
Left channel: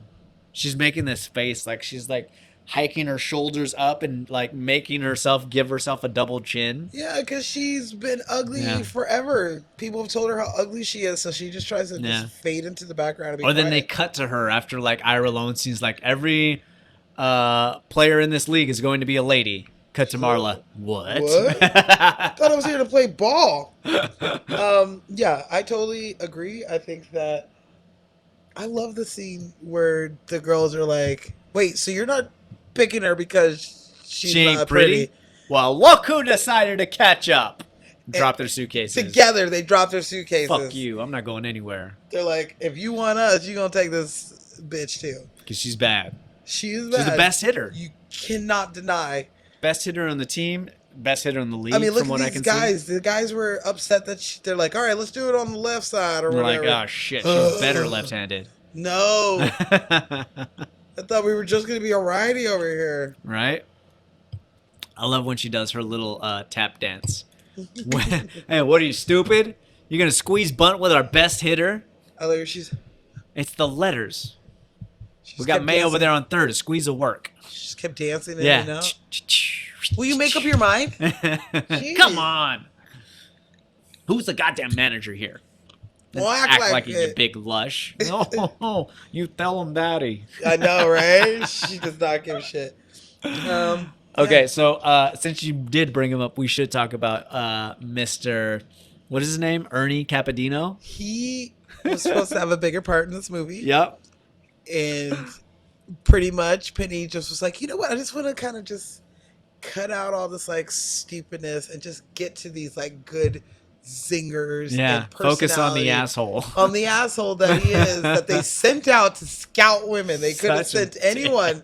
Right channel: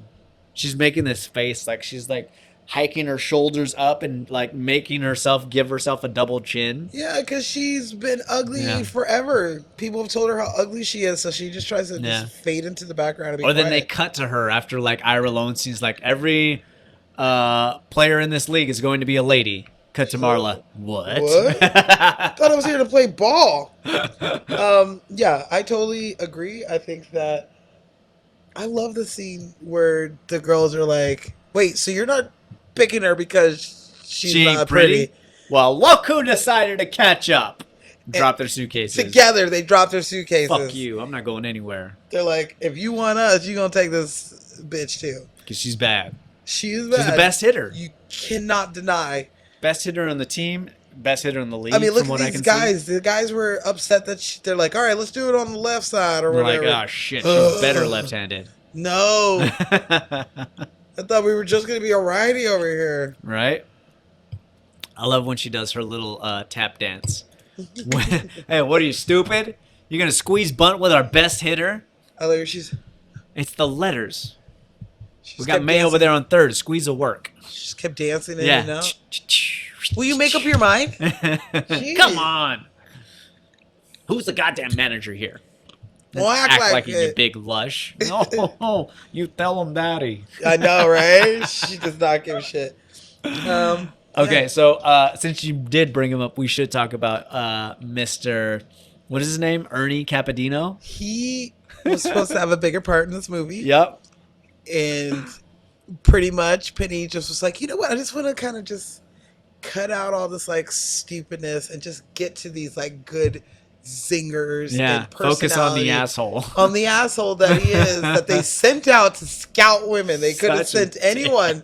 she's making this face like she's like hiking her shoulders up and like making herself give herself a double chin. Yeah, because she's been ugly Yeah. forever. People have told her how ugly she is, so she just tries to Yeah. just fade into the background. And be Or then they quiet. cut to her after like Ira Lowenstein's like every player in this league is going to be a lady. Cut to Marla. What? thought I was here to play ball. Yeah, I totally agree. I think that I love the scene where the girls are like, "Wait, so you're not picking her because she's She ain't not pretty? pretty?" Well, look who decided to catch up. Drop their suitcases. Together, they drop their suitcases. Fuck you. I'm not going anywhere. They're like, "If you want us, you're gonna take this bitch too." Because she's bad. She's She's bad. the best hitter. You cannot deny. Best hitter on the team. best hitter in the league. I mean, look from at what I these can guys. The guys were upset that they're like, all right, let's do it on the left side or See. They're whatever. like, oh shit, she's better left-handed. No, I thought we were just gonna be a righty over here. Right? I love when she does her little tap dance. Hey, what are you, stupid? You're gonna squeeze bunt with our best hitter? I like her. She's It's the letters. We got kept May over dancing. there on third. Squeeze will work. She just kept dancing in Yeah. and out. Will you make up your mind? Come on. Who's the goddamn manager here? Well, Act like he's a it. big lush. Oh, you tell him, daddy. I know, right? She does not give a shit. Okay, so since you did bring him up, we should talk about Mr. What is his name? Ernie Capadino? He was supposed to have a bigger part in this movie. Yep. And pretty much Penny just was like, you know what? I just want to kind of just cut out all this like stupidness and just get to these like good singers. Yeah. and Focus on the personality. asshole. On the asshole that he is, that they sent out to scout women. They could have Such a sent anyone,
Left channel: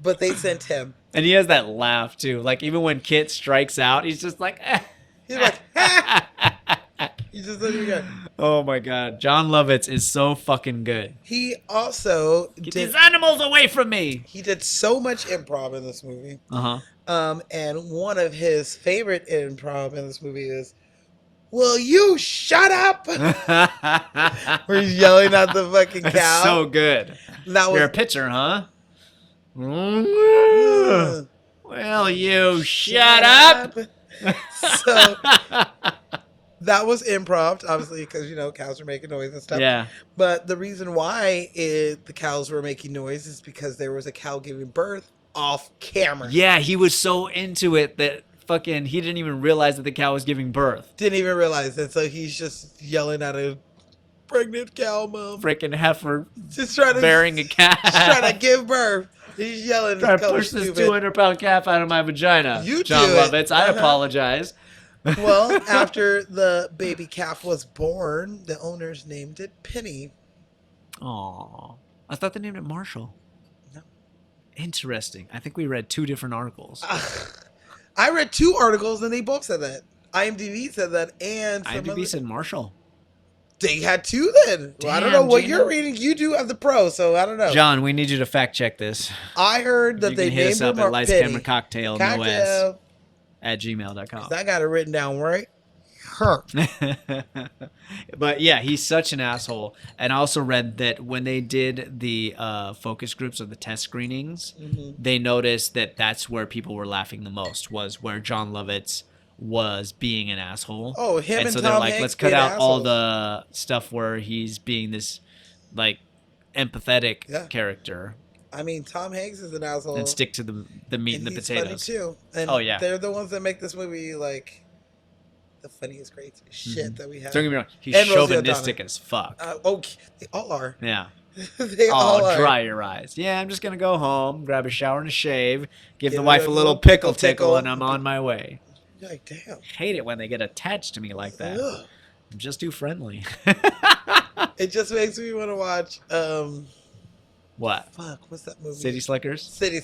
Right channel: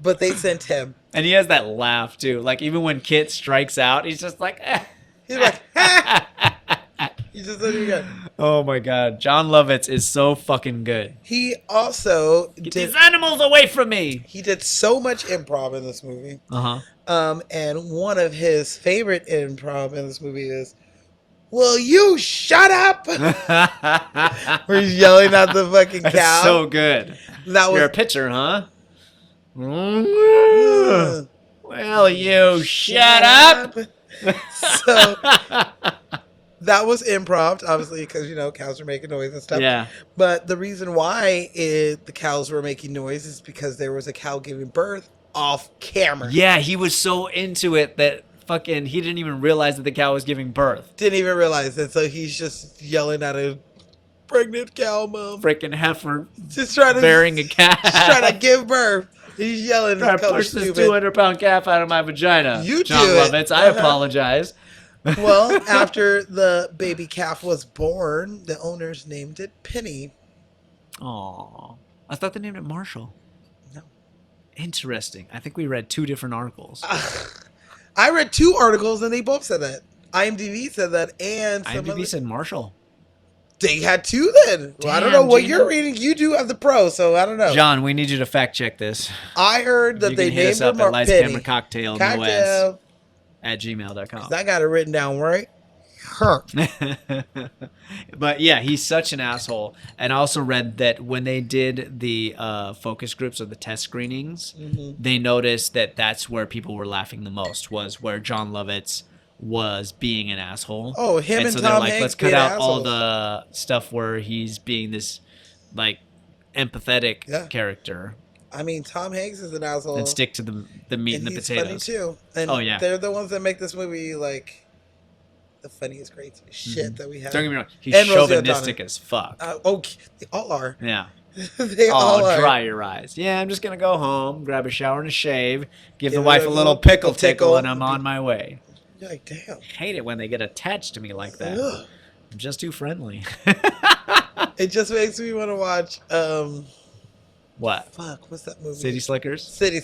but they sent him. And he has that laugh too. Like even when Kit strikes out, he's just like, eh. He's like, ha! He just said he got. Oh my god. John Lovitz is so fucking good. He also Get did. these animals away from me. He did so much improv in this movie. Uh-huh. And one of his favorite improv in this movie is, "Will you shut up?" Where he's yelling at the fucking cow. That's so good. That You're a was. pitcher, huh? Well, you shut up. So that was improv, obviously, because cows are making noise and stuff. Yeah. But the reason why the cows were making noise is because there was a cow giving birth off camera. Yeah, he was so into it that fucking he didn't even realize that the cow was giving birth. Didn't even realize it, so he's just yelling at a pregnant cow mom. Freaking heifer Just trying to bearing a calf. Just trying to give birth. He's yelling. Trying It's to kinda push this stupid. 200-pound calf out of my vagina. You John do it. Lovitz, I apologize. Well, after the baby calf was born, the owners named it Penny. Aw. I thought they named it Marshall. No. Interesting. I think we read 2 different articles. I read 2 articles and they both said that. IMDb said that, and some IMDb other- said Marshall. they had 2 then. Well, I don't Damn, know what dude. you're reading. You do have the pro, so I don't know. John, we need you to fact check this. I heard that You they can hit named us up him at Lights Penny. Camera Cocktail, no S, Cocktail. at gmail.com. I got it written down right. Huh. But yeah, he's such an asshole. And I also read that when they did the focus groups or the test screenings, they noticed that that's where people were laughing the most, was where John Lovitz was being an asshole. Oh, him and so Tom they're like, Hanks let's cut being out all assholes. the stuff where he's being this like empathetic Yeah. character I mean, Tom Hanks is an asshole. and stick to the meat and the he's potatoes. funny too. And Oh, yeah. they're the ones that make this movie like the funniest, great shit that we have. Don't get me wrong, he's And Rosie chauvinistic O'Donnell. as fuck. Okay, they all are. Yeah. They all Oh, are. dry your eyes. Yeah, I'm just gonna go home, grab a shower and a shave, give the Give wife it a a little little pickle tickle. tickle, and I'm on my way. You're like, damn. Hate it when they get attached to me like that. Ugh. I'm just too friendly. It just makes me want to watch. What? Fuck, what's that movie? City Slickers? City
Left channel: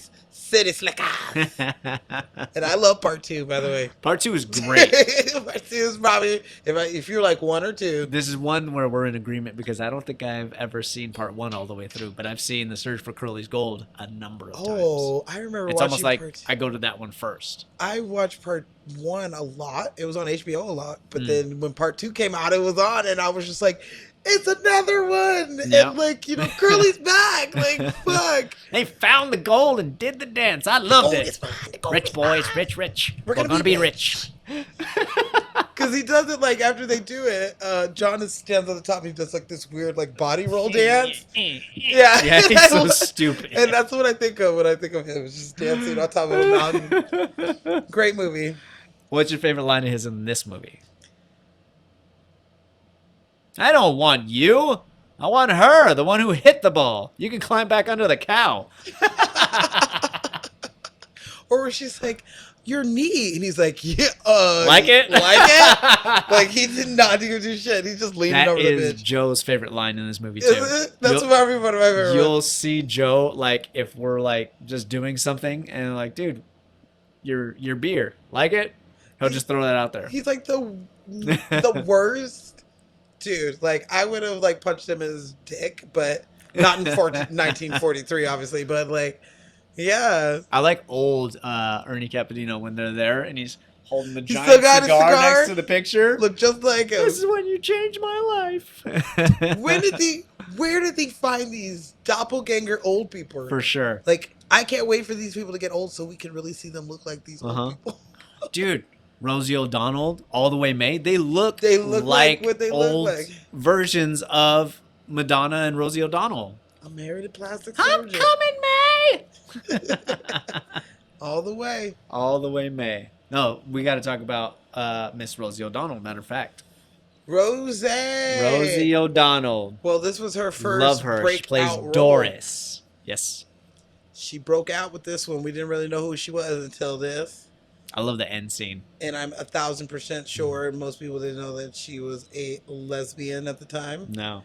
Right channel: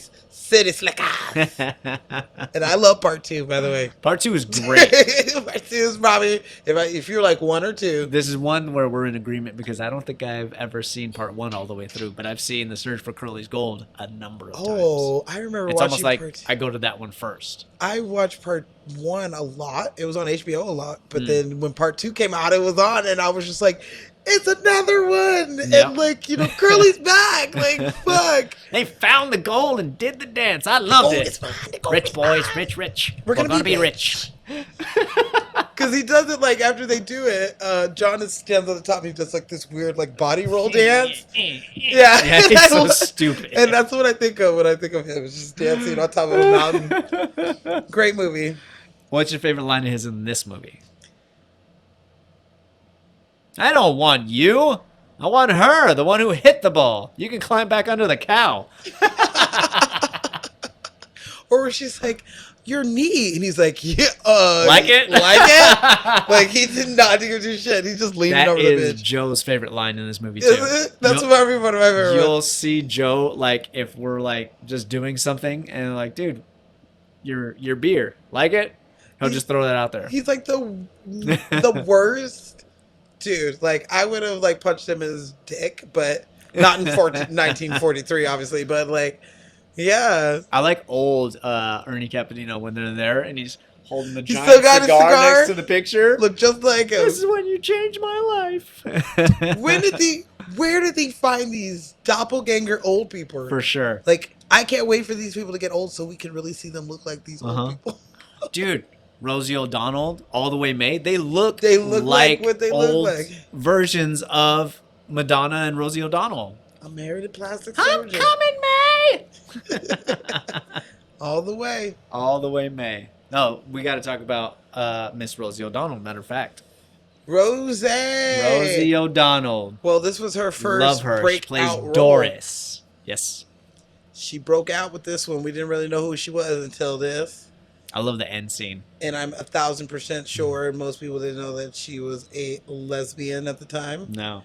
Slickers. And I love part 2, by the way. Part 2 is great. Part 2 is probably if you're like 1 or 2. This is one where we're in agreement because I don't think I've ever seen part 1 all the way through, but I've seen The Search for Curly's Gold a number of times. Oh, I remember It's watching almost like part. I go to that one first. I watched part 1 a lot. It was on HBO a lot, but then when part 2 came out, it was on, and I was just like, "It's another one!" Yep. And like, Curly's back. Like, fuck. They found the gold and did the dance. I loved Gold it. is mine, the gold Rich is boys, rich. We're gonna gonna be be rich. Because he does it like after they do it. John stands on the top. And he does like this weird like body roll dance. Yeah, He's so stupid. And that's what I think of when I think of him. It's just dancing on top of a mountain. Great movie. What's your favorite line of his in this movie? I don't want you. I want her, the one who hit the ball. You can climb back under the cow. Or she's like, "Your knee," and he's like, "Yeah, Like it? like it." Like he did not do shit. He's just leaning That over the is bitch. Joe's favorite line in this movie too. Is it? That's probably one of my favorite You'll ones. see Joe like if we're like just doing something and like, dude, your beer. Like it? He'll just throw that out there. He's like the worst dude. Like I would have like punched him in his dick, but not in 1943, obviously. But like, yeah, I like old Ernie Capadino when they're there and he's holding the He's giant still got his cigar cigar. next to the picture. look just like him. This is when you changed my life. Where did they find these doppelganger old people? For sure. Like, I can't wait for these people to get old so we can really see them look like these old people. Dude, Rosie O'Donnell, All the Way May, they look They look like what they old look like. versions of Madonna and Rosie O'Donnell. I'm married a plastic I'm surgeon. coming, May! All the way. All the way, May. No, we got to talk about Miss Rosie O'Donnell, matter of fact. Rosie. Rosie O'Donnell. Well, this was her Love first her. She breakout plays role. Doris. Yes. She broke out with this one. We didn't really know who she was until this. I love the end scene. And I'm 1,000% sure most people didn't know that she was a lesbian at the time. No.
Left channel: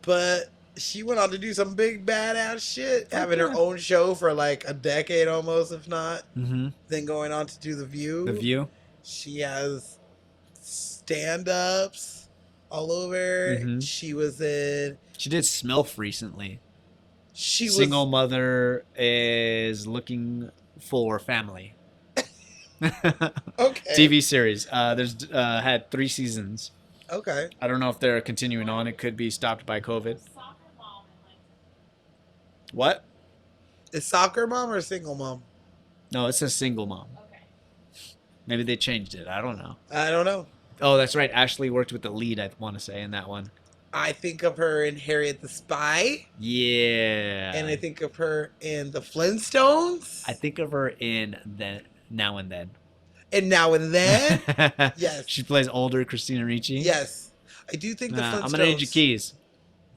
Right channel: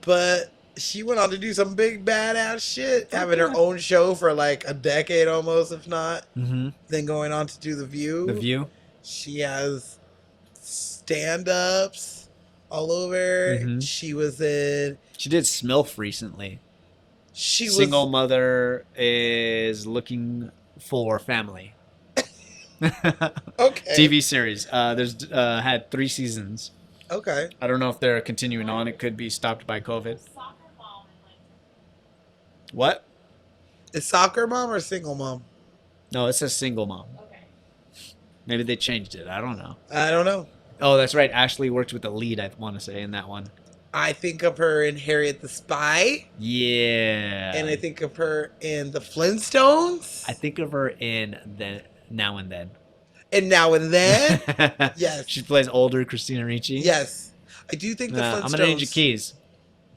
But she went on to do some big badass shit, having her own show for like a decade almost, if not. Mm-hmm. Then going on to do The View. The View. She has stand-ups all over. Mhm. She was in. She did Smilf recently. She was Single mother is looking for family. okay. TV series. There's had 3 seasons. Okay. I don't know if they're continuing on. It could be stopped by COVID. Soccer mom and like What? A soccer mom or a single mom? No, it says single mom. okay. Maybe they changed it. I don't know. I don't know. Oh, that's right. Ashley worked with the lead, I want to say, in that one. I think of her in Harriet the Spy, Yeah. and I think of her in the Flintstones, I think of her in the Now and Then. and Now and Then. Yes. She plays older Christina Ricci. Yes, I do think the Nah, Flintstones. I'm gonna need your keys.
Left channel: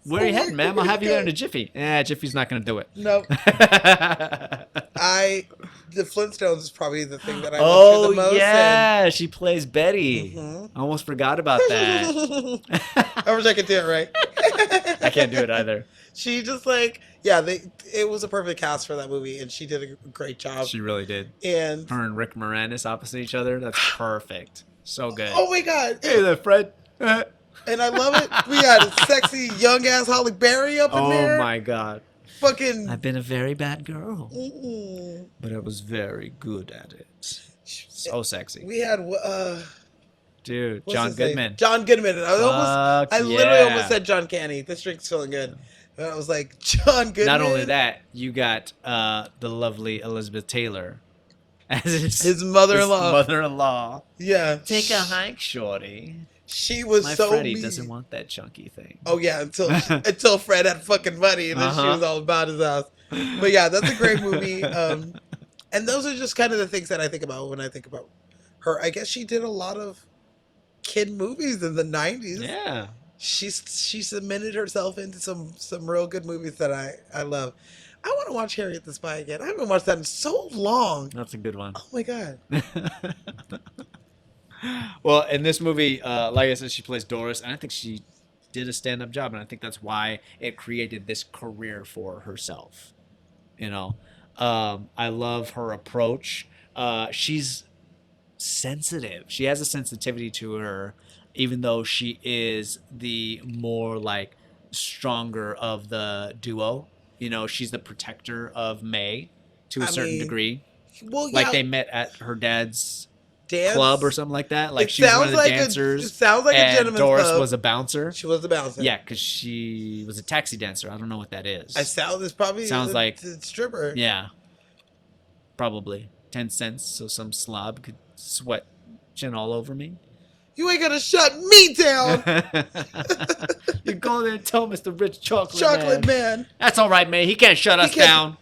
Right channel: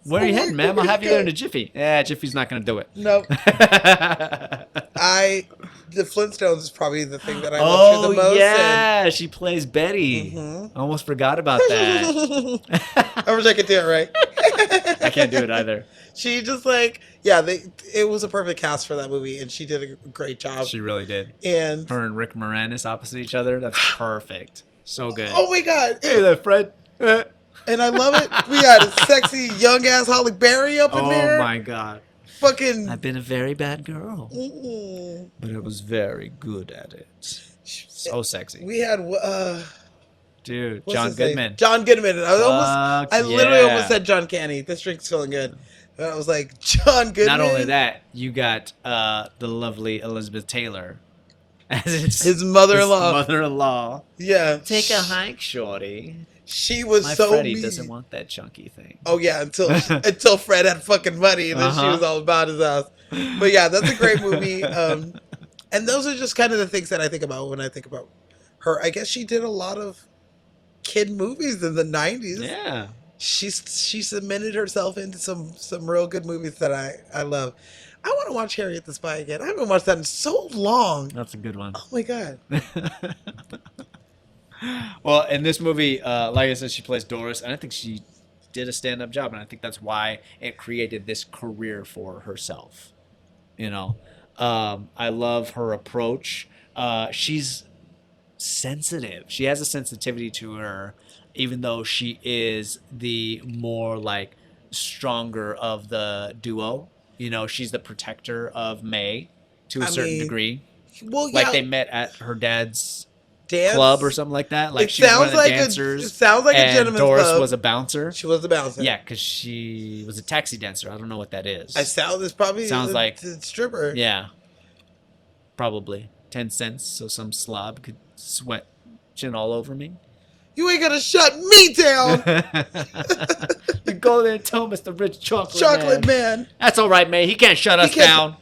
Where are you heading, ma'am? I'll have you there in a jiffy. Yeah, Jiffy's not gonna do it. No, the Flintstones is probably the thing that I Oh love the most, yeah, she plays Betty. Mhm. I almost forgot about that. I wish I could do it right. I can't do it either. She just like, yeah, it was a perfect cast for that movie, and she did a great job. She really did. And Her and Rick Moranis opposite each other. That's perfect. So good. oh my god, Hey there, Fred. and I love it. We had sexy young ass Holly Berry up in there. Oh my god. Fucking. I've been a very bad girl, Mm-mm. but I was very good at it. So sexy. We had Dude, what's John his name? Goodman. John Goodman. I Fuck literally yeah. almost said John Candy. This drink's feeling good. And I was like, John Goodman. Not only that, you got the lovely Elizabeth Taylor as his mother-in-law. mother-in-law. Yeah. Take a hike, shorty. She was My so Freddie mean. doesn't want that chunky thing. Oh yeah, until Fred had fucking money and then she Uh-huh. was all about his ass. But yeah, that's a great movie. And those are just kind of the things that I think about when I think about her. I guess she did a lot of kid movies in the 90s. Yeah. She submitted herself into some real good movies that I love. I want to watch Harriet the Spy again. I haven't watched that in so long. That's a good one. Oh my god. Well, in this movie, like I said, she plays Doris, and I think she did a stand-up job, and I think that's why it created this career for herself. You know, I love her approach. She's sensitive. She has a sensitivity to her, even though she is the more like stronger of the duo. You know, she's the protector of May to a I certain mean, degree. Well, yeah, Like they met at her dad's dance club or something like that. Like It she was one sounds of the like dancers, it sounds like a and gentleman's Doris club. was a bouncer. She was the bouncer. Yeah, because she was a taxi dancer. I don't know what that is. It's probably Sounds like- a stripper. Yeah, probably 10 cents so some slob could sweat chin all over me. You ain't gonna shut me down, You go there and tell Mr. Rich Chocolate, chocolate man. man. That's all right, May. He can't shut us can't- down.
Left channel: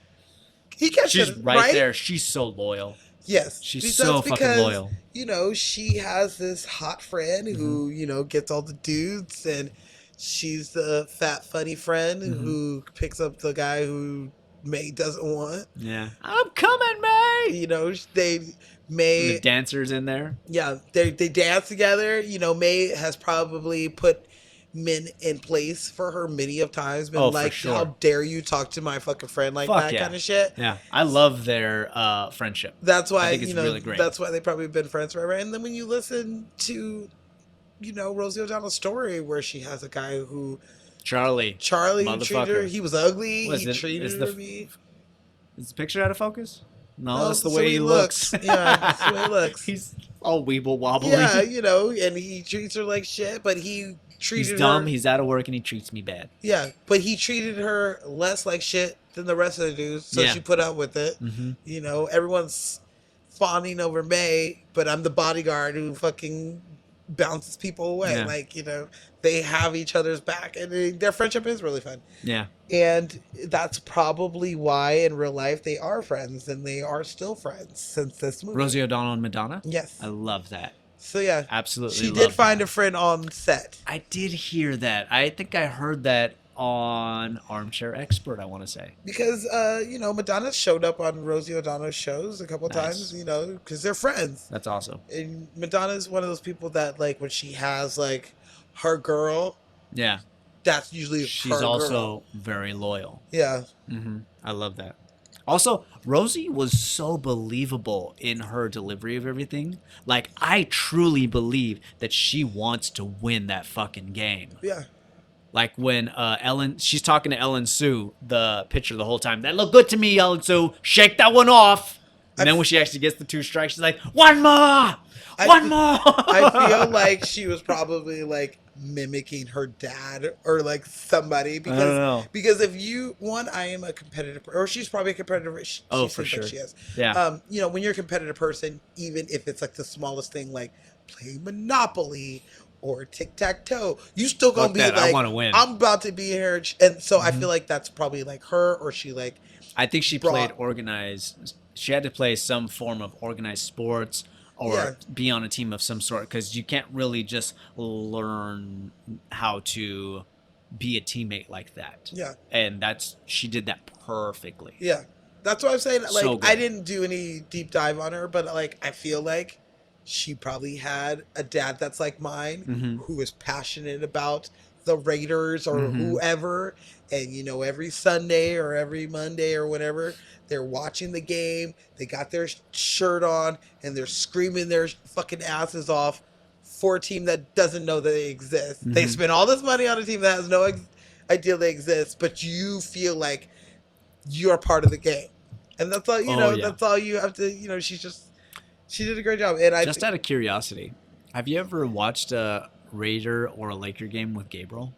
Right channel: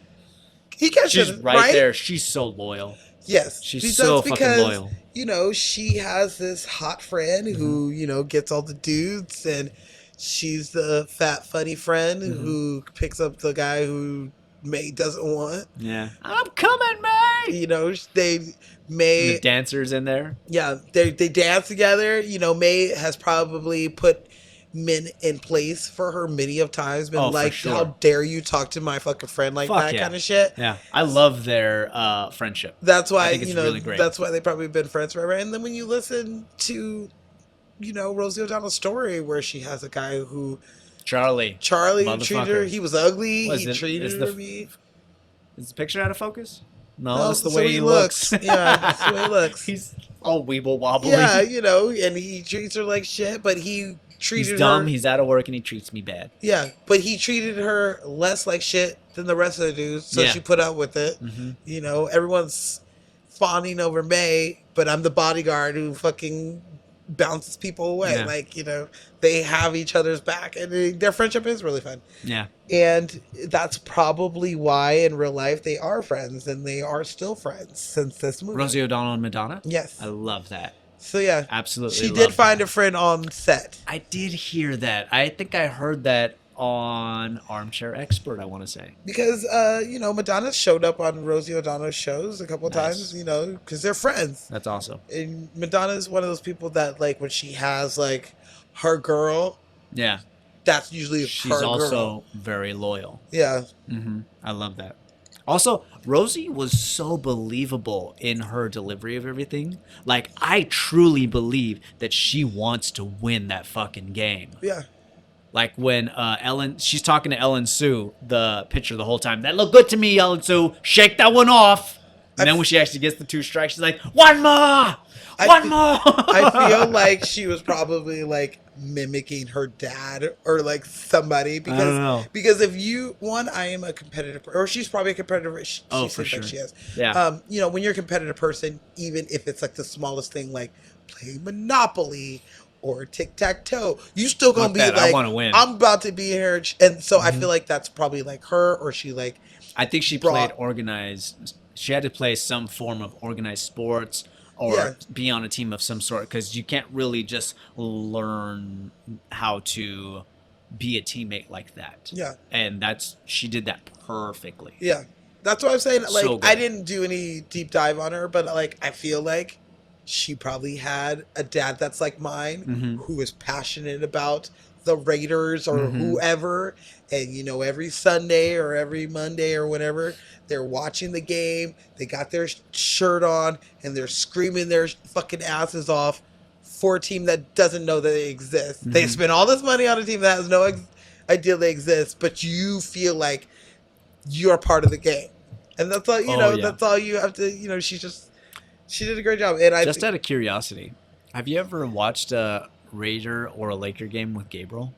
He can't She's shut right, right there. She's so loyal. Yes, She's she so does fucking loyal. You know, she has this hot friend who gets all the dudes, and she's the fat funny friend who picks up the guy who May doesn't want. Yeah. I'm coming, May. You know, they The May dancers in there. they dance together. You know, May has probably put men in place for her many of times. Been Oh, for like, sure. how dare you talk to my fucking friend like Fuck that yeah. kind of shit. Yeah, I love their friendship. That's why, I think it's you know, really great. that's why they probably been friends forever. And then when you listen to, you know, Rosie O'Donnell's story where she has a guy who Charlie Charlie treated her, Motherfucker. he was ugly, Was he it- treated is her the- me. Is the picture out of focus? No, No, that's the it's way he looks. Yeah, that's the way he looks. He's all weeble wobbly. Yeah, you know, and he treats her like shit, but he treated He's dumb. her. He's out of work, and he treats me bad. Yeah, but he treated her less like shit than the rest of the dudes, so Yeah. she put up with it. Mm-hmm. You know, everyone's fawning over May, but I'm the bodyguard who fucking bounces people away. Yeah. Like, you know, they have each other's back, and their friendship is really fun. Yeah. And that's probably why in real life they are friends, and they are still friends since this movie. Rosie O'Donnell and Madonna. Yes. I love that. So yeah, Absolutely. she love did that. find a friend on set. I did hear that. I think I heard that on Armchair Expert, I want to say. Because, you know, Madonna showed up on Rosie O'Donnell's shows a couple Nice. times, you know, because they're friends. That's awesome. And Madonna is one of those people that, like, when she has, like, her girl, Yeah. that's usually She's her also girl. very loyal. Yeah. Mm-hmm. I love that. Also, Rosie was so believable in her delivery of everything. Like, I truly believe that she wants to win that fucking game. Yeah. Like when she's talking to Ellen Sue, the pitcher, the whole time. That looked good to me, Ellen Sue. Shake that one off. And then when she actually gets the 2 strikes, she's like, one more! One more! I feel like she was probably, like, mimicking her dad or, like, somebody. Because, I don't know. Because if you, I am a competitive, or she's probably a competitive. Oh, she for seems like sure. She is. Yeah. You know, when you're a competitive person, even if it's, like, the smallest thing, like playing Monopoly or tic-tac-toe, you still gonna Fuck be that, I like, wanna win. I'm about to be here. And so I feel like that's probably, like, her, or she, like, I think she brought- played organized. She had to play some form of organized sports or Yeah. be on a team of some sort because you can't really just learn how to be a teammate like that. yeah. And she did that perfectly. Yeah, that's what I'm saying. Like, So good. I didn't do any deep dive on her, but like, I feel like she probably had a dad that's like mine, Mhm. who is passionate about the Raiders or Mhm. whoever, and you know, every Sunday or every Monday or whatever, they're watching the game. They got their shirt on and they're screaming their fucking asses off for a team that doesn't know that they exist. They Mhm. spend all this money on a team that has no idea they exist, but you feel like you're part of the game, and that's all you Oh, know. yeah. That's all you have to. You know, she did a great job. And Just out of curiosity, have you ever watched a Raider or a Laker game with Gabriel?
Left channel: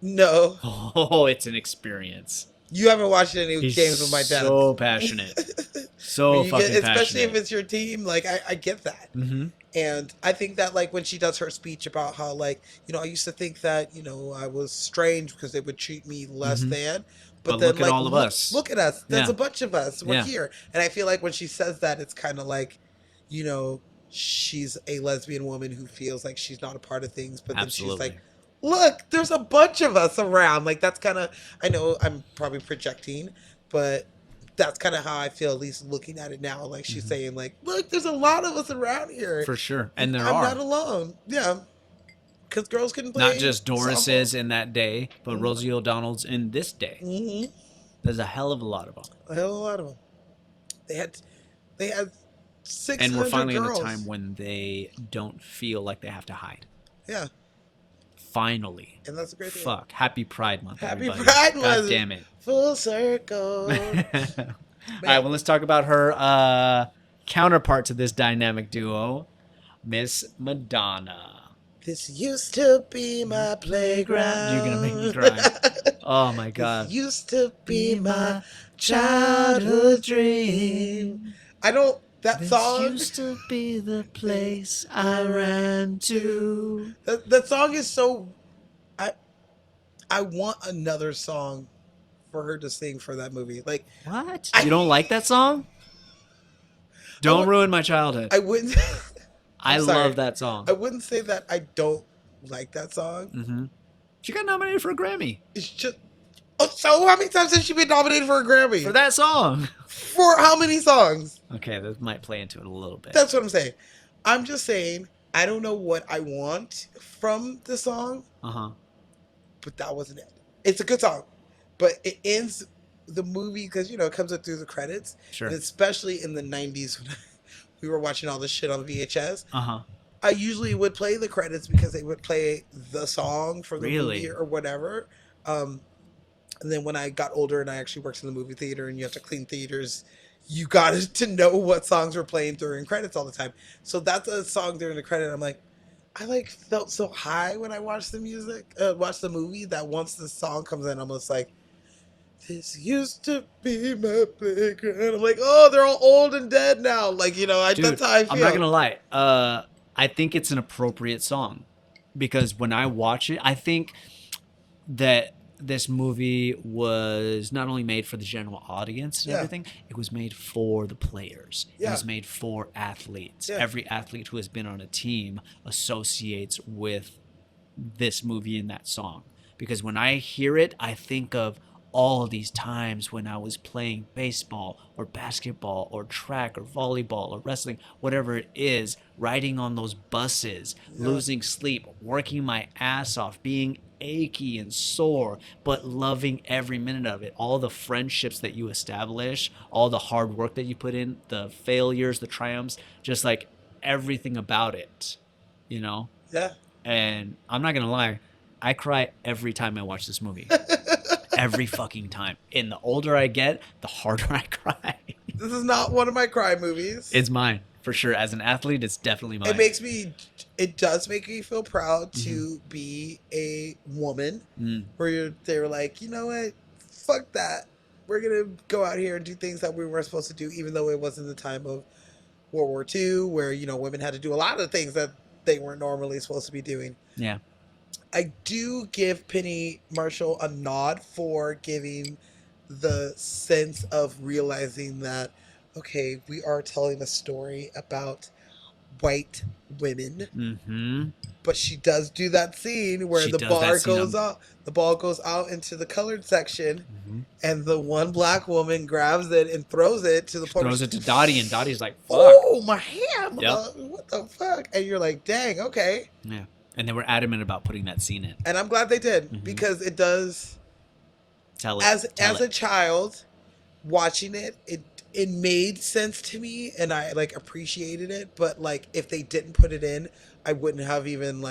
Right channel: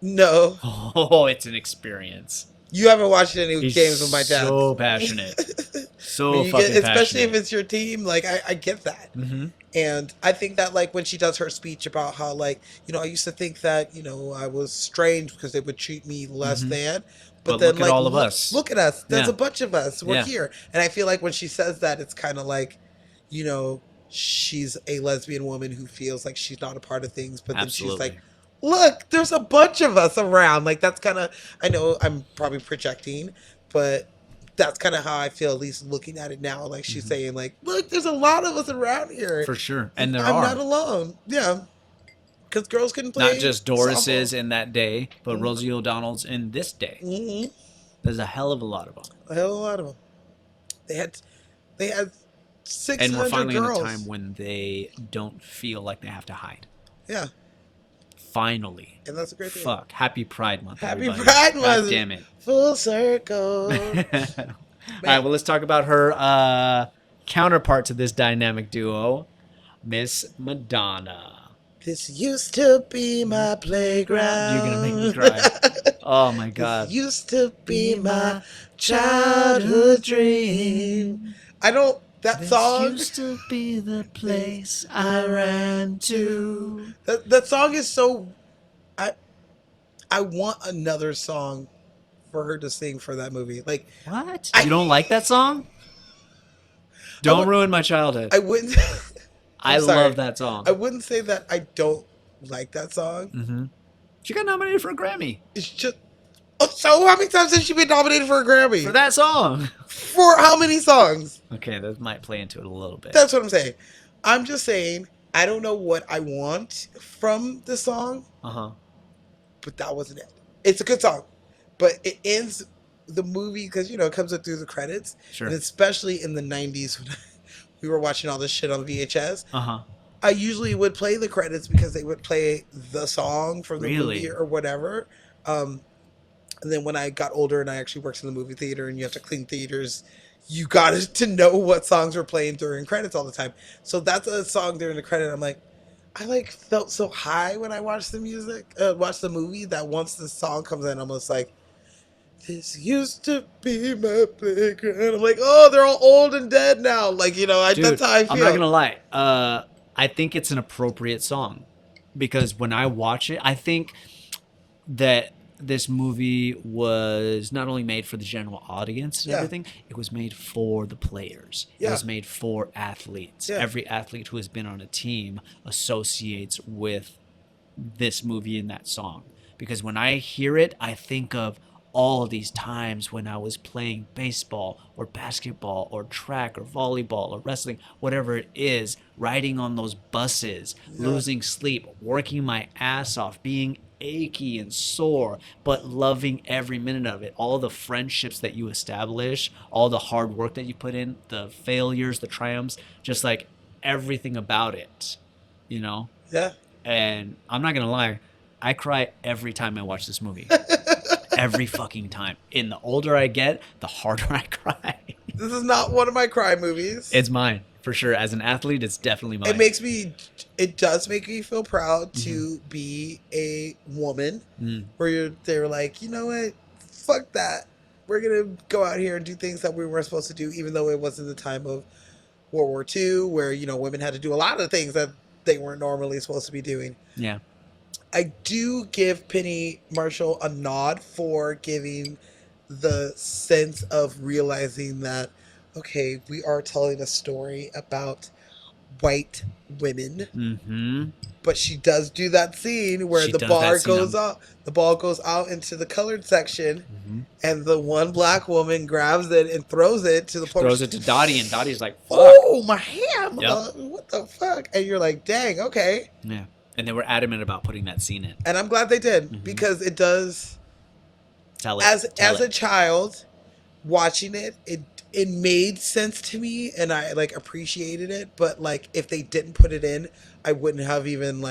no, Oh, it's an experience. you haven't watched any He's games with my dad. so passionate. So You get- fucking especially if passionate. it's your team. Like, I get that. Mm-hmm. And I think that, like, when she does her speech about how, like, you know, I used to think that, you know, I was strange because they would treat me less Mhm. than. But then, look at like, all of us. Look at us. There's Yeah. a bunch of us. We're Yeah. here. And I feel like when she says that, it's kind of like, you know, she's a lesbian woman who feels like she's not a part of things. But then she's Absolutely. like, look, there's a bunch of us around. Like, that's kind of, I know I'm probably projecting, but that's kind of how I feel, at least looking at it now. Like, she's saying, like, look, there's a lot of us around here. For sure. And there I'm are. not alone. Yeah. Because girls can play. Not just Doris's in that day, but Rosie O'Donnell's in this day. Mm-hmm. There's a hell of a lot of them. A hell of a lot of them. They had 600 And we're finally girls. at a time when they don't feel like they have to hide. Yeah. Finally. And that's a great thing. Fuck. Happy Pride Month. Happy everybody. Pride God Month. damn it. Full circle. All right, well, let's talk about her counterpart to this dynamic duo, Miss Madonna. This used to be my playground. You're gonna make me cry. Oh my god. This used to be my childhood dream. I don't. That song. Used to be the place I ran to. That song is so. I want another song for her to sing for that movie. Like, What? You don't like that song? Don't ruin my childhood. I wouldn't. I sorry. love that song. I wouldn't say that I don't like that song. Mm-hmm. She got nominated for a Grammy It's just. Oh, so how many times has she been nominated for a Grammy? for that song. For how many songs? Okay, that might play into it a little bit. That's what I'm saying. I'm just saying, I don't know what I want from the song, Uh huh. but that wasn't it. It's a good song, but it ends the movie because it comes up through the credits, Sure. and especially in the '90s when we were watching all this shit on VHS. Uh-huh. I usually would play the credits because they would play the song from the Really? movie or whatever. And then when I got older and I actually worked in the movie theater and you have to clean theaters, you got to know what songs were playing during credits all the time. So that's a song during the credit. I'm like, I felt so high when I watched the watched the movie, that once the song comes in, I'm almost like, this used to be my playground. I'm like, oh, they're all old and dead now. Like, Dude, that's how I feel. I'm not gonna lie. I think it's an appropriate song because when I watch it, I think that this movie was not only made for the general audience and Yeah. everything, it was made for the players. It Yeah. was made for athletes. Yeah. Every athlete who has been on a team associates with this movie and that song. Because when I hear it, I think of all these times when I was playing baseball or basketball or track or volleyball or wrestling, whatever it is, riding on those buses, losing sleep, working my ass off, being achy and sore, but loving every minute of it. All the friendships that you establish, all the hard work that you put in, the failures, the triumphs, just like everything about it, Yeah. And I'm not gonna lie, I cry every time I watch this movie. Every fucking time. And the older I get, the harder I cry. This is not one of my crime movies. It's mine, for sure. As an athlete, it's definitely mine. It does make me feel proud to be a woman where they're like, you know what? Fuck that. We're going to go out here and do things that we weren't supposed to do, even though it wasn't the time of World War II, where, women had to do a lot of things that they weren't normally supposed to be doing. Yeah. I do give Penny Marshall a nod for giving the sense of realizing that, okay, we are telling a story about white women, Mm-hmm. but she does do that scene where She the does bar that scene goes out, the ball goes out into the colored section, and the one black woman grabs it and throws it to the point. Throws it to Dottie, and Dottie's like, fuck. Oh, my hand! Yep. What the fuck? And you're like, dang, okay. Yeah. And they were adamant about putting that scene in. And I'm glad they did, because it does. Tell it. As Tell a it. child watching it made sense to me, and I appreciated it. But if they didn't put it in, I wouldn't have even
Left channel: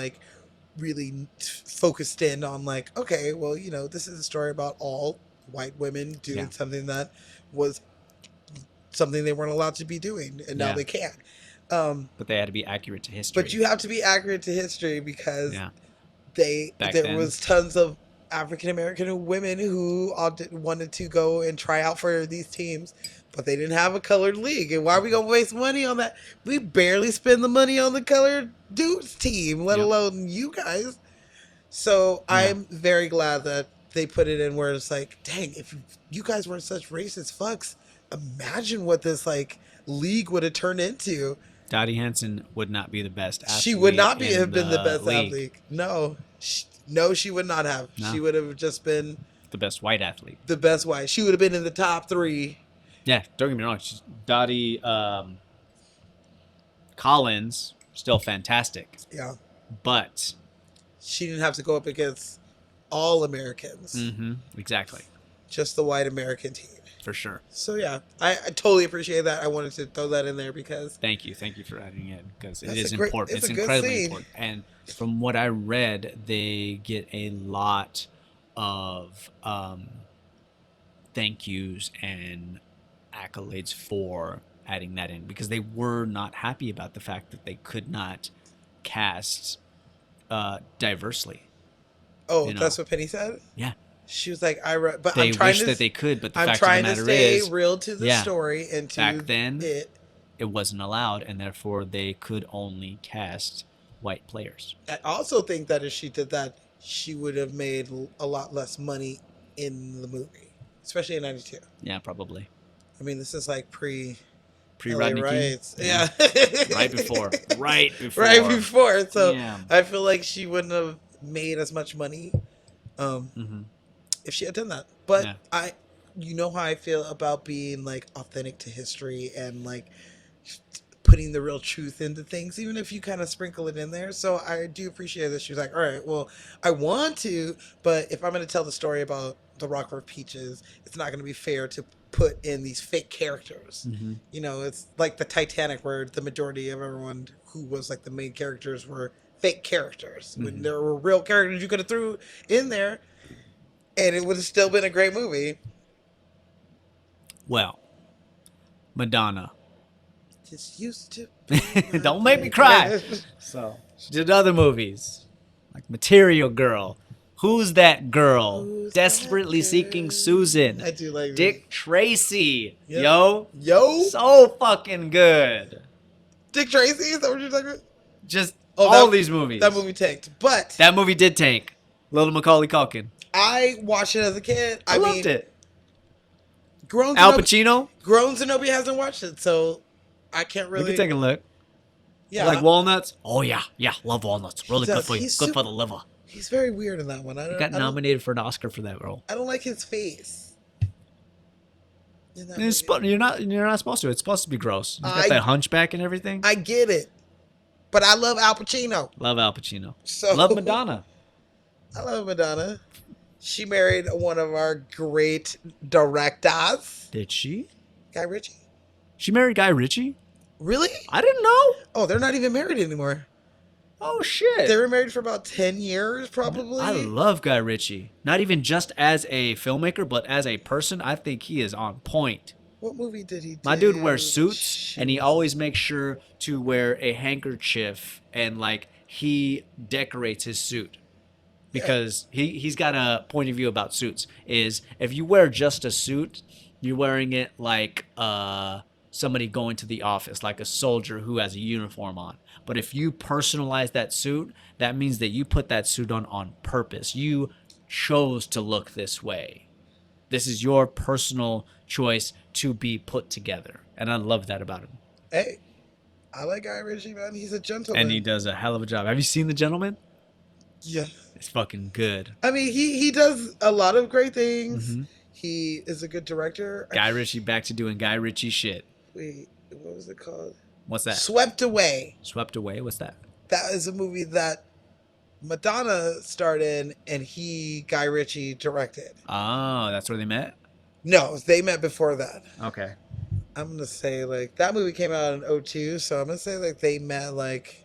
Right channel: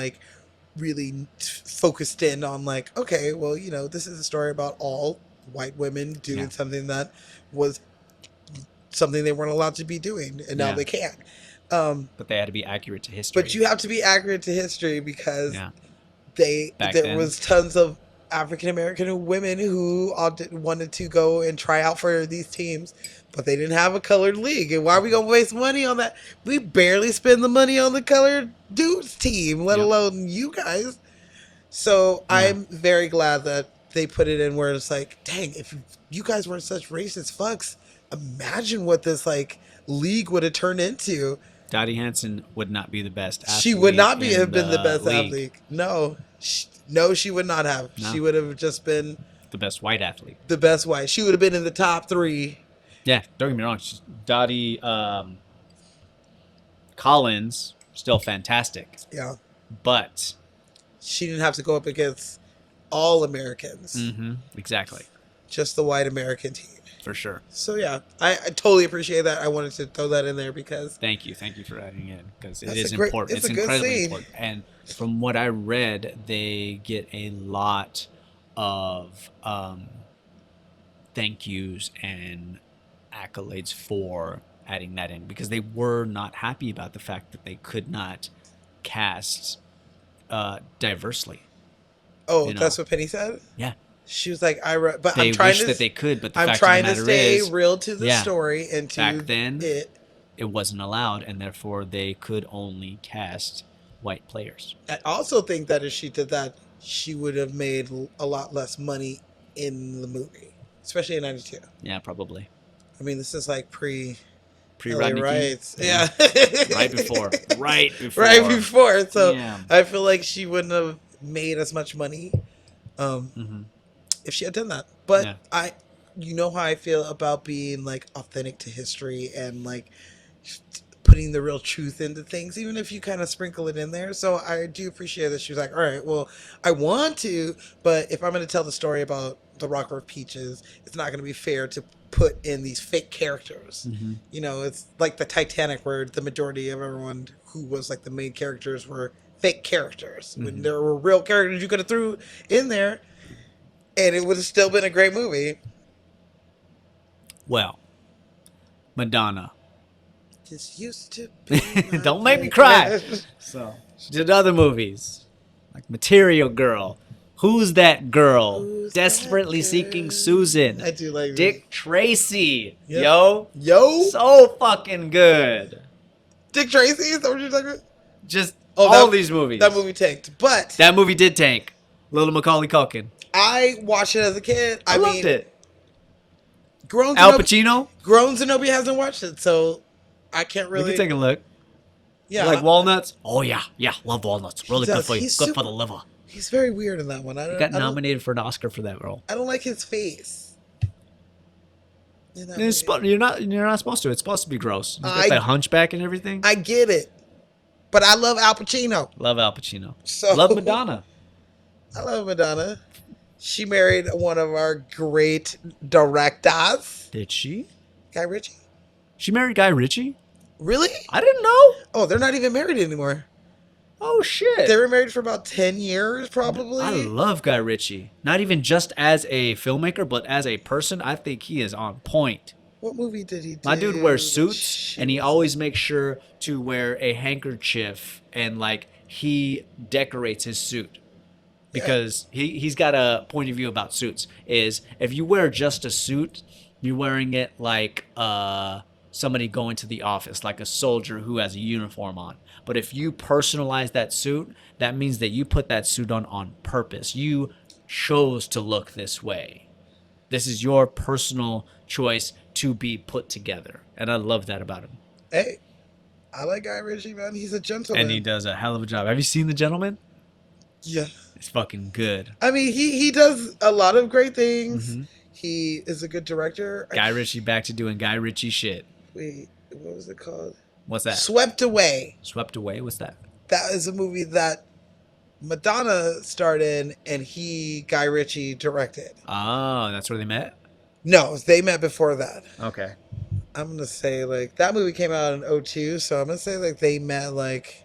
really focused in on okay, well, this is a story about all white women doing something that was something they weren't allowed to be doing, and now Yeah. they can. But they had to be accurate to history. But you have to be accurate to history, because Yeah. Back there then. was tons of African American women who wanted to go and try out for these teams, but they didn't have a colored league. And why are we gonna waste money on that? We barely spend the money on the colored dudes team, let Yep. alone you guys. So I'm very glad that they put it in where it's like, dang, if you guys weren't such racist fucks, imagine what this league would have turned into. Dottie Hanson would not be the best athlete. She would not in have been the best league. athlete. No, she would not have. No. She would have just been The best white athlete. the best white. She would have been in the top 3. Yeah, don't get me wrong. Dottie Collins, still fantastic. Yeah, But, she didn't have to go up against all Americans, exactly. just the white American team. For sure. So yeah, I totally appreciate that. I wanted to throw that in there because Thank you for adding in, because it That's is a great- important. it's It's a good incredibly scene. important. And from what I read, they get a lot of thank yous and accolades for adding that in, because they were not happy about the fact that they could not cast diversely. that's what Penny said. Yeah. She was like, but They I'm trying wish to. that they could, but the I'm fact trying of to the matter stay is, real to the yeah. story and to Back then, it. it wasn't allowed, and therefore they could only cast white players. I also think that if she did that, she would have made a lot less money in the movie, especially in '92. Yeah, probably. I mean, this is pre Rodney King. riots. Yeah. Right before. Right before. So Yeah. I feel like she wouldn't have made as much money Mm-hmm. if she had done that. But Yeah. you know how I feel about being authentic to history, and putting the real truth into things, even if you kind of sprinkle it in there. So I do appreciate that she was like, all right, well, I want to, but if I'm going to tell the story about the Rockford Peaches, it's not going to be fair to put in these fake characters. Mm-hmm. You know, it's like the Titanic, where the majority of everyone who was like the main characters were fake characters. When there were real characters you could have threw in there, and it would have still been a great movie. Well, Madonna. Just used to be Don't make me cry. So she did other movies like Material Girl, Who's That Girl, Desperately Seeking Susan, I do like Dick Tracy. Yep. Yo, so fucking good. Dick Tracy. Is that what you're talking about? Just Oh, all that- these movies. That movie tanked, but That movie did take. Little Macaulay Culkin. I watched it as a kid. I loved it. Grown Al Zenobia, Pacino. Grown Zenobia hasn't watched it, so I can't We really. can take a look. Yeah, You like walnuts? Oh yeah, love walnuts. Really He good does. for you. He's Good super- for the liver. he's very weird in that one. He got nominated for an Oscar for that role. I don't like his face. In that movie. You're not supposed to. It's supposed to be gross. He's got I- that hunchback and everything. I get it, but I love Al Pacino. Love Al Pacino. So Love Madonna. I love Madonna. She married one of our great directors, Did she? Guy Ritchie. She married Guy Ritchie? Really? I didn't know. Oh, they're not even married anymore. Oh shit. They were married for about 10 years, probably. I love Guy Ritchie. Not even just as a filmmaker, but as a person, I think he is on point. What movie did he do? My dude wears suits, and he always makes sure to wear a handkerchief, and like he decorates his suit because he's got a point of view about suits. Is if you wear just a suit, you're wearing it like somebody going to the office, like a soldier who has a uniform on. But if you personalize that suit, that means that you put that suit on purpose. You chose to look this way. This is your personal choice to be put together. And I love that about him. Hey, I like Guy Ritchie, man. He's a gentleman. And he does a hell of a job. Have you seen The Gentleman? Yeah. It's fucking good. I mean, he does a lot of great things. He is a good director. Guy Ritchie back to doing Guy Ritchie shit. Wait, what was it called? What's that? Swept Away. Swept Away? What's that? That is a movie that Madonna starred in, and Guy Ritchie, directed. Oh, that's where they met? No, they met before that. Okay. I'm gonna say like that movie came out in 2002, so I'm gonna say like they met like,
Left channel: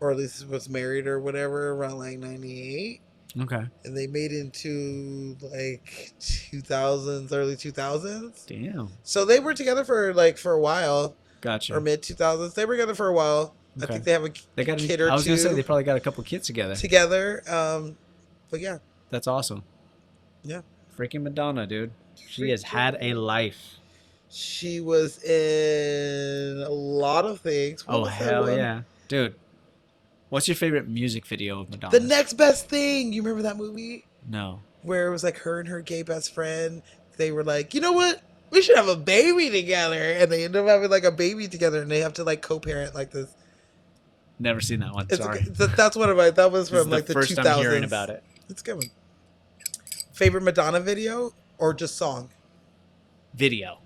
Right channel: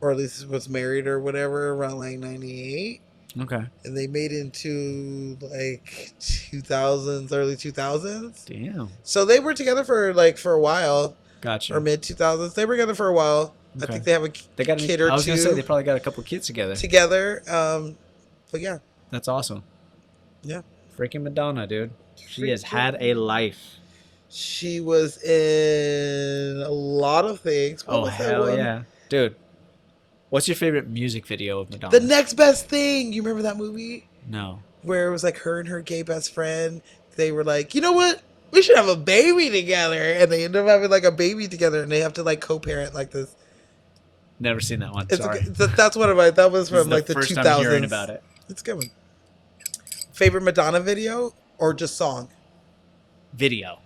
or at least was married or whatever around like 98, Okay. and they made into like 2000s, early 2000s. Damn. So they were together for a while, Gotcha. or mid 2000s. They were together for a while. I Okay. think they have a They got kid or I was two gonna say they probably got a couple kids together. together. But yeah, That's awesome. Yeah. Freaking Madonna, dude. She has had a life. she was in a lot of things. What Oh was that hell one? yeah, dude. What's your favorite music video of Madonna? The Next Best Thing. You remember that movie? No. Where it was like her and her gay best friend. They were like, you know what? We should have a baby together. And they end up having like a baby together, and they have to like co-parent like this. Never seen that one. It's Sorry. that's one of my, that was This is from like the first 2000s. time hearing about it. It's a good one. Favorite Madonna video or just song? Video.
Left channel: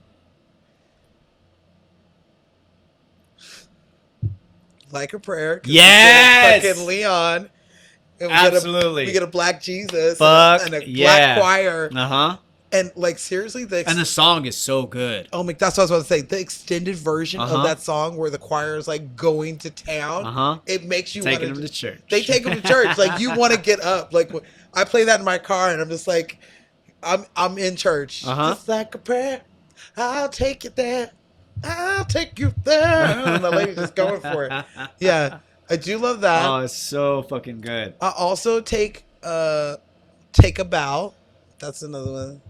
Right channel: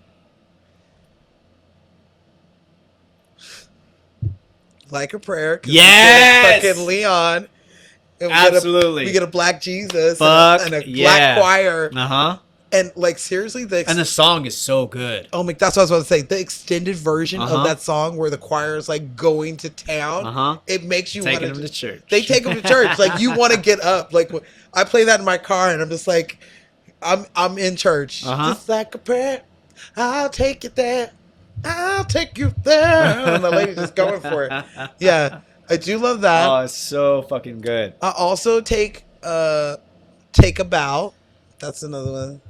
Like a Prayer. 'Cause Yes! we get fucking Leon. And Absolutely. We get a black Jesus Fuck and a yeah. black choir. Uh huh. And like seriously, And the song is so good. oh my, that's what I was about to say. The extended version Uh-huh. of that song where the choir is like going to town, Uh huh. it makes you Taking want him to church. They take them to church. Like you want to get up. Like I play that in my car, and I'm just like, I'm in church. Uh-huh. Just like a prayer, I'll take you there. I'll take you there. And the lady's just going for it. Yeah, I do love that. Oh, it's so fucking good. I also take a bow. That's another one.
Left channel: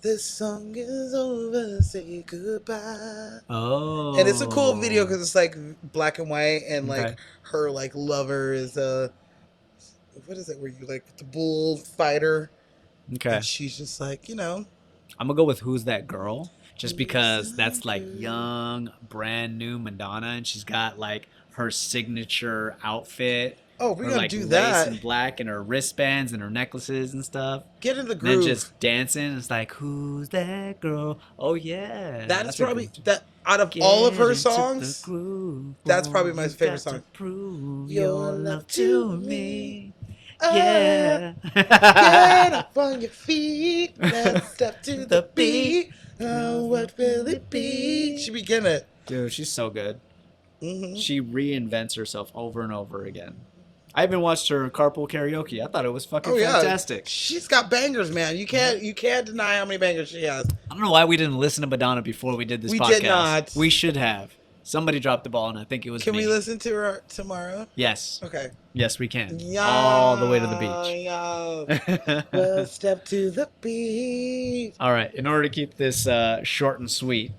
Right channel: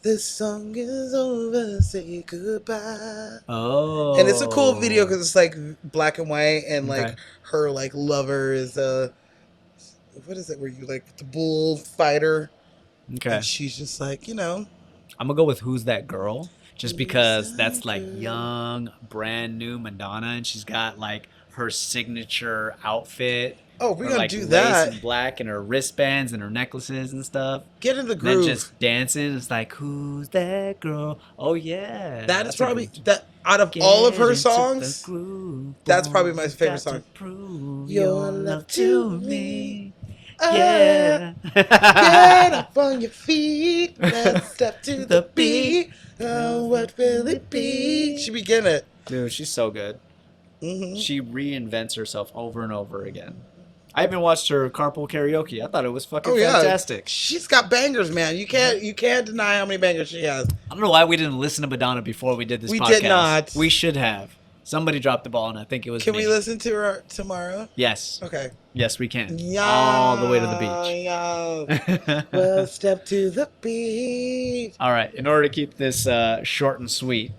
This song is over, say goodbye. Oh. And it's a cool video because it's like black and white, and like Okay. her like lover is what is it where you like the bullfighter, Okay. and she's just like, you know, I'm gonna go with Who's That Girl, just because that's like young, brand new Madonna, and she's got like her signature outfit Oh, we're Or, gonna like do lace that. and black and her wristbands and her necklaces and stuff. Get in the And then groove. just dancing. It's like, who's that girl? Oh yeah. That's a probably good- that out of all of Get her into the songs. groove, That's probably boy. my You've favorite got to song. prove Your your love love to to me. me. Yeah. Yeah. Get up on your feet. Let's step to the beat. Oh, what will it be? She begin it. Dude, she's so good. Mm-hmm. She reinvents herself over and over again. I even watched her carpool karaoke. I thought it was fucking fantastic. She's got bangers, man. You can't deny how many bangers she has. I don't know why we didn't listen to Madonna before we did this We podcast. did not. We should have. Somebody dropped the ball, and I think it was Can me. we listen to her tomorrow? Yes. Okay. Yes, we can. Yeah, All the way to the beach. Yeah. Well, step to the beach. All right. In order to keep this short and sweet,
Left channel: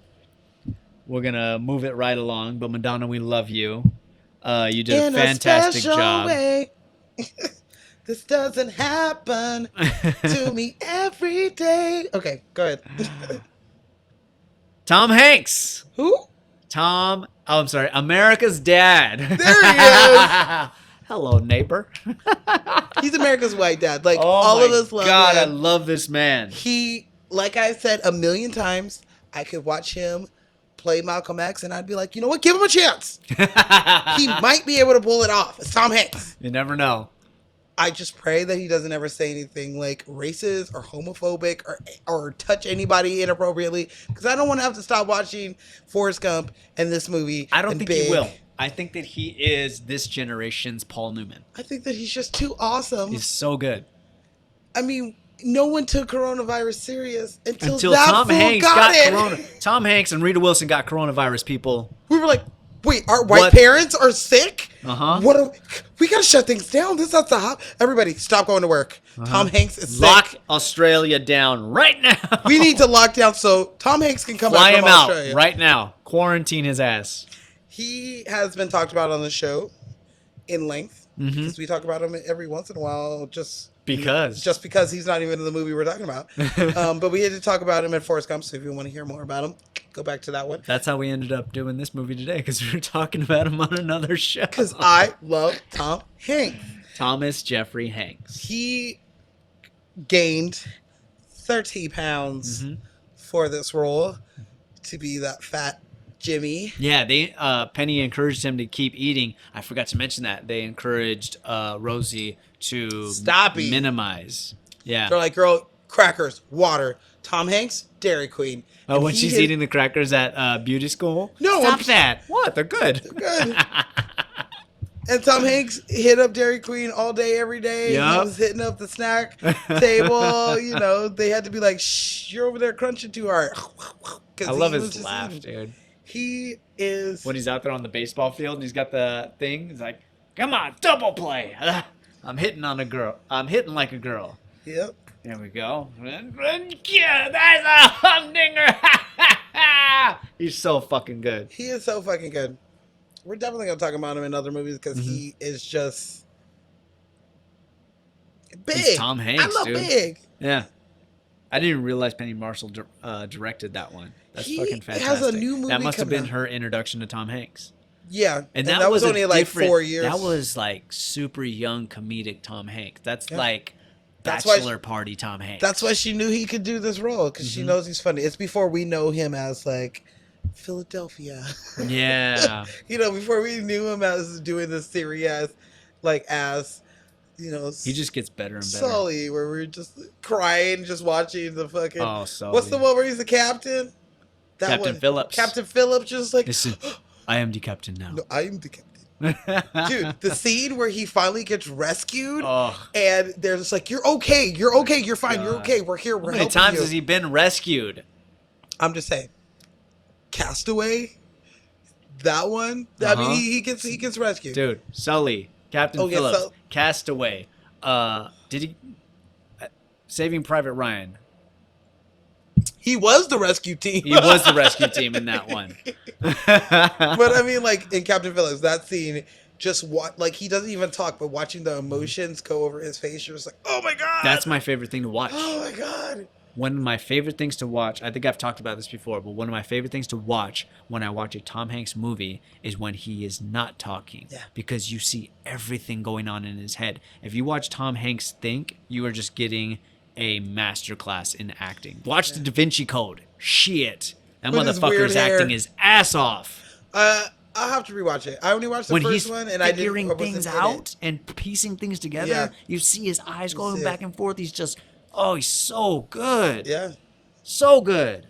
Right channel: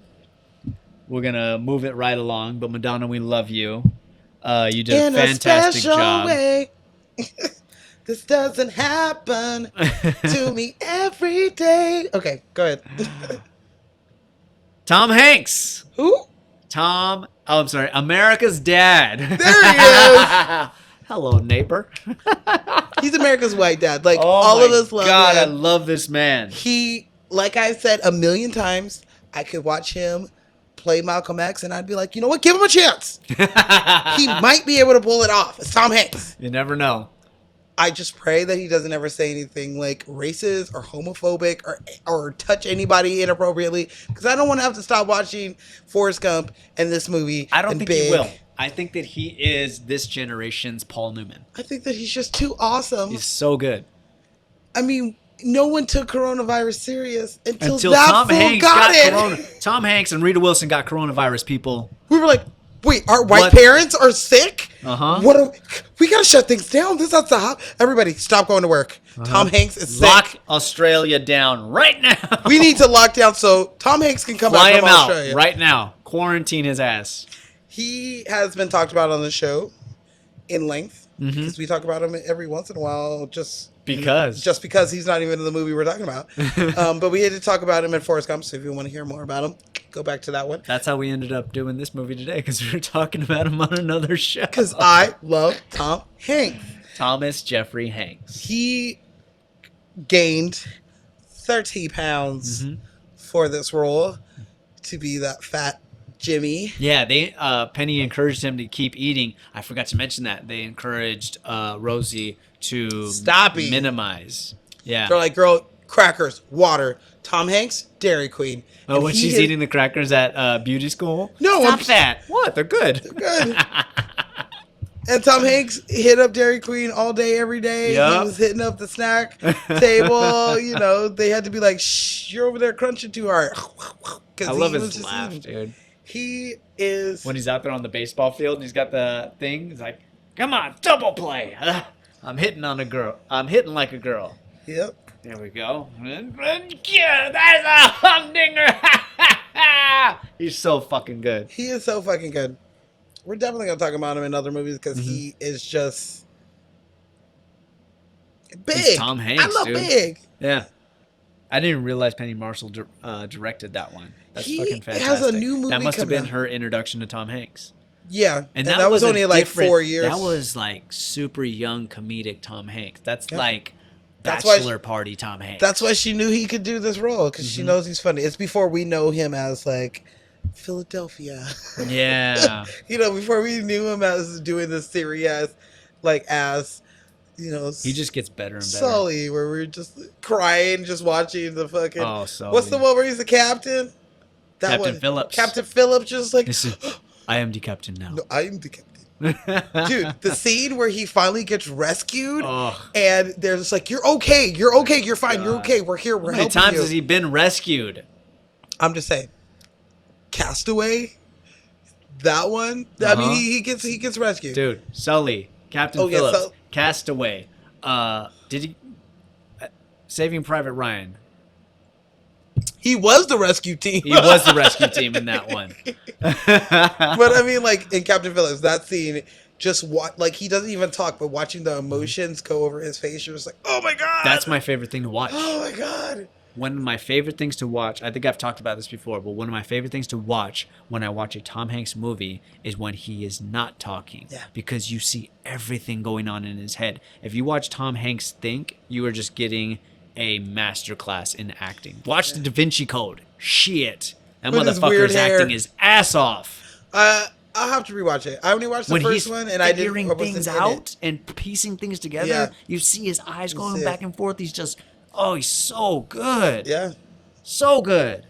we're going to move it right along. But Madonna, we love you. You did In a fantastic special job. way. This doesn't happen to me every day. Okay, go ahead. Tom Hanks. Who? I'm sorry, America's Dad. There he is. Hello, neighbor. He's America's white dad. Like, Oh all my of us love God, I him. love this man. He, like I said a million times, I could watch him play Malcolm X and I'd be like, you know what? Give him a chance. He might be able to pull it off. It's Tom Hanks. You never know. I just pray that he doesn't ever say anything like racist or homophobic or touch anybody inappropriately, because I don't want to have to stop watching Forrest Gump and this movie. I don't and think Big. he will. I think that he is this generation's Paul Newman. I think that he's just too awesome. He's so good. I mean, no one took coronavirus serious until that Tom fool Hanks got it. corona. Tom Hanks and Rita Wilson got coronavirus, people. We were like, wait, our white What? parents are sick? Uh-huh. What? We gotta shut things down. This is not the hot. Everybody, stop going to work. Tom Hanks is sick. Lock Australia down right now. We need to lock down so Tom Hanks can come Fly back him from out Australia. right now. Quarantine his ass. He has been talked about on the show in length because we talk about him every once in a while, just because he's not even in the movie we're talking about. But we had to talk about him in Forrest Gump. So if you want to hear more about him, go back to that one. That's how we ended up doing this movie today, because we were talking about him on another show. Because I love Tom Hanks. Thomas Jeffrey Hanks. He gained 30 pounds for this role to be that fat Jimmy. Yeah, they Penny encouraged him to keep eating. I forgot to mention that they encouraged Rosie to Stop eating. minimize. Yeah. They're like, girl, crackers, water. Tom Hanks, Dairy Queen. Oh, And when he she's is- eating the crackers at beauty school. No, Stop I'm that. What? They're good. good. And Tom Hanks hit up Dairy Queen all day, every day. Yup. He was hitting up the snack table. You know, they had to be like, shh, you're over there crunching too hard. I love his laugh, dude. He is. When he's out there on the baseball field and he's got the thing, he's like, "Come on, double play." I'm hitting on a girl. I'm hitting like a girl. Yep. There we go. Yeah, that's a humdinger. He's so fucking good. He is so fucking good. We're definitely going to talk about him in other movies because he is just big. He's Tom Hanks, I love dude. Big. Yeah. I didn't realize Penny Marshall directed that one. That's He fucking fantastic. has a new movie That must have coming been out. her introduction to Tom Hanks. Yeah. And that was a only like different- 4 years. That was like super young comedic Tom Hanks. That's like That's why- bachelor party Tom Hanks. That's why she knew he could do this role because she knows he's funny. It's before we know him as like Philadelphia. Yeah. You know, before we knew him as doing this serious, like as, you know, He just gets better and better. Sully, where we're just crying, just watching the fucking. Oh, Sully. What's the one where he's the captain? That Captain one. Phillips. Captain Phillips, just like, Listen, I am the captain now. no, I am the captain. Dude, the scene where he finally gets rescued, Oh, and they're just like, "You're okay, you're fine, you're God. okay. We're here. how We're many helping times you." has he been rescued? I'm just saying, Castaway, that one. I Uh-huh. mean, he gets rescued. Dude, Sully, Captain Oh, yeah, Phillips, Sul- Castaway. Did he... Saving Private Ryan. He was the rescue team. He was the rescue team in that one. But I mean, like in Captain Phillips, that scene, just like he doesn't even talk, but watching the emotions go over his face, you're just like, oh my god, That's my favorite thing to watch. oh my god. one of my favorite things to watch, I think I've talked about this before, but one of my favorite things to watch when I watch a Tom Hanks movie is when he is not talking. Yeah. Because you see everything going on in his head. If you watch Tom Hanks think, you are just getting a masterclass in acting. Watch the Da Vinci Code. Shit. That With his weird motherfucker's hair. acting his ass off. I'll have to rewatch it. I only watched the When first he's one, and I figuring didn't things out and piecing things together, Yeah. you see his eyes You going see back it. and forth. He's just, he's so good. Yeah, So good.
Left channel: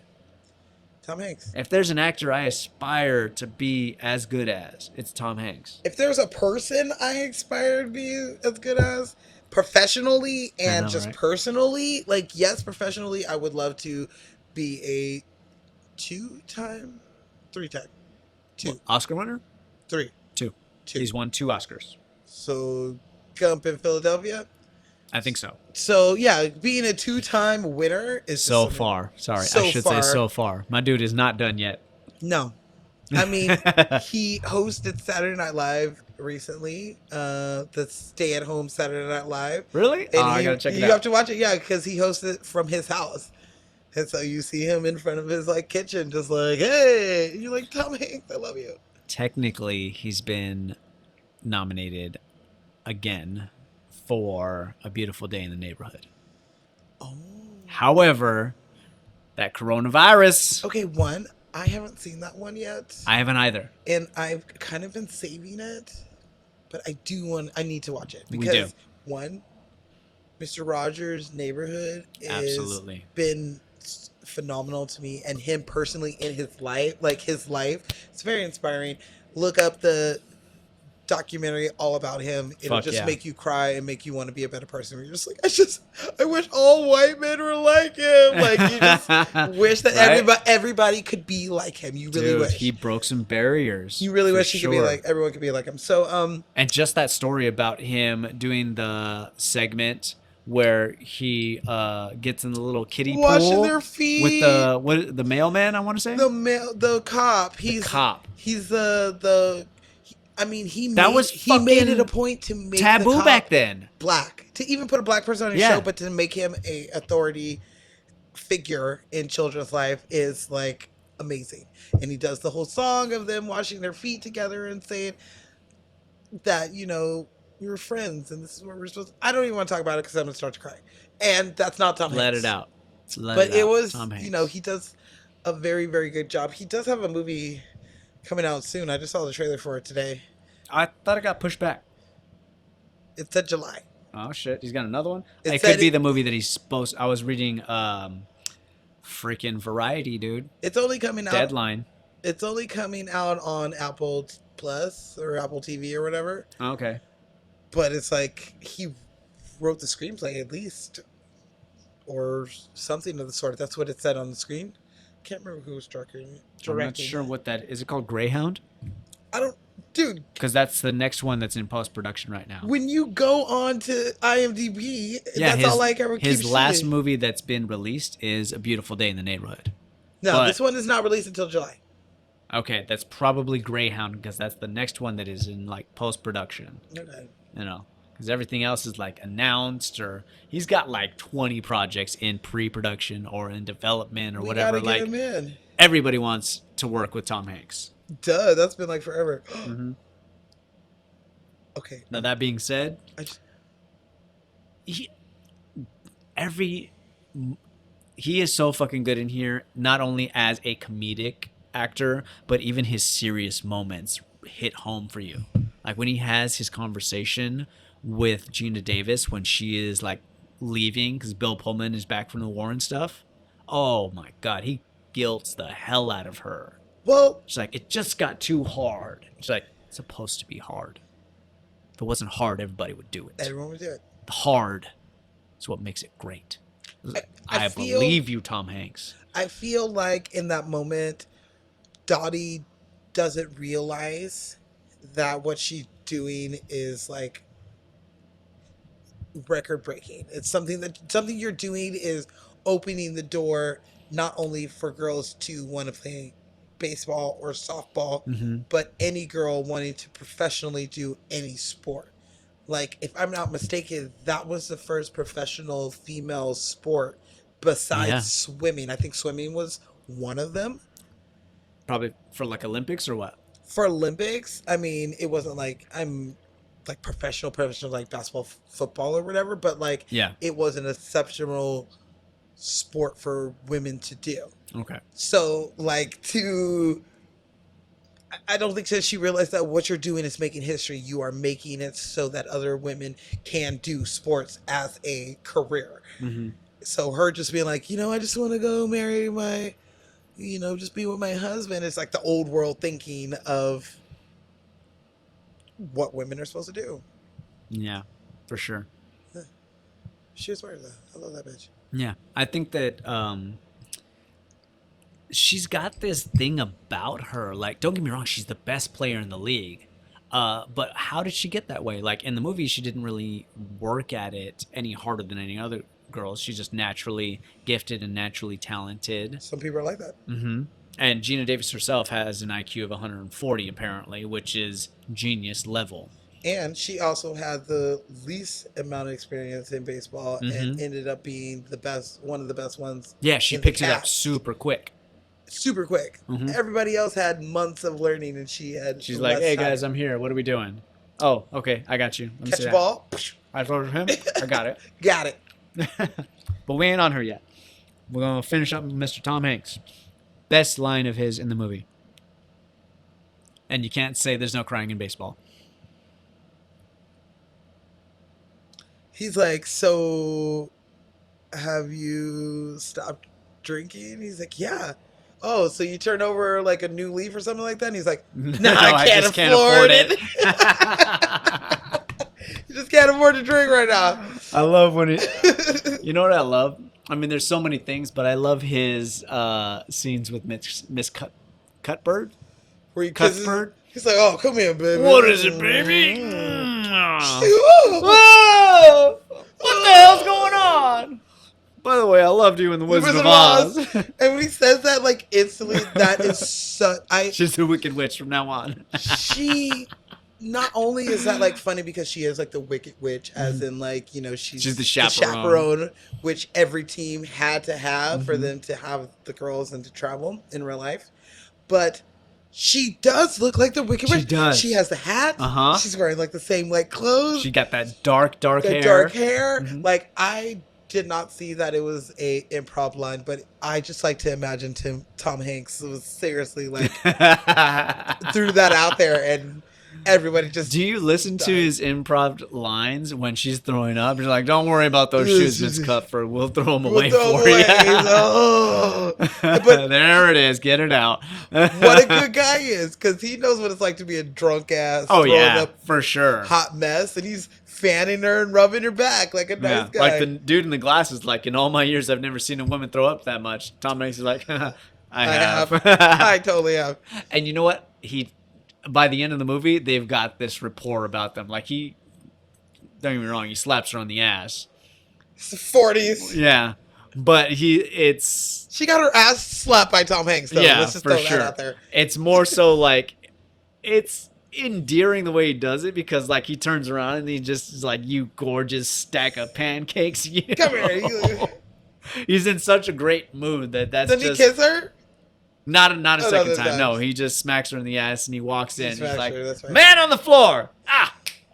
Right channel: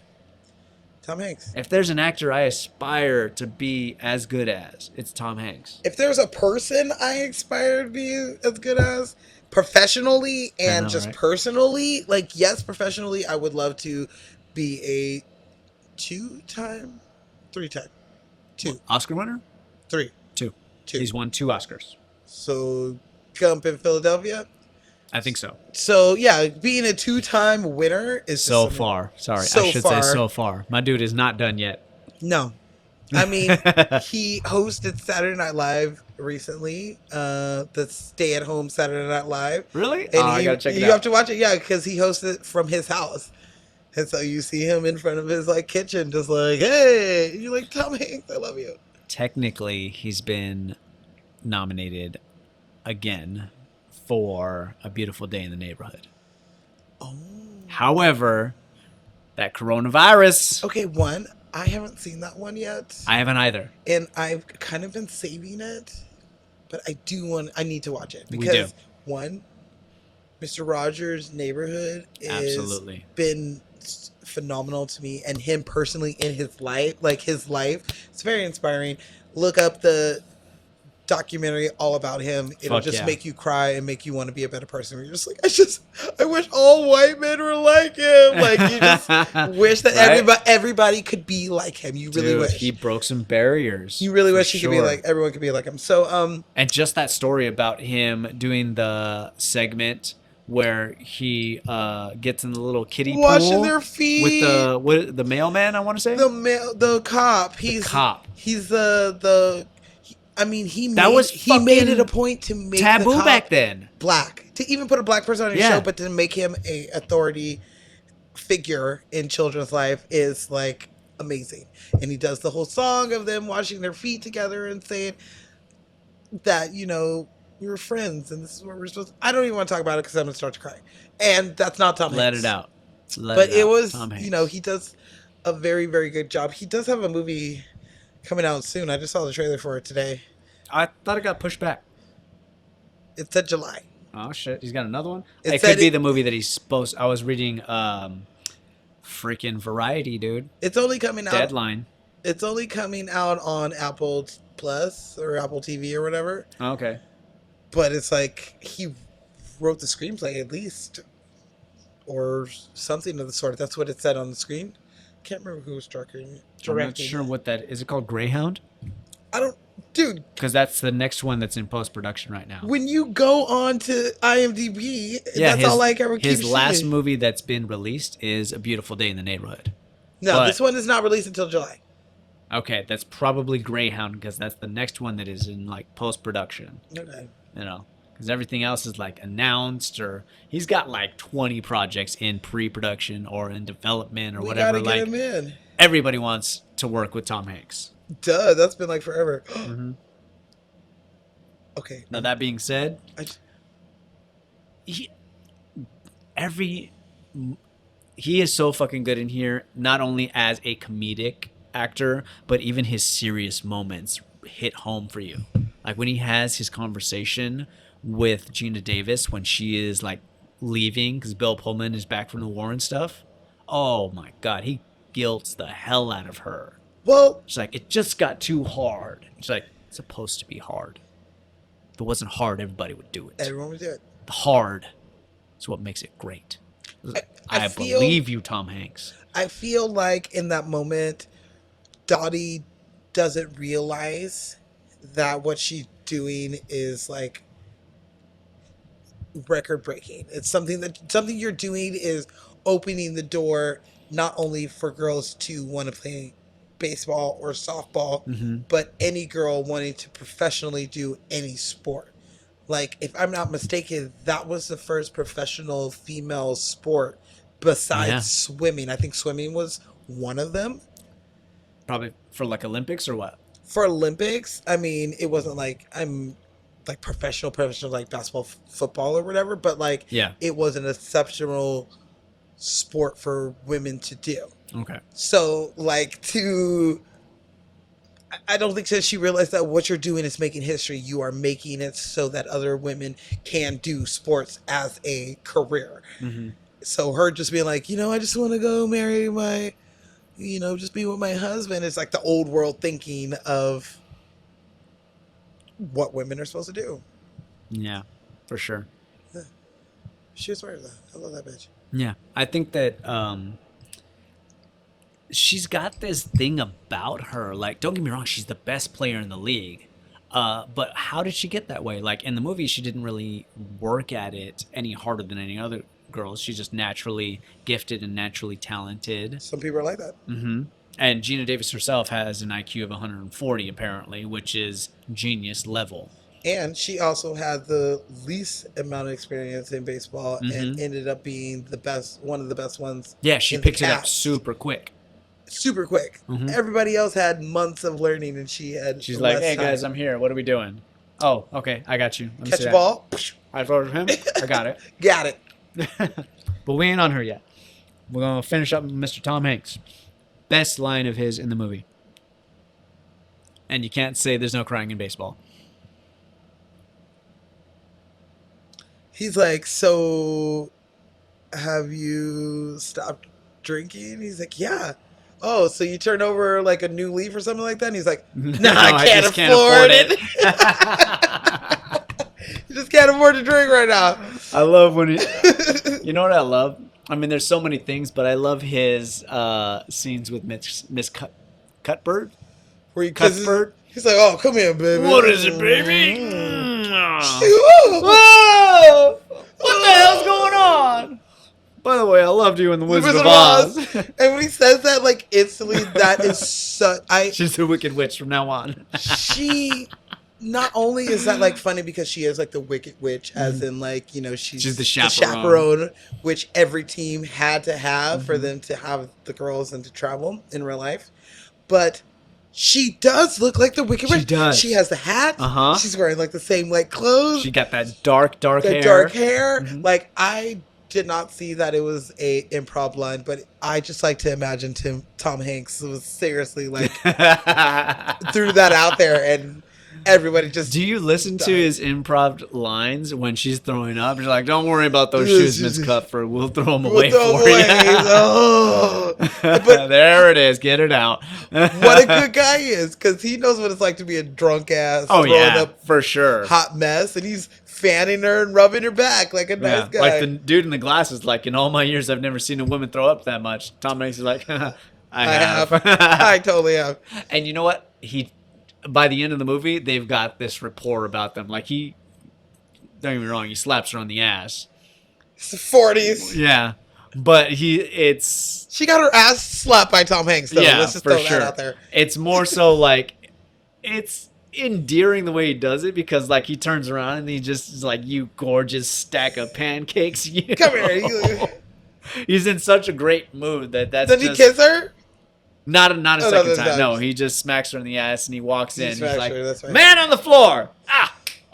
Tom Hanks. If there's an actor I aspire to be as good as, it's Tom Hanks. If there's a person I aspire to be as good as professionally and know, just right? personally, like yes, professionally, I would love to be a three-time, Oscar winner? three. Two. Two. He's won 2 Oscars. So Gump in Philadelphia. I think so. So yeah, being a 2-time winner is So just- far. Sorry, So I should far. say so far. My dude is not done yet. No. I mean, he hosted Saturday Night Live recently, the stay-at-home Saturday Night Live. Really? And I gotta check it you out. have to watch it, yeah, because he hosted it from his house. And so you see him in front of his like kitchen, just like, hey, and you're like, Tom Hanks, I love you. Technically, he's been nominated again for A Beautiful Day in the Neighborhood. Oh. However, that coronavirus, Okay, one, I haven't seen that one yet, I haven't either. and I've kind of been saving it, but I need to watch it. We Because, do. one, Mr. Rogers' Neighborhood is Absolutely. been phenomenal to me, and him personally in his life, it's very inspiring. Look up the documentary all about him. It'll Fuck just yeah. make you cry and make you want to be a better person. You're just like, I wish all white men were like him. Like you just wish that Right? everybody could be like him. You really Dude, wish. he broke some barriers. You really for wish he could be sure. like everyone could be like him. So And just that story about him doing the segment where he gets in the little kiddie washing pool their feet with the mailman, I want to say. the cop. He's Cop. He's the. I mean, he That made it a fucking point to make the taboo cop back then. black, to even put a black person on your Yeah. show, but to make him a authority figure in children's life is like amazing. And he does the whole song of them washing their feet together and saying that we're friends and this is what we're supposed to. I don't even want to talk about it because I'm gonna start to cry, and that's not Tom Let Hanks. it out. Let But it it out. was, Tom Hanks. he does a very, very good job. He does have a movie coming out soon. I just saw the trailer for it today. I thought it got pushed back. It said July. Oh shit, he's got another one. It It said could be it- the movie that he's supposed. I was reading, freaking Variety, dude. It's only coming out. Deadline. It's only coming out on Apple Plus or Apple TV or whatever. Okay. But it's like he wrote the screenplay at least, or something of the sort. That's what it said on the screen. Can't remember who was directing. I'm not sure what that is. It called Greyhound? Dude. Because that's the next one that's in post production right now. When you go on to IMDb, that's his, all I ever keep his last seeing. movie that's been released is A Beautiful Day in the Neighborhood. No, but- this one is not released until July. Okay, that's probably Greyhound because that's the next one that is in like post production. Okay. Because everything else is like announced, or he's got like 20 projects in pre-production or in development or We whatever. gotta get Like him in. everybody wants to work with Tom Hanks. Duh, that's been like forever. Mhm. Okay. Now that being said, I just- he is so fucking good in here, not only as a comedic actor, but even his serious moments hit home for you. Like when he has his conversation with Gina Davis when she is like leaving because Bill Pullman is back from the war and stuff. Oh my God, he guilts the hell out of her. Well, She's like, it just got too hard. She's like, it's supposed to be hard. If it wasn't hard, everybody would do it. everyone was doing it. The hard is what makes it great. I feel- believe you, Tom Hanks. I feel like in that moment, Dottie doesn't realize that what she's doing is like record breaking. It's something you're doing is opening the door not only for girls to want to play baseball or softball, Mm-hmm. but any girl wanting to professionally do any sport. Like, if I'm not mistaken, that was the first professional female sport besides Yeah. swimming. I think swimming was one of them. Probably for like Olympics or what? For Olympics, I mean, it wasn't like I'm like professional like basketball, football or whatever, but like Yeah. it was an exceptional sport for women to do. Okay. So like I don't think that she realized that what you're doing is making history. You are making it so that other women can do sports as a career. Mm-hmm. So her just being like, I just want to go marry my, just be with my husband. It's like the old world thinking of what women are supposed to do. Yeah, for sure. She's right though. I love that bitch. Yeah, I think that she's got this thing about her. Like, don't get me wrong, she's the best player in the league. But how did she get that way? Like, in the movie, she didn't really work at it any harder than any other girl. She's just naturally gifted and naturally talented. Some people are like that. Mm-hmm. And Gina Davis herself has an IQ of 140, apparently, which is genius level. And she also had the least amount of experience in baseball and ended up being one of the best ones. Yeah, she in the picked it up cast. super quick. Super quick. Mhm. Everybody else had months of learning, and she had. She's less like, "Hey time. guys, I'm here. What are we doing?" Oh, okay, I got you. Let me Catch see a that. ball. I voted him. I got it. Got it. But we ain't on her yet. We're gonna finish up with Mr. Tom Hanks. Best line of his in the movie. And you can't say there's no crying in baseball. He's like, so have you stopped drinking? He's like, yeah. Oh, so you turned over like a new leaf or something like that? And he's like, no, I can't just afford it. You just can't afford to drink right now. I love when he. You know what I love? I mean, there's so many things, but I love his scenes with Miss Cuthbert. Where he kisses her. He's like, oh, come here, baby. What is it, baby? Whoa. Whoa! What the hell's going on? By the way, I loved you in the Wizard of Oz. And when he says that, like, instantly, that is such... She's a wicked witch from now on. She... Not only is that, like, funny because she is, like, the wicked witch, as in, like, she's the chaperone, which every team had to have for them to have the girls and to travel in real life. But she does look like the wicked witch. She does. She has the hat. Uh-huh. She's wearing, like, the same, like, clothes. She got that dark hair. Dark hair. Mhm. Like, I did not see that it was a improv line, but I just like to imagine Tom Hanks was seriously, like, threw that out there and... Everybody just. Do you listen to his improv lines when she's throwing up? You're like, don't worry about those shoes, Miss Cuthbert. We'll throw them away for you. But there it is. Get it out. what a good guy he is, because he knows what it's like to be a drunk ass. Oh, throwing yeah, up for sure. hot mess, and he's fanning her and rubbing her back like a nice guy. Like the dude in the glasses, like, in all my years, I've never seen a woman throw up that much. Tom Hanks is like, I have. I totally have. And you know what? By the end of the movie, they've got this rapport about them. Like, don't get me wrong, he slaps her on the ass. It's the 40s. Yeah. But she got her ass slapped by Tom Hanks, though. Yeah, Let's just for throw sure. that out there. It's more so like, it's endearing the way he does it, because like he turns around and he just is like, you gorgeous stack of pancakes. You Come here. know? He's in such a great mood that's Does just... he kiss her? Not a second no, time. no. No, he just smacks her in the ass and he walks in. He's smacks like, her, that's right. man on the floor.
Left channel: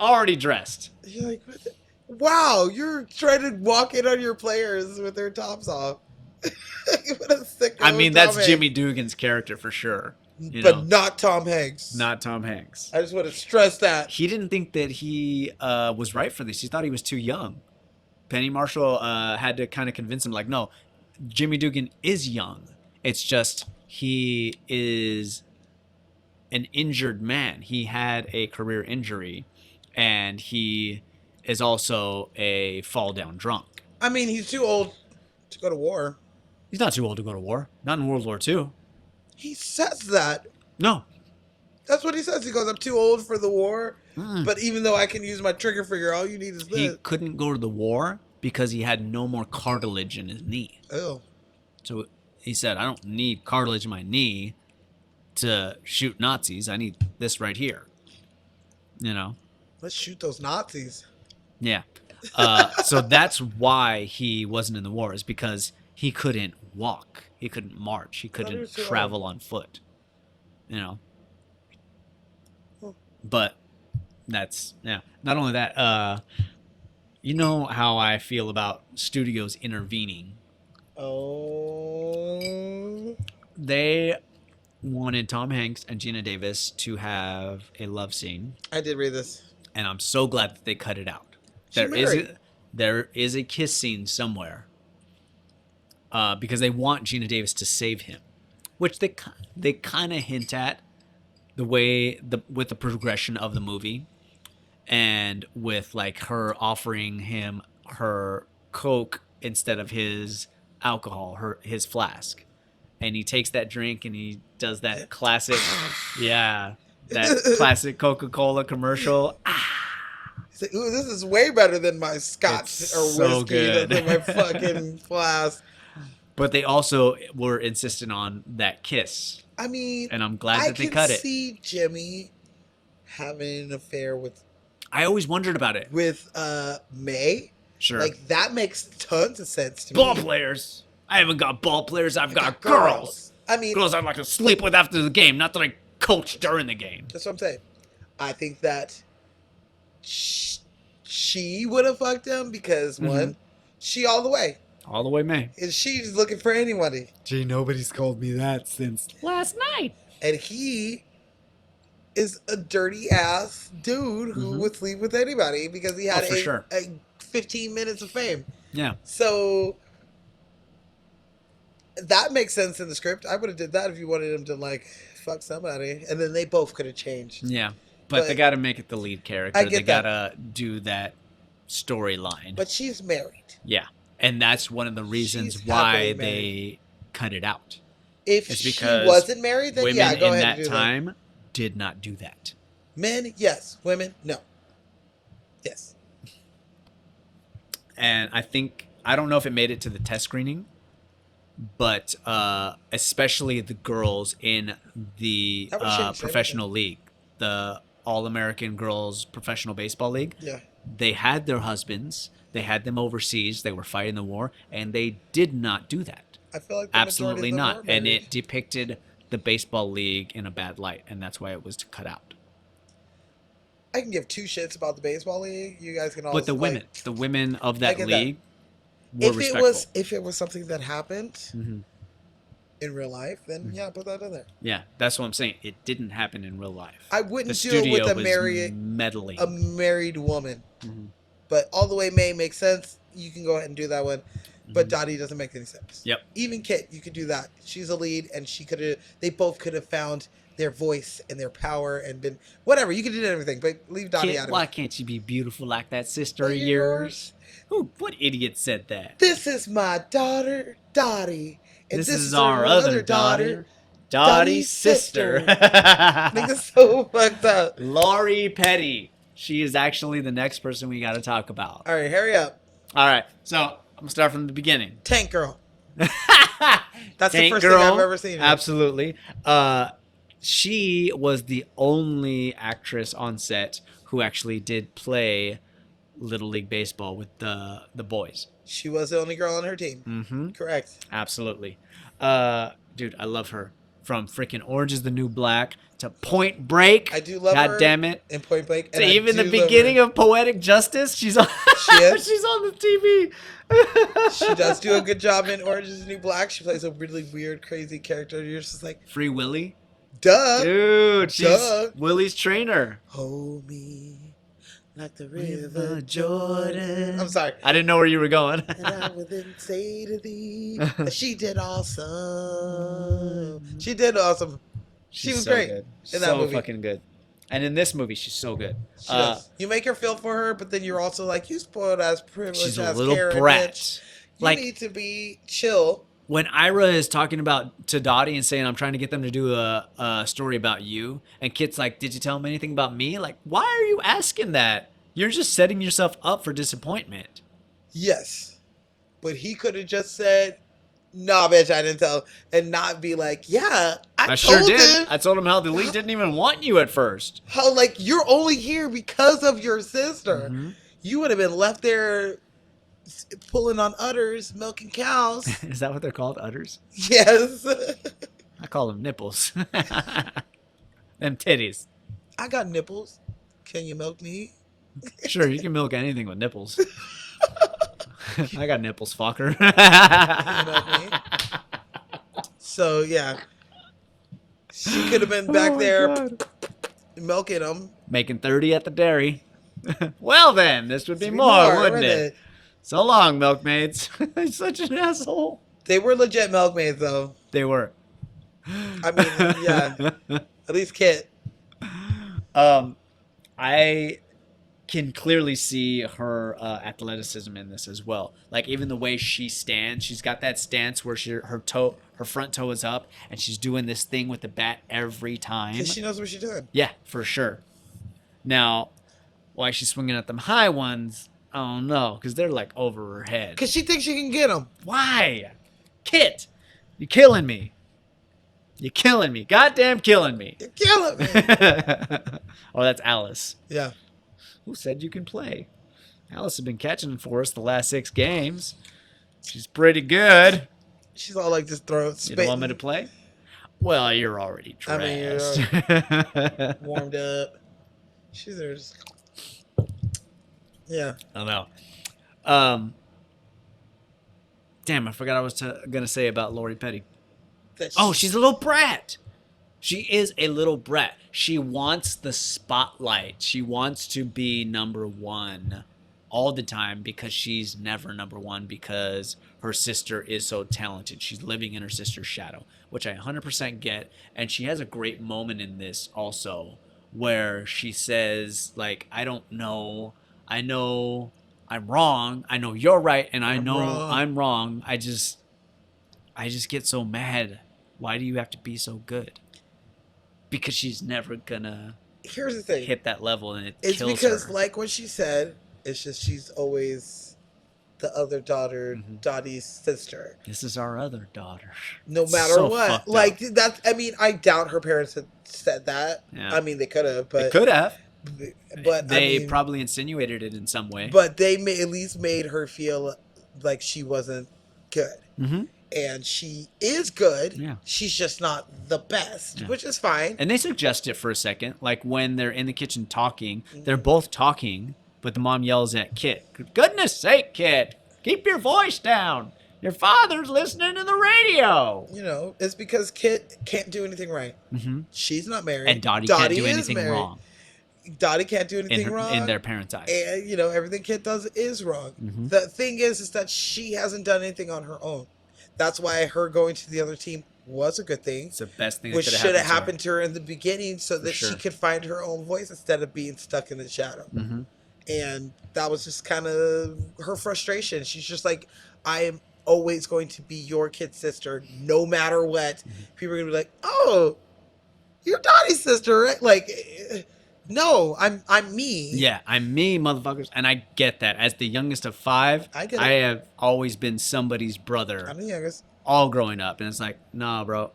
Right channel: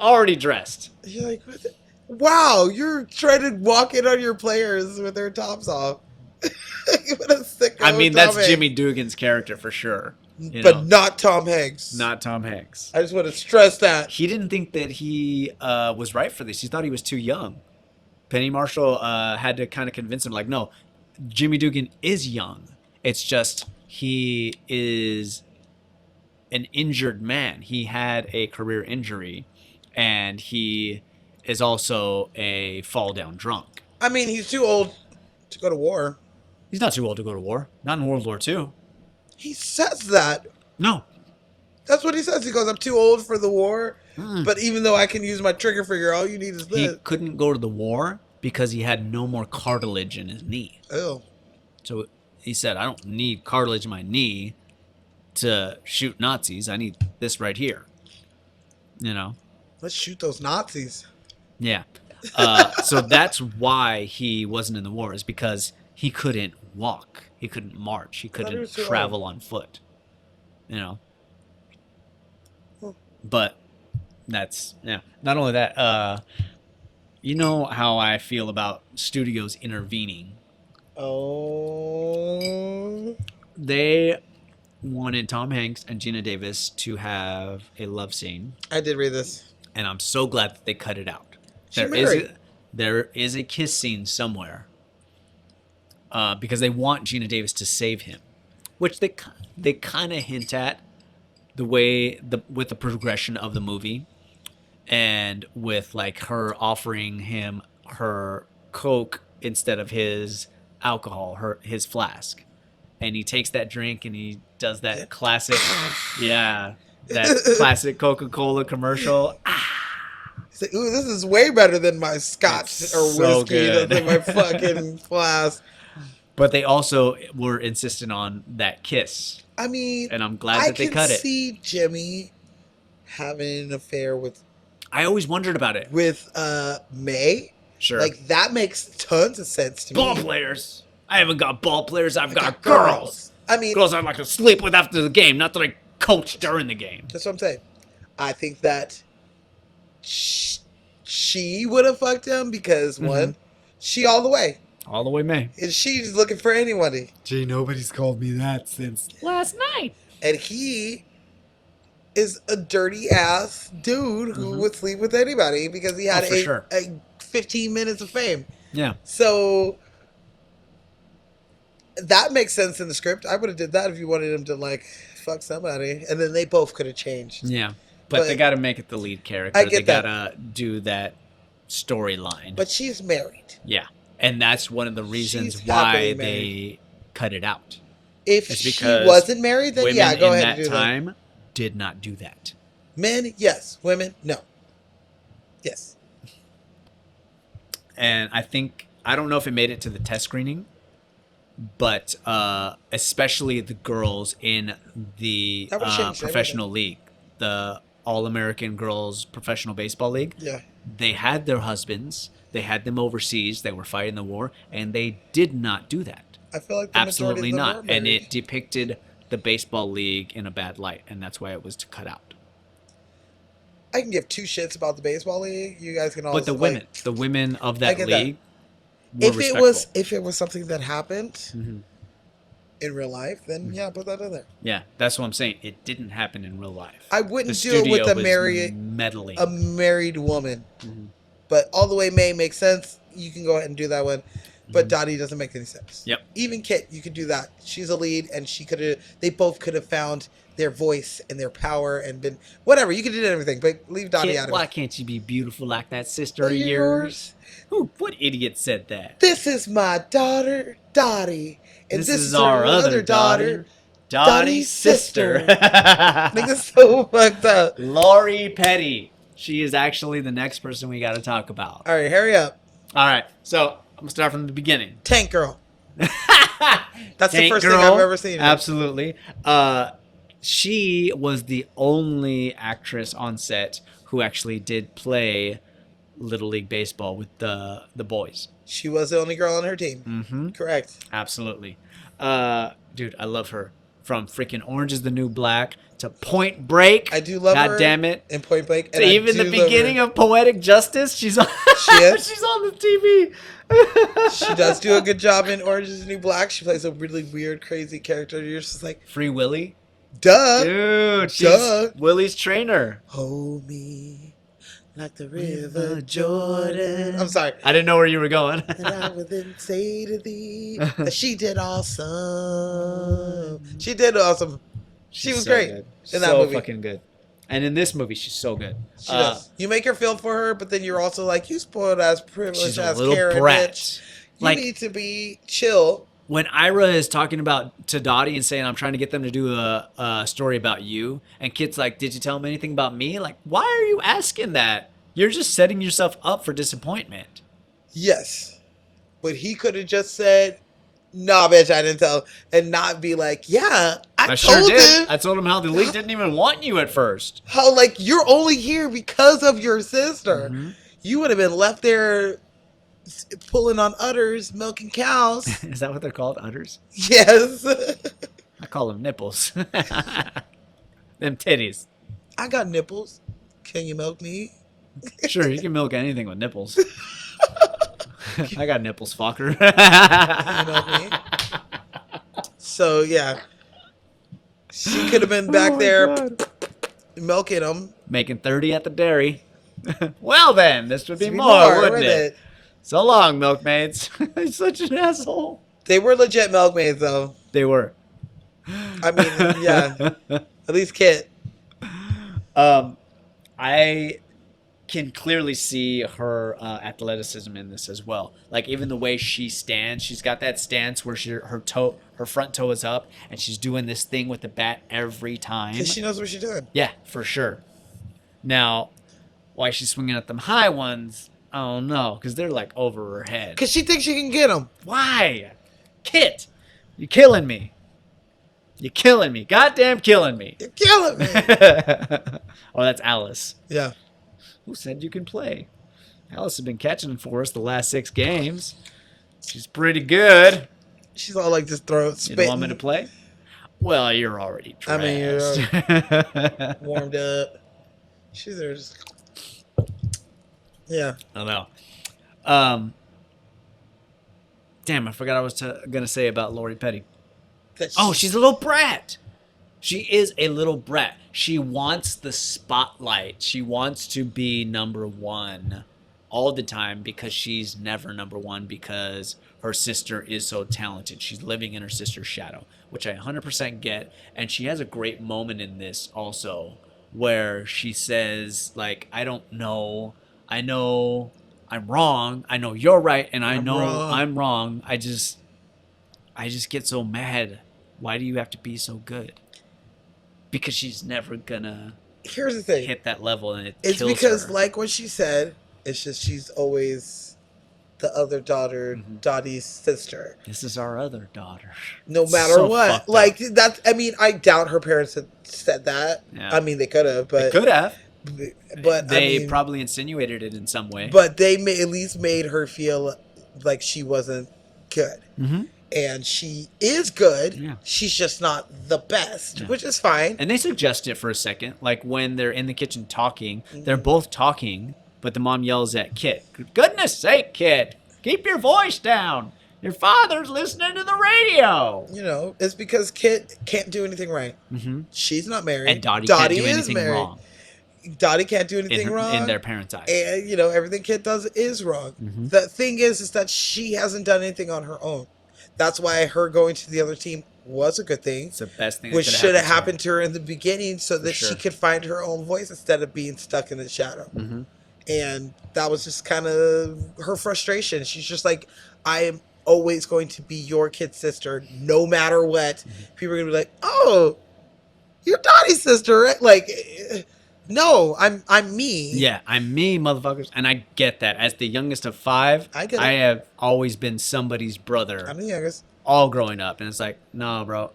Already dressed. You're like, what the- wow, you're trying to walk in on your players with their tops off. What a sicko I mean, Tom that's Hanks. Jimmy Dugan's character for sure. You But know, not Tom Hanks. not Tom Hanks. I just want to stress that. He didn't think that he was right for this. He thought he was too young. Penny Marshall had to kind of convince him, like, no, Jimmy Dugan is young. It's just he is an injured man. He had a career injury, and he is also a fall down drunk. I mean, he's too old to go to war. He's not too old to go to war. Not in World War II. He says that. No. That's what he says. He goes, I'm too old for the war, Mm. but even though I can use my trigger finger, all you need is He this. couldn't go to the war because he had no more cartilage in his knee. Oh. So he said, I don't need cartilage in my knee to shoot Nazis. I need this right here. You know? Let's shoot those Nazis. Yeah. So that's why he wasn't in the war, is because he couldn't walk, he couldn't march, he thought he couldn't was too travel on foot. Hmm. But that's not only that, you know how I feel about studios intervening. Oh. They wanted Tom Hanks and Gina Davis to have a love scene, I did read this. and I'm so glad that they cut it out. She There is married. there is a kiss scene somewhere, because they want Gina Davis to save him, which they kind of hint at with the progression of the movie, and with like her offering him her Coke instead of his alcohol, his flask, and he takes that drink and he does that classic, that classic Coca-Cola commercial. Say, ooh, this is way better than my scotch It's or so whiskey good. that's in my fucking flask. But they also were insistent on that kiss, I mean, and I'm glad I that they could cut it. see Jimmy having an affair with I always wondered about it. May. Sure. Like that makes tons of sense to Ball me. players. I haven't got ball players. I've got Girls. girls. I mean, Girls I'd like to sleep with after the game, not that I coach during the game. that's what I'm saying. I think that she would have fucked him because one, she all the way, All the way, May. and she's looking for anybody, Gee, nobody's called me that since. Last night. and he is a dirty ass dude who would sleep with anybody because he had Oh, for sure. a 15 minutes of fame. Yeah. So that makes sense in the script. I would have did that if you wanted him to like fuck somebody, and then they both could have changed. Yeah. But they But- got to make it the lead character. I get they that. got to do that storyline. But she's married. Yeah. And that's one of the reasons She's why happily they cut it out. If It's she because wasn't married, then Women yeah, go in ahead that and do time did not do that. that. Men, yes. Women, no. Yes. And I don't know if it made it to the test screening, but especially the girls in the I would've changed professional league, the All-American Girls Professional Baseball League, Yeah. they had their husbands, they had them overseas, they were fighting the war, and they did not do that. I feel like the Absolutely majority of not. them are And married. it depicted the baseball league in a bad light, and that's why it was cut out. I can give two shits about the baseball league. You guys can all. But the like, women of I that get that. league, more if it was something that happened Mhm. in real life, then yeah, put that in there. Yeah, that's what I'm saying. It didn't happen in real life. I The wouldn't do it studio with was meddling. a married woman, Mhm. but all the way May makes sense. You can go ahead and do that one. But Mhm. Donnie doesn't make any sense. Yep. Even Kit, you could do that. She's a lead, and she could have. They both could have found their voice and their power and been whatever. You could do everything, but leave Donnie Kid, out of why it. can't you be beautiful like that sister of Yours. yours? What idiot said that? This is my daughter, Dottie, and This is our other daughter, Dottie's Dottie's sister. Nigga's so fucked up. Lori Petty. She is actually the next person we got to talk about. All right, hurry up, All right, so I'm gonna start from the beginning. Tank Girl. That's the Tank first thing I've ever seen. Absolutely. She was the only actress on set who actually did play Little League Baseball with the boys. She was the only girl on her team. Mm-hmm. Correct. Absolutely. Dude, I love her. From freaking Orange is the New Black to Point Break. I do love God her. damn it. In Point Blank, To even the beginning of Poetic Justice, she's on. She is? She's on the TV. She does do a good job in Orange is the New Black. She plays a really weird, crazy character. You're just like, Free Willy. duh. Dude, she's Duh. Willie's trainer. Hold me like the River river Jordan. I'm sorry. I didn't know where you were going. And I will then say to thee, that she did awesome. She did awesome. She was so great Good. in that so movie. fucking good. And in this movie, she's so good. She does. You make her feel for her, but then you're also like, you spoiled ass, privileged She's ass a little Karen, brat. bitch. You Like need to be chill. when Ira is talking about to Dottie and saying, "I'm trying to get them to do a story about you," and Kit's like, "Did you tell him anything about me?" Like, why are you asking that? You're just setting yourself up for disappointment. Yes. But he could have just said, nah, bitch, I didn't tell. And not be like, yeah, I sure told did. him. I told him how the league didn't even want you at first. How, like, you're only here because of your sister. Mhm. You would have been left there pulling on udders, milking cows. Is that what they're called? Udders? Yes. I call them nipples. Them titties. I got nipples. Can you milk me? Sure, you can milk anything with nipples. I got nipples, fucker. Can you milk me? So yeah, she could have been back there milking them. Making 30 at the dairy. Well then, this would be Be more, wouldn't wouldn't it? So long, milkmaids. You're such an asshole. They were legit milkmaids, though. They were. I mean, yeah. At least Kit. I can clearly see her athleticism in this as well. Like even the way she stands, she's got that stance where her front toe is up, and she's doing this thing with the bat every time. Because she knows what she's doing. Yeah, for sure. Now, why she's swinging at them high ones, I don't know, because they're like over her head. Because she thinks she can get them. Why? Kit, you're killing me. You're killing me. Goddamn killing me. You're killing me. Oh, that's Alice. Yeah. Who said you can play? Alice has been catching for us the last 6 games. She's pretty good. She's all like just throw it, You don't want me to play? Well, you're already dressed. I mean, you're warmed up. She's there's. Yeah. I don't know. Damn, I forgot I was gonna say about Lori Petty. Oh, she's a little brat. She is a little brat. She wants the spotlight. She wants to be number one all the time because she's never number one because her sister is so talented. She's living in her sister's shadow, which I 100% get. And she has a great moment in this also where she says, like, I don't know. I know I'm wrong. I know you're right. And I know I'm wrong. I just get so mad. Why do you have to be so good? Because she's never gonna Here's the thing. hit that level, and It's kills because, her. like what she said, it's just she's always the other daughter, Dottie's sister. This is our other daughter. No matter So what. fucked up. Like, that's, I mean, I doubt her parents had said that. Yeah. I mean, they could have, but. They could have. But They I mean, probably insinuated it in some way. But they at least made her feel like she wasn't good. Mm-hmm. And she is good. Yeah. She's just not the best, which is fine. And they suggest it for a second, like when they're in the kitchen talking, they're both talking, but the mom yells at Kit, "Goodness sake, kid, keep your voice down. Your father's listening to the radio." You know, it's because Kit can't do anything right. Mm-hmm. She's not married. And Dottie can't do is anything married. wrong Dottie can't do anything wrong. in their parents' eyes. And, you know, everything Kit does is wrong. Mhm. The thing is that she hasn't done anything on her own. That's why her going to the other team was a good thing. It's the best thing that Which could should have to her. happened to her in the beginning so that sure. she could find her own voice instead of being stuck in the shadow. Mm-hmm. And that was just kind of her frustration. She's just like, I am always going to be your kid's sister, no matter what. Mm-hmm. People are going to be like, oh, you're Dottie's sister, right? Like, no, I'm me. Yeah, I'm me, motherfuckers. And I get that. As the youngest of 5, I get it. I have always been somebody's brother I'm the youngest. all growing up. And it's like, nah, bro,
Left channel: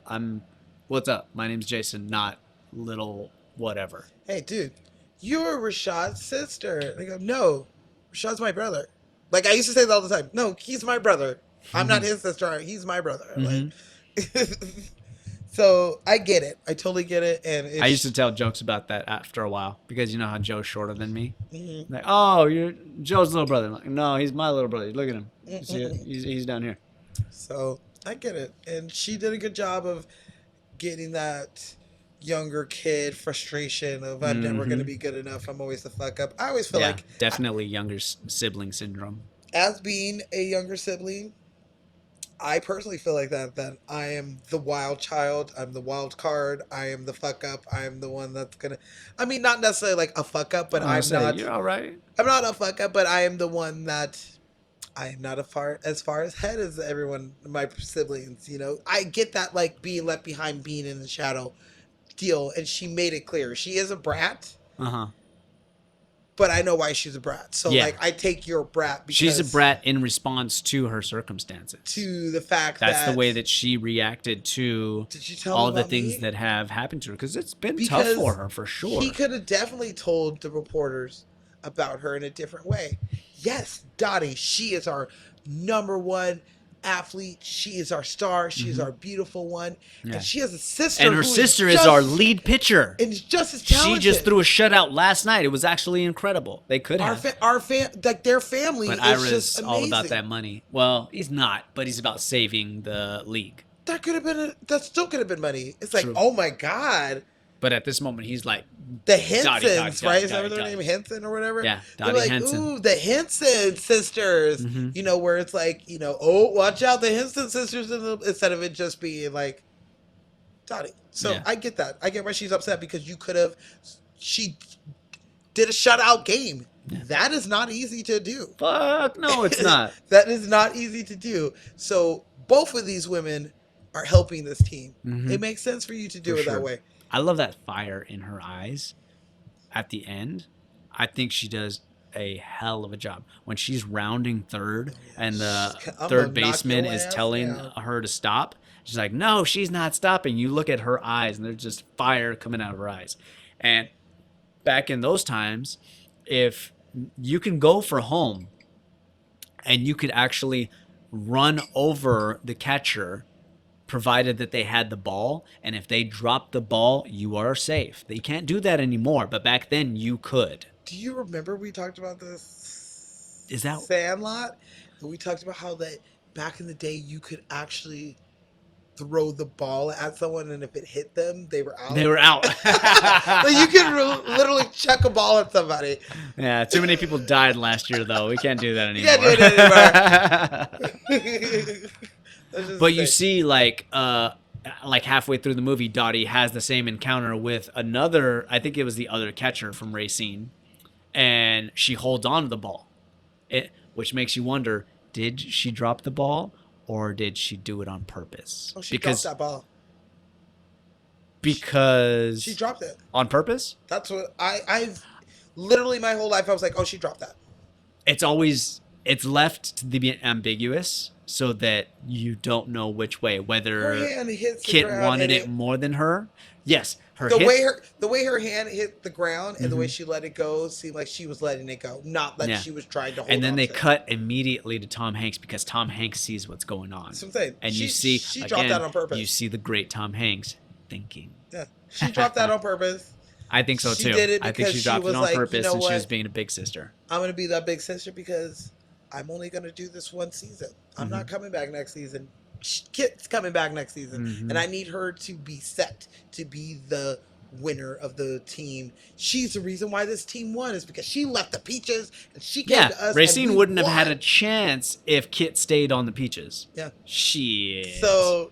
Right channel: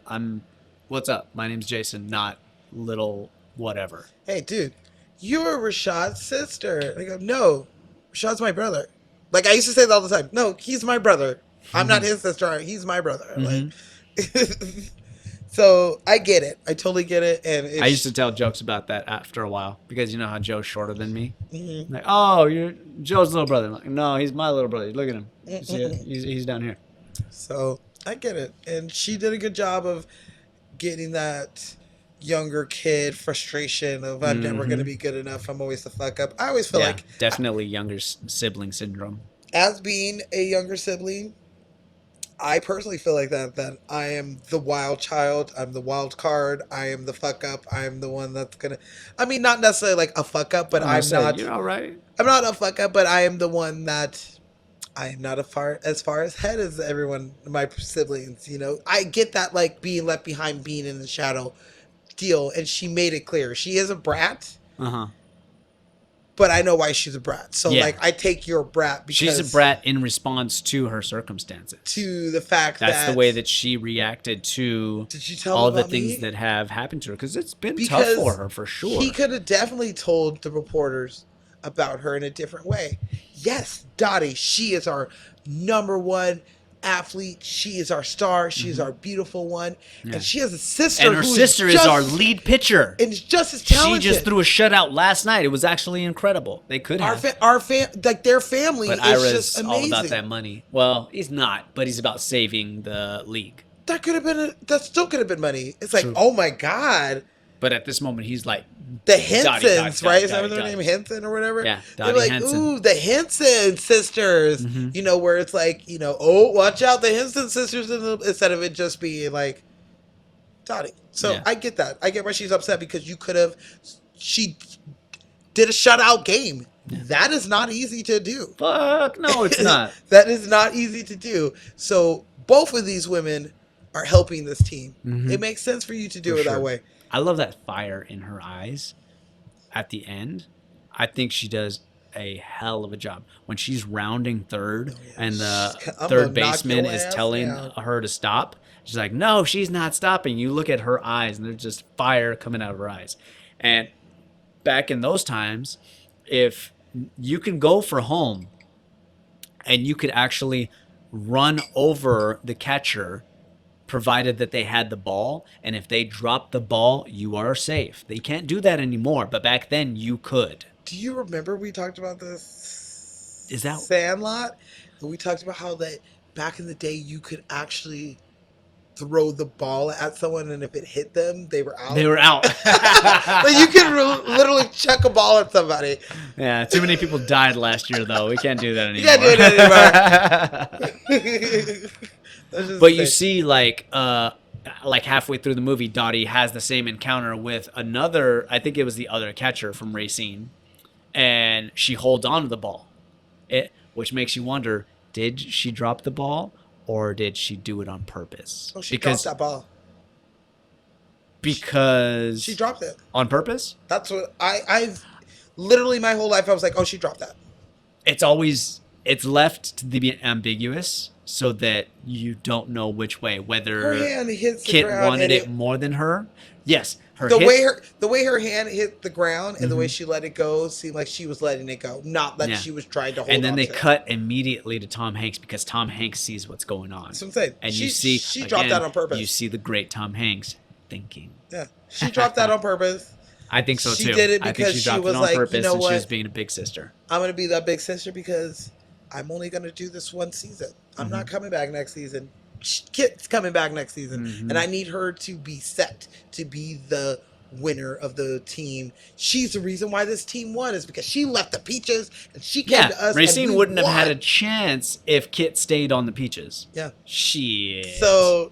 what's up? My name's Jason, not little whatever. Hey, dude, you're Rashad's sister. They go, no, Rashad's my brother. Like, I used to say that all the time. No, he's my brother. I'm not his sister. He's my brother. Mhm. Like, so I get it. I totally get it. And I used to tell jokes about that after a while because you know how Joe's shorter than me. Mhm. Like, oh, you're Joe's little brother. I'm like, no, he's my little brother. Look at him. You see it? He's down here. So I get it. And she did a good job of getting that younger kid frustration of I'm never going to be good enough. I'm always the fuck up. I always feel Yeah, like definitely younger sibling syndrome. as being a younger sibling, I personally feel like that I am the wild child. I'm the wild card. I am the fuck up. I am the one that's gonna. I mean, not necessarily like a fuck up, but I'm not. You're all right. I'm not a fuck up, but I am the one that. I am not as far ahead as everyone, my siblings. You know, I get that like being left behind, being in the shadow, deal, and she made it clear she is a brat. Uh-huh. But I know why she's a brat. So Yeah. like, I take your brat. Because She's a brat in response to her circumstances. to the fact That's that the way that she reacted to Did you tell all him the about things me? that have happened to her because it's been tough for her for sure. He could have definitely told the reporters about her in a different way. yes, Dottie, she is our number one athlete. She is our star. She is our beautiful one. Yeah. And she has a sister. And her who's sister is just- our lead pitcher. And is just as She talented. just threw a shutout last night. It was actually incredible. They could have. Like their family But is Ira's just all amazing. about that money. Well, he's not, but he's about saving the league. That could have been. That still could have been money. It's like, True. oh my god, But at this moment, he's like, the Dottie, Hensons, Dottie, right? Is Dottie, that what their Dottie. name, Henson or whatever? Yeah, They're Dottie like, Henson. ooh, the Henson sisters. Mhm. You know, where it's like, you know, oh, watch out, the Henson sisters, instead of it just being like Dottie. So Yeah. I get that. I get why she's upset because you could have. She did a shutout game. That is not easy to do. fuck, no, it's not. That is not easy to do. So both of these women are helping this team. Mhm. It makes sense for you to do For it sure. that way. I love that fire in her eyes at the end. I think she does a hell of a job when she's rounding third and the I'm gonna third knock baseman your is ass telling down. her to stop. She's like, no, she's not stopping. You look at her eyes and there's just fire coming out of her eyes. And back in those times, if you can go for home and you could actually run over the catcher provided that they had the ball, and if they dropped the ball, you are safe. They can't do that anymore, but back then you could. Do you remember we talked about this? Is that- Sandlot? And we talked about how that back in the day you could actually throw the ball at someone, and if it hit them, they were out. They were out. Like you could literally chuck a ball at somebody. Yeah, too many people died last year, though. We can't do that anymore. You can't do it anymore. That's just But you insane. see, like halfway through the movie, Dottie has the same encounter with another. I think it was the other catcher from Racine, and she holds on to the ball, which makes you wonder: did she drop the ball, or did she do it on purpose? Oh, she dropped that ball. Because She dropped it. on purpose. That's what I've literally my whole life I was like, oh, she dropped that. It's left to be ambiguous so that you don't know which way, Her whether hand hits the Kit ground. wanted and it more than her. Yes, The way her hand hit the ground and the way Mhm. she let it go seemed like she was letting it go, not like Yeah. she was trying to hold and then on they to it. cut immediately to Tom Hanks because Tom Hanks sees what's going on, That's what I'm saying. and she, you see she dropped again, that on purpose. you see the great Tom Hanks thinking. Yeah, she dropped that on purpose. I think so She too. did it I think because she she dropped was it on like, you purpose, know and she was what? being a big sister. I'm gonna be that big sister because I'm only gonna do this one season. I'm not Mm-hmm. coming back next season. Kit's coming back next season, Mhm. and I need her to be set to be the winner of the team. She's the reason why this team won is because she left the Peaches and she came Yeah, to us. and Racine we wouldn't have had a won. chance if Kit stayed on the Peaches. Yeah. Shit. So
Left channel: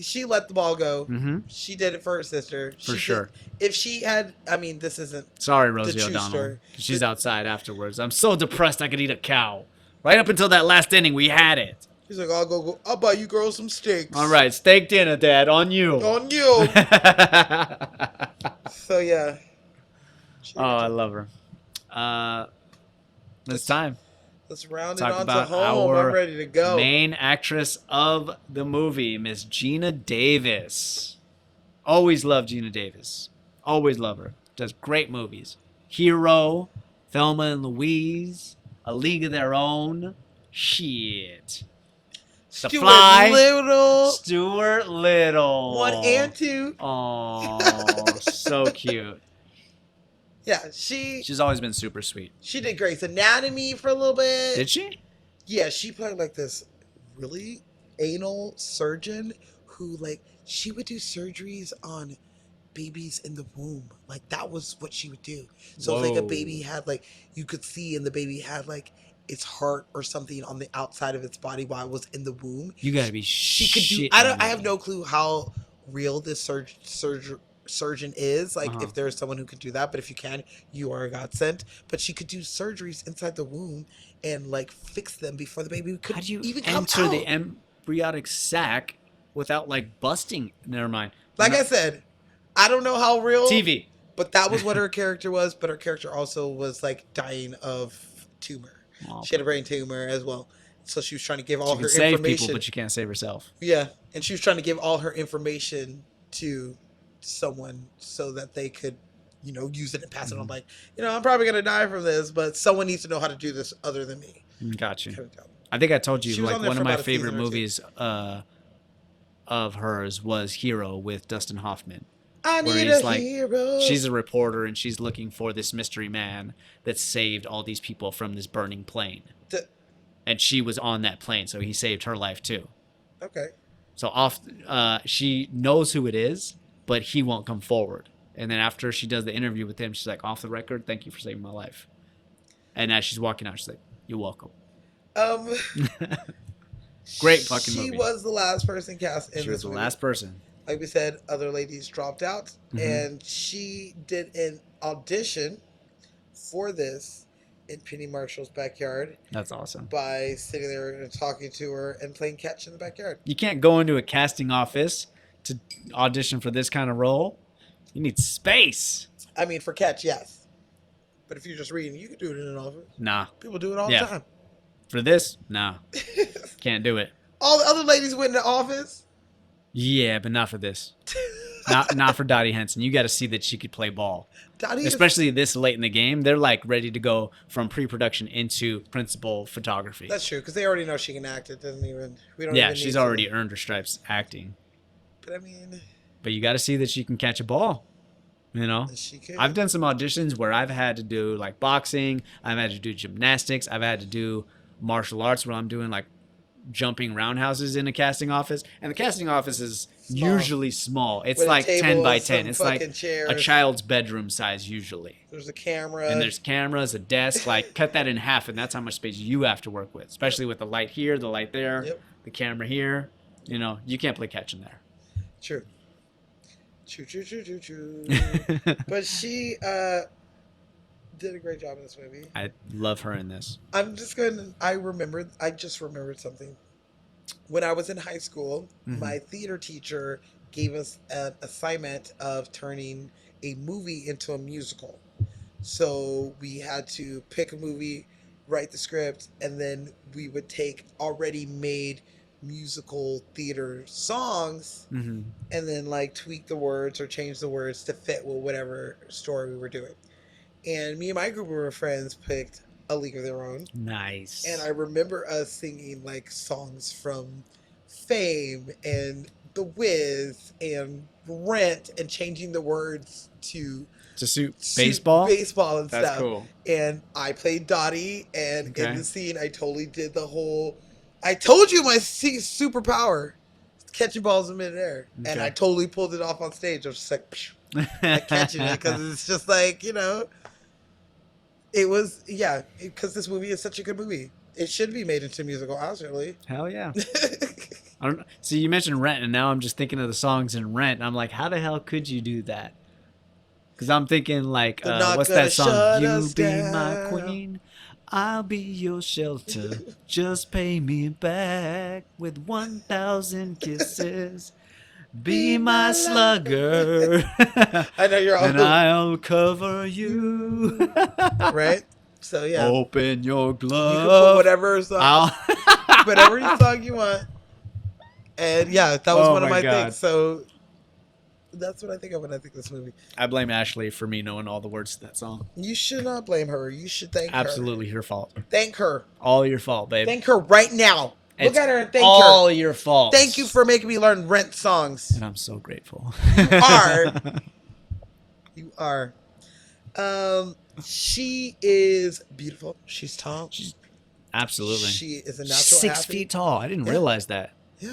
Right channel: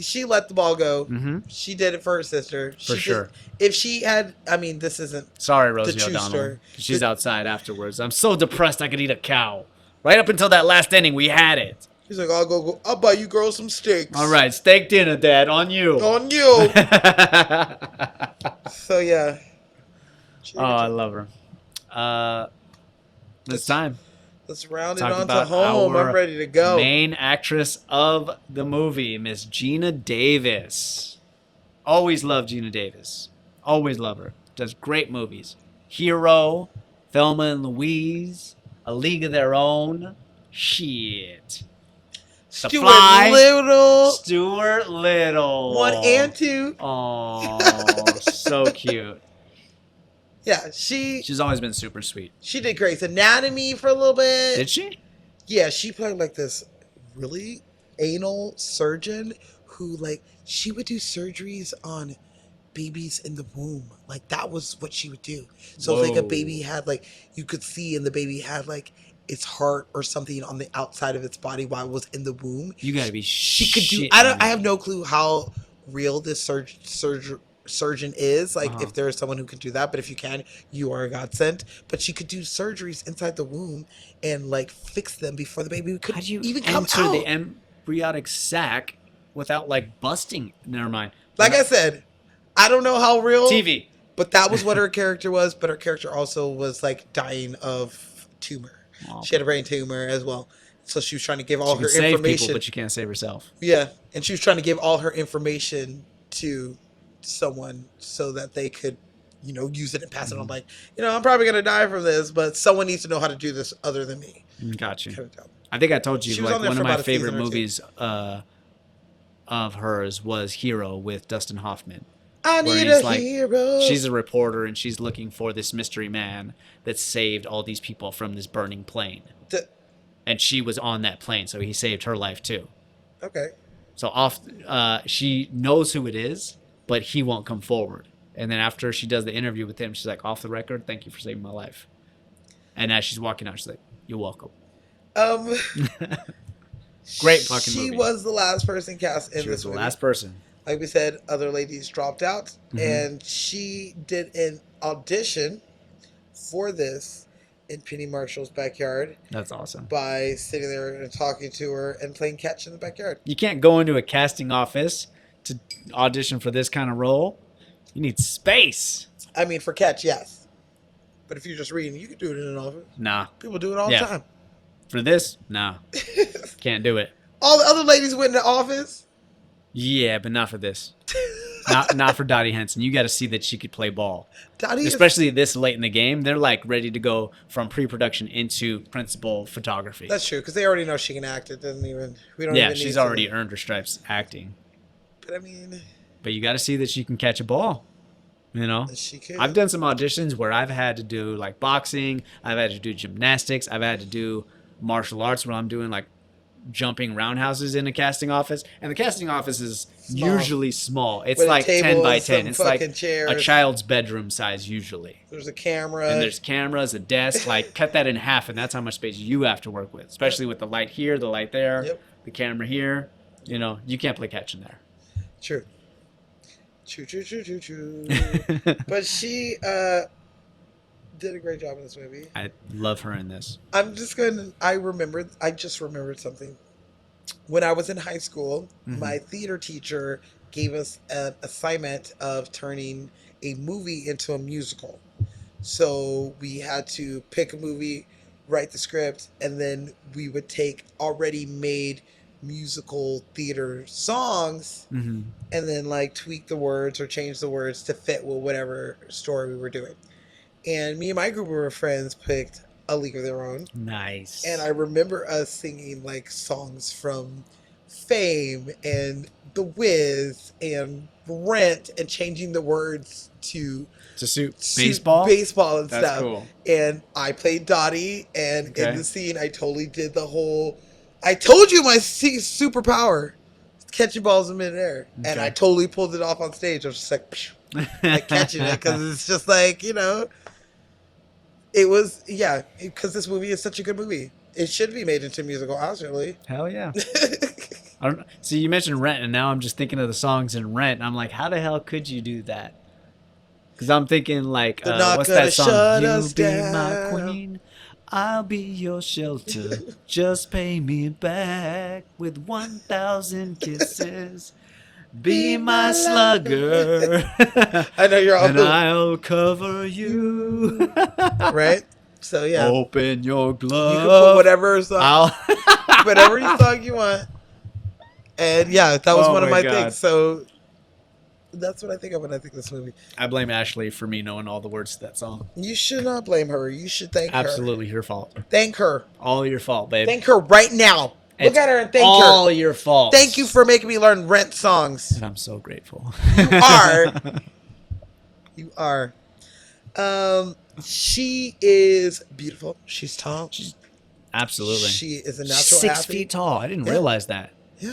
she let the ball go. Mhm. She did it for her sister. For She did- sure. If she had, I mean, this isn't. Sorry, Rosie true O'Donnell. story. She's outside afterwards. I'm so depressed I could eat a cow. Right up until that last inning, we had it. She's like, I'll buy you girls some steaks. All right, steak dinner, Dad, on you. On you. So yeah. Oh, I love her. It's time. Let's round it Talk on to about home. our I'm ready to go. Main actress of the movie, Miss Gina Davis. Always love Gina Davis. Always love her. Does great movies. Hero, Thelma and Louise, A League of Their Own. Shit. The Stuart Fly. Little. Stuart Little. 1 and 2. Oh, so cute. Yeah, she She's always been super sweet. did Grey's Anatomy for a little bit. Did she? Yeah, she played like this really anal surgeon who like she would do surgeries on babies in the womb. Like that was what she would do. So if, like a Whoa. baby had like you could see and the baby had like its heart or something on the outside of its body while it was in the womb. You gotta be. She could do shitting I have me. no clue how real this surgeon is, like Uh-huh. if there's someone who can do that, but if you can, you are a godsend. But she could do surgeries inside the womb and like fix them before the baby could How do you even come enter out. the embryonic sac without like busting? Never mind. Like I said, I don't know how real TV. but that was what her character was. But her character also was like dying of tumor. Oh, She had a brain tumor as well. So she was trying to give all you her can save information. people, but you can't save herself. Yeah, and she was trying to give all her information to someone so that they could use it and pass it on. Mhm. Like, I'm probably gonna die from this, but someone needs to know how to do this other than me. Got you. Kind of deal. I think I told you She was like on there one for of my about a season favorite or two. movies of hers was Hero with Dustin Hoffman. I Where need he's a like, hero. she's a reporter and she's looking for this mystery man that saved all these people from this burning plane. The- And she was on that plane, so he saved her life too. okay. So she knows who it is, but he won't come forward. And then after she does the interview with him, she's like, off the record, thank you for saving my life. And as she's walking out, she's like, you're welcome. Great fucking She movie. was the last person cast in She was this the movie. last person. Like we said, other ladies dropped out, Mhm. and she did an audition for this in Penny Marshall's backyard That's awesome. by sitting there and talking to her and playing catch in the backyard. You can't go into a casting office to audition for this kind of role. You need space. I mean, for catch, yes. But if you're just reading, you can do it in an office. Nah. People do it all Yeah. the time. For this, nah. Can't do it. All the other ladies went in the office. Yeah, but not for this. Not for Dottie Henson. You got to see that she could play ball. Dottie is- Especially this late in the game. They're like ready to go from pre-production into principal photography. That's true, because they already know she can act. It doesn't even. We don't. Yeah, even she's need already earned her stripes acting. But I mean, But you got to see that she can catch a ball. You know? she could. I've done some auditions where I've had to do like boxing, I've had to do gymnastics, I've had to do martial arts where I'm doing like jumping roundhouses in a casting office. And the casting office is Small. usually small. It's With a like 10 table by and 10. some It's like fucking chairs. a child's bedroom size usually. There's a camera. And there's cameras, a desk, like cut that in half and that's how much space you have to work with. Especially with the light here, the light there, Yep. the camera here. You can't play catch in there. True. True. But she did a great job in this movie. I love her in this. I just remembered something. When I was in high school, Mhm. my theater teacher gave us an assignment of turning a movie into a musical. So we had to pick a movie, write the script, and then we would take already made musical theater songs Mm-hmm. and then like tweak the words or change the words to fit with whatever story we were doing. And me and my group of friends picked A League of Their Own. Nice. And I remember us singing like songs from Fame and The Wiz and Rent and changing the words to suit baseball. baseball and That's stuff. cool. And I played Dottie, and Okay. in the scene, I totally did the whole. I told you my superpower, catching balls in midair, and Okay. I totally pulled it off on stage. I was just like, like catching it because it's just like it was because this movie is such a good movie. It should be made into a musical, honestly. Hell yeah. I don't see. You mentioned Rent, and now I'm just thinking of the songs in Rent. And I'm like, how the hell could you do that? Because I'm thinking like, They're not what's gonna that song? shut You us be my down. queen, I'll be your shelter. Just pay me back with 1,000 kisses. Be my slugger, I know you're all and I'll cover you. right. So yeah, Open your you can put glove. whatever song, I'll. whatever song you want. And yeah, that was Oh one of my my God. things. So that's what I think of when I think of this movie. I blame Ashley for me knowing all the words to that song. You should not blame her. You should thank her. Absolutely your fault. Thank her. All your fault, babe. Thank her right now. Look It's at her and thank all her. your fault. Thank you for making me learn Rent songs. And I'm so grateful. You are. She is beautiful. She's tall. Absolutely. She is a natural 6 athlete. feet tall. I didn't Yeah. realize that. Yeah.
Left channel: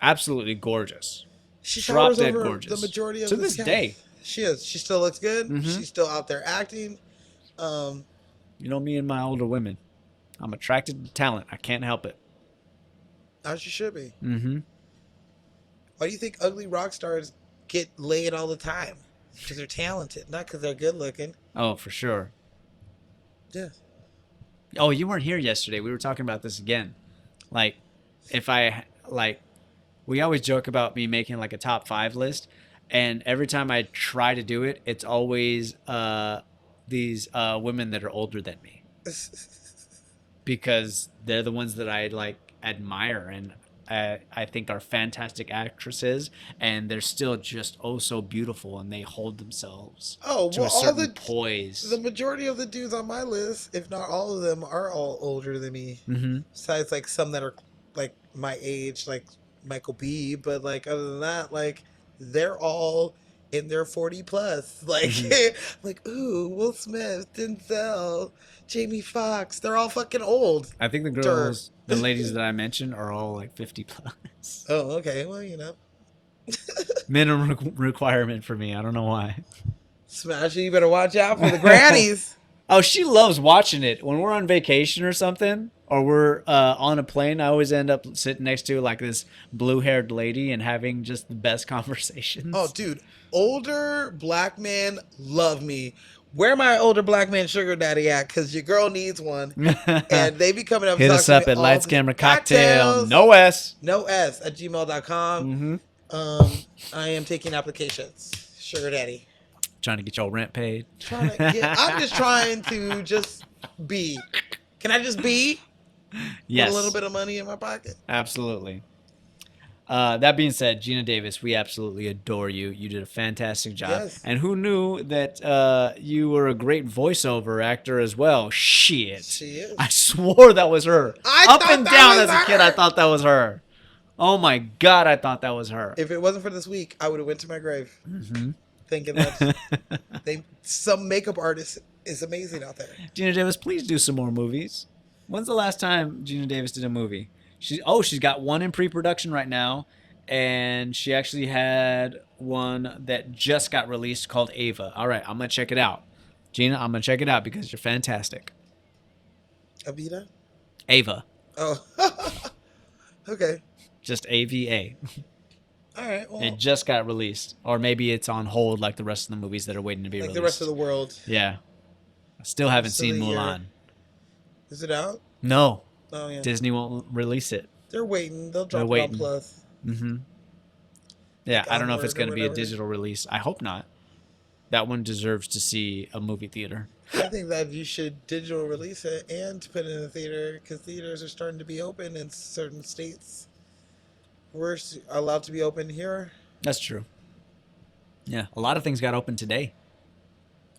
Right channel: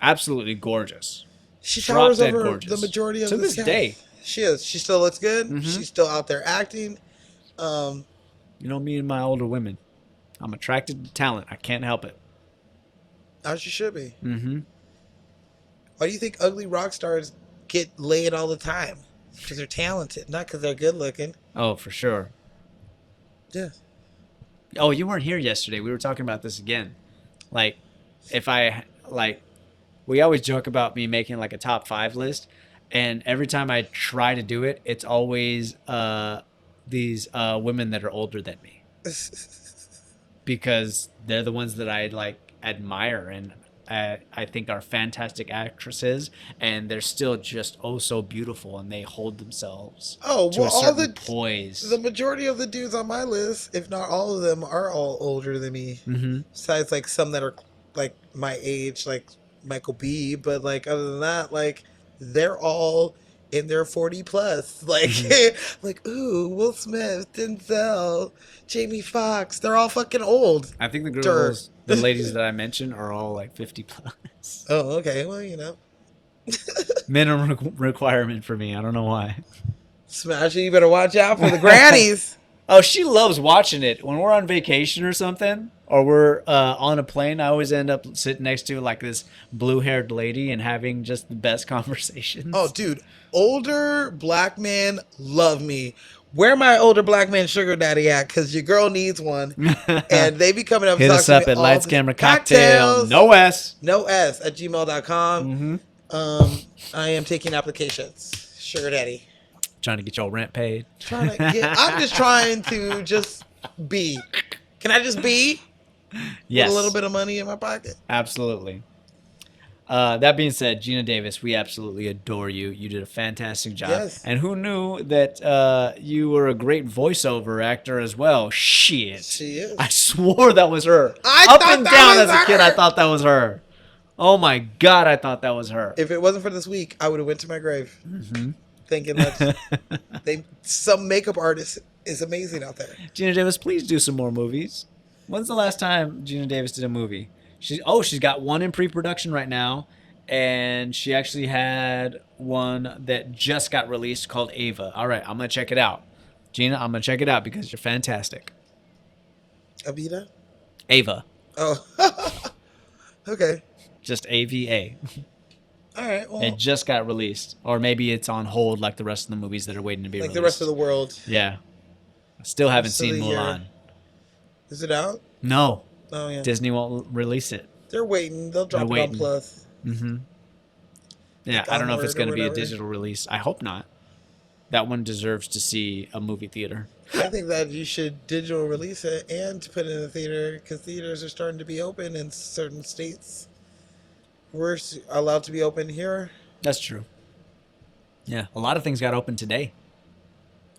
Absolutely gorgeous. She Drop covers dead over gorgeous. the majority of To the this scale. day. She is. She still looks good. Mhm. She's still out there acting. You know me and my older women. I'm attracted to talent. I can't help it. As you should be. Mm-hmm. Why do you think ugly rock stars get laid all the time? Because they're talented, not because they're good looking. Oh, for sure. Yeah. Oh, you weren't here yesterday. We were talking about this again. Like, if I, like, we always joke about me making, like, a top 5 list. And every time I try to do it, it's always these women that are older than me. Because they're the ones that I, like, admire. And I think are fantastic actresses, and they're still just oh so beautiful, and they hold themselves Oh, to well, a all certain the poise. majority of the dudes on my list, if not all of them, are all older than me. Mm-hmm. Besides, like some that are like my age, like Michael B. But like other than that, like they're all in their 40 plus. Like, like ooh, Will Smith, Denzel, Jamie Foxx. They're all fucking old. I think the girls, the ladies that I mentioned, are all like 50 plus. Oh, okay. Well, you know, Minimum requirement for me. I don't know why. Smash it. You better watch out for the grannies. Oh, she loves watching it. When we're on vacation or something, or we're on a plane, I always end up sitting next to like this blue-haired lady and having just the best conversations. Oh, dude, older black men love me. Where my older black man sugar daddy at? Because your girl needs one. And they be coming up and Hit talking us to up me at all Lights the- Camera Cocktail. Cocktails. No S. No S at gmail.com. Mm-hmm. I am taking applications. Sugar daddy. Trying to get your rent paid. I'm just trying to just be. Can I just be? Yes. With a little bit of money in my pocket. Absolutely. That being said, Gina Davis, we absolutely adore you. You did a fantastic job. Yes. And who knew that you were a great voiceover actor as well? Shit. Shit. I swore that was her. I Up thought and that down was as a kid, her. I thought that was her. Oh my God, I thought that was her. If it wasn't for this week, I would have went to my grave Mm-hmm. thinking that some makeup artist is amazing out there. Gina Davis, please do some more movies. When's the last time Gina Davis did a movie? She's got one in pre-production right now, and she actually had one that just got released called Ava. All right, I'm gonna check it out. Gina, I'm gonna check it out because you're fantastic. Avita? Ava, Oh. Okay. just AVA. All right. Well, It just got released, or maybe it's on hold like the rest of the movies that are waiting to be like released. the rest of the world. Yeah, I still haven't seen Still, yeah. Mulan. Is it out? No, Oh, yeah. Disney won't release it. They're waiting. They'll drop They're it waiting. on Plus. Mm-hmm. Yeah, Like I don't know if it's Onward going or to be a whatever. digital release. I hope not. That one deserves to see a movie theater. I think that you should digital release it and put it in the theater because theaters are starting to be open in certain states. We're allowed to be open here. That's true. Yeah, a lot of things got open today.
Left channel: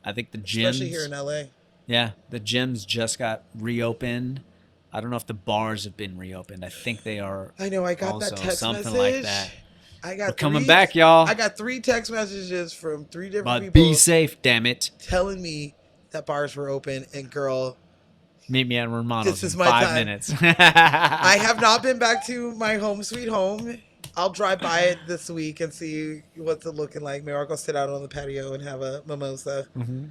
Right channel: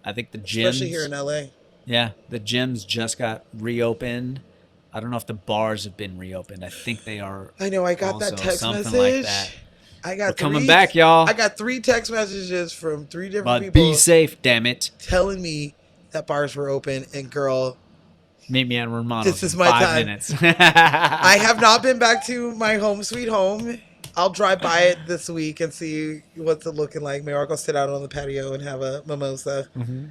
I think the gyms. Especially here in LA. Yeah, the gyms just got reopened. I don't know if the bars have been reopened. I think they are. I know. I got also that text something message. like that. I got We're coming three- back, y'all. I got 3 text messages from 3 different But people be safe, damn it. telling me that bars were open. And girl, Meet me at Romano's. This is in my 5 time. minutes. I have not been back to my home sweet home. I'll drive by it this week and see what's it looking like. Maybe I'll go sit out on the patio and have a mimosa.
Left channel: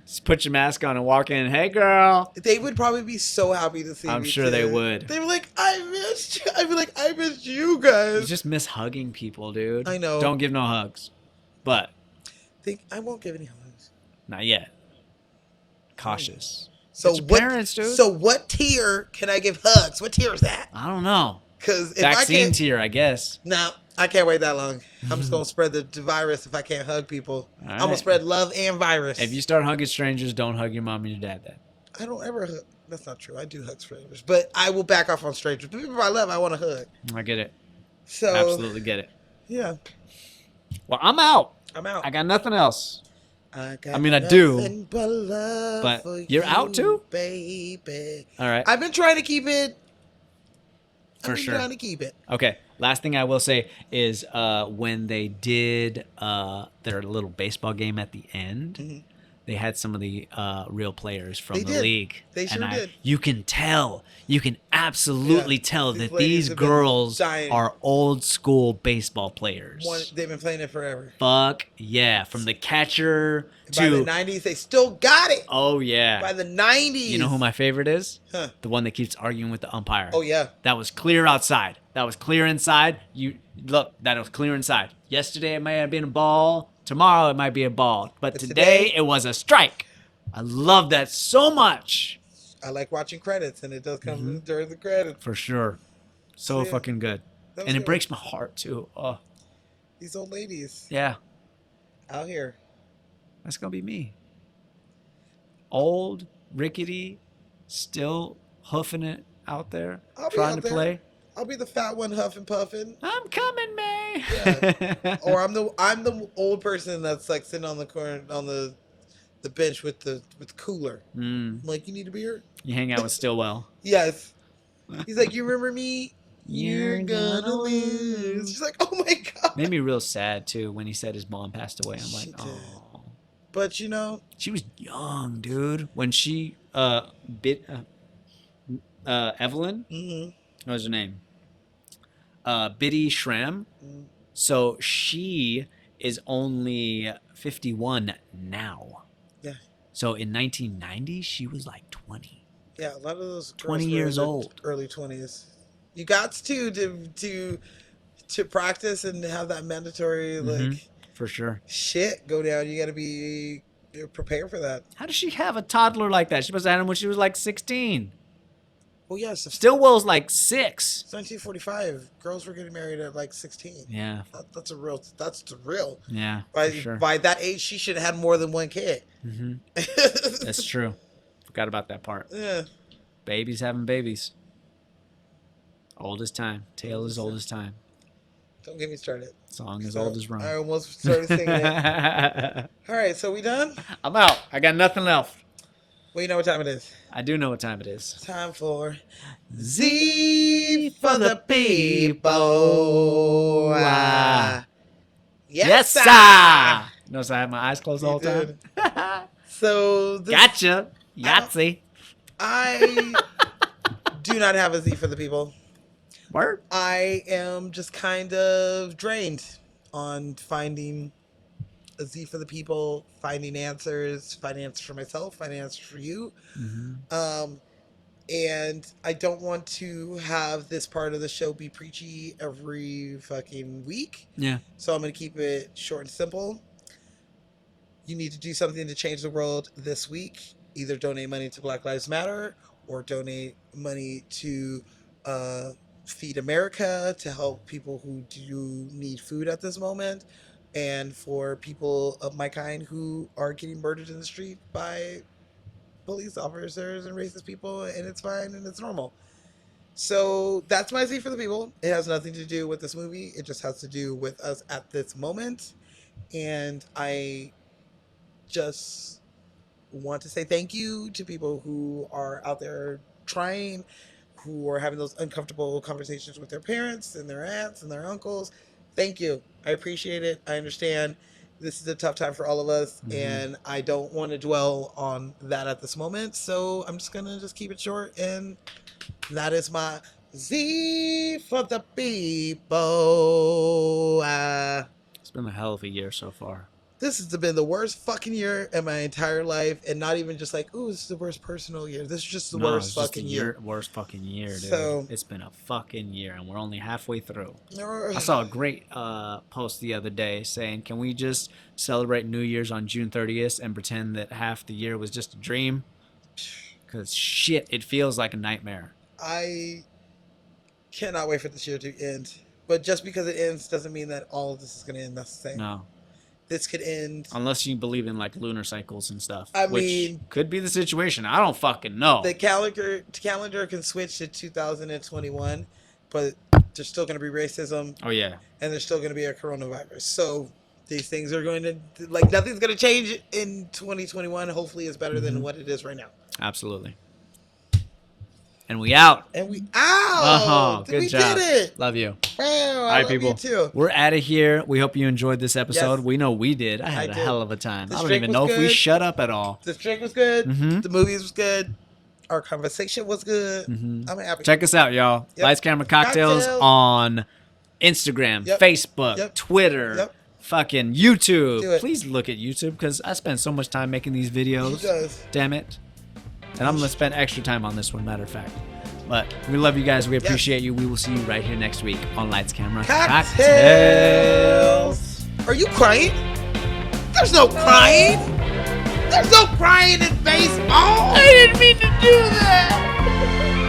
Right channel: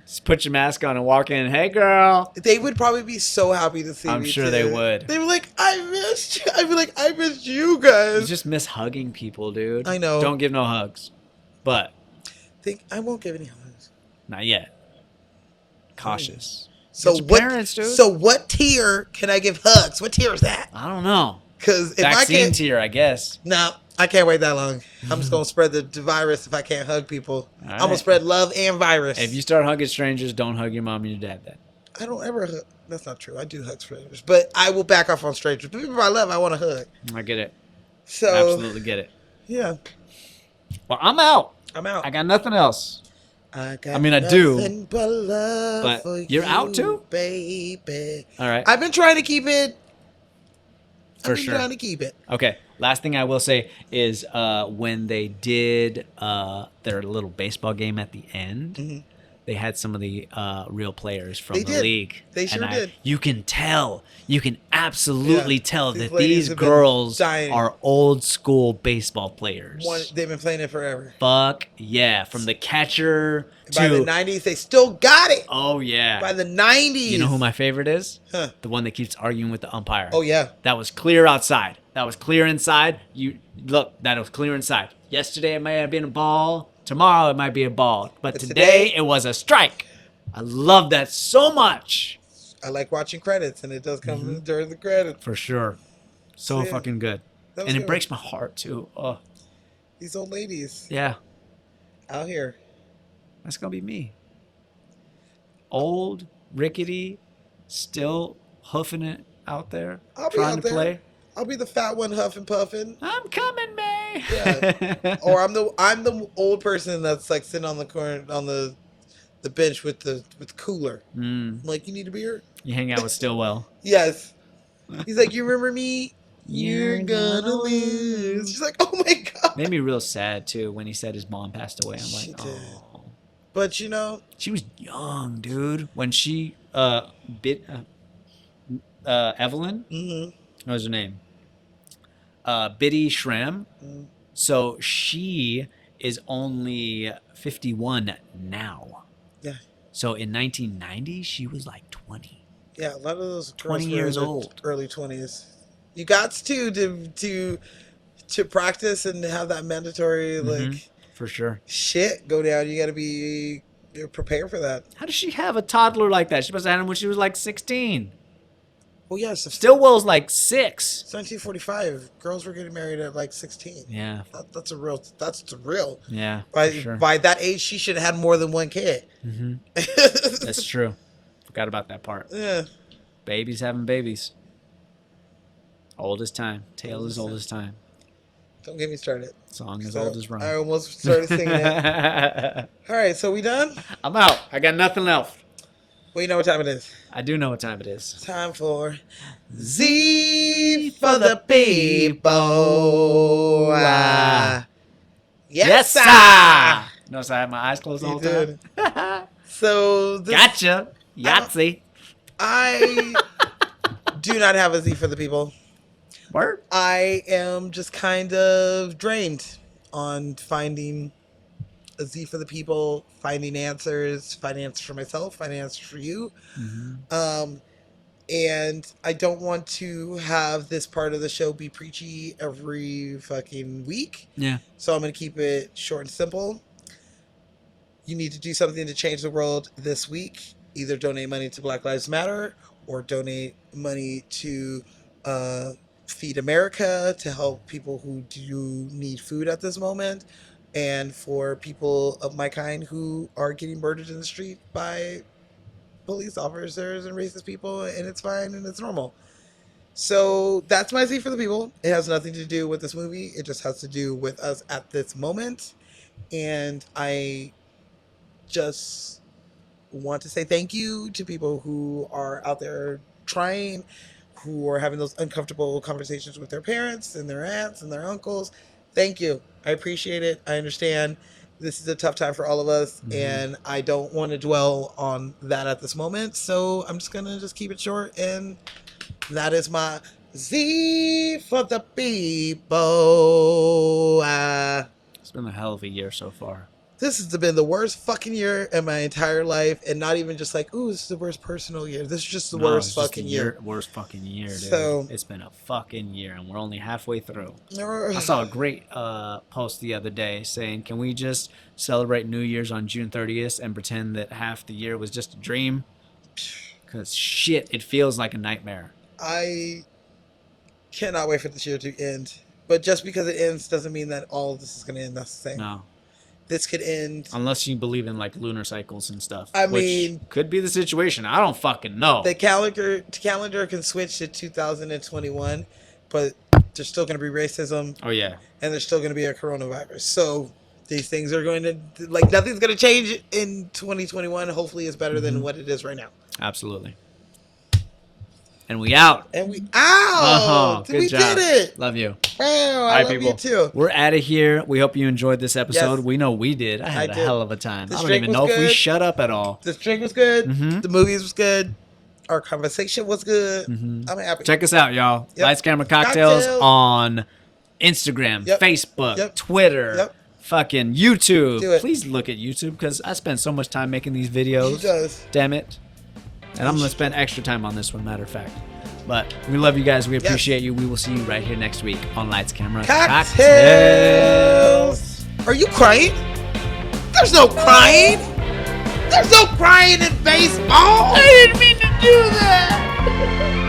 Just put your mask on and walk in. Hey, girl. They would probably be so happy to see me. I'm sure they too. would. They'd be like, I missed you. I'd be like, I missed you You guys. just miss hugging people, dude. I know. Don't give no hugs. But I won't give any hugs. not yet. Cautious. So It's your what, parents, dude. So what tier can I give hugs? What tier is that? I don't know. Because if Vaccine I can't, tier, I guess. no, I can't wait that long. I'm just gonna spread the virus if I can't hug people. All I'm gonna right. spread love and virus. If you start hugging strangers, don't hug your mom and your dad then. I don't ever hug. That's not true. I do hug strangers, but I will back off on strangers. The people I love, I want to hug. I get it. So Absolutely get it. yeah, Well, I'm out. I'm out. I got nothing else. I mean, I do, nothing but love but for you're out you, too? baby. All right. I've been trying to keep it. For I've been sure. trying to keep it. Okay. Last thing I will say is when they did their little baseball game at the end, Mhm. they had some of the real players from They the did. league. They sure did. You can tell. You can absolutely Yeah. tell These that ladies these have been girls dying. are old school baseball players. They've been playing it forever. Fuck yeah. From the catcher By the to... 90s, they still got it. Oh, By yeah. the 90s. You know who my favorite is? Huh. The one that keeps arguing with the umpire. Oh yeah. That was clear outside. That was clear inside. You look, that was clear inside. Yesterday it may have been a ball. Tomorrow it might be a ball. But But today today- it was a strike. I love that so much. I like watching credits, and it does come Mm-hmm. during the credits. For sure. So Yeah. fucking good. That was And it good. breaks my heart too. Oh, These old ladies yeah. out here. That's gonna be me. Old, rickety, still hoofing it out there, I'll be trying out to there. play. I'll be the fat one huffing puffing. I'm coming, May. Yeah. Or I'm the old person that's like sitting on the corner on the bench with the cooler. I'm like, you need a beer? You hang out with Stillwell. Yes. He's like, you remember me? You're gonna lose. She's like, oh my god. Made me real sad too when he said his mom passed away. I'm She like, did. oh. But you know, She was young, dude. When she Evelyn, what was her name? Biddy Schramm. Mm. So she is only 51 now. Yeah. So in 1990, she was like 20. yeah, a lot of those 20 girls were years in their old. early 20s. You got to practice and have that mandatory like For sure. shit go down. You got to be prepared for that. How does she have a toddler like that? She must have had him when she was like 16. Well, yes, Stillwell's like 6. 1945. Girls were getting married at like 16. Yeah. That's the real. Yeah. By that age, she should have had more than one kid. Mm-hmm. That's true. Forgot about that part. Yeah. Babies having babies. Old as time. Tale as old as time. Don't get me started. Song as old as I Rome. almost started singing it. All right, so we done? I'm out. I got nothing else. Well, you know what time it is. I do know what time it is. Time for Z for the people. Yes, sir. Notice I had my eyes closed all You the did. time. So this, Gotcha. Yahtzee. I do not have a Z for the people. Word. I am just kind of drained on finding a Z for the people, finding answers for myself, finding answers for you. And I don't want to have this part of the show be preachy every fucking week. Yeah. So I'm going to keep it short and simple. You need to do something to change the world this week. Either donate money to Black Lives Matter or donate money to Feed America to help people who do need food at this moment, and for people of my kind who are getting murdered in the street by police officers and racist people, and it's fine and it's normal. So that's my Z for the people. It has nothing to do with this movie. It just has to do with us at this moment. And I just want to say thank you to people who are out there trying, who are having those uncomfortable conversations with their parents and their aunts and their uncles. Thank you. I appreciate it. I understand. This is a tough time for all of us, and I don't want to dwell on that at this moment. So I'm just going to keep it short, and that is my Z for the people. It's been a hell of a year so far. This has been the worst fucking year in my entire life, and not even just like, ooh, this is the worst personal year. This is just the worst fucking year. Worst fucking year, dude. So- it's been a fucking year, and we're only halfway through. I I saw a great post the other day saying, can we just celebrate New Year's on June 30th and pretend that half the year was just a dream? Because shit, it feels like a nightmare. I cannot wait for this year to end. But just because it ends doesn't mean that all of this is going to end. That's the thing. No. This could end. Unless you believe in like lunar cycles and stuff. I which mean- could be the situation. I don't fucking know. The calendar can switch to 2021, but there's still going to be racism, Oh, yeah. and there's still going to be a coronavirus. So these things are going to, like, nothing's going to change in 2021. Hopefully it's better than what it is right now. Absolutely. And we out. And we out. Oh, good we job. did it. Love you. Wow, I All right, love people. you too. We're out of here. We hope you enjoyed this episode. Yes. We know we did. I had a did. hell of a time. The I don't drink even was know if we good. shut up at all. The drink was good. Mhm. The movies was good. Our conversation was good. Mhm. I'm happy. Check us out, y'all. Yep. Lights, Camera, Cocktails Cocktails. on Instagram, Yep. Facebook, Yep. Twitter, Yep. fucking YouTube. Do it. Please look at YouTube because I spend so much time making these videos. He does. Damn it. And I'm going to spend extra time on this one, matter of fact. But we love you guys. We appreciate you. We will see you right here next week on Lights, Camera, Cocktails. Are you crying? There's no crying. There's no crying in baseball. I didn't mean to do that.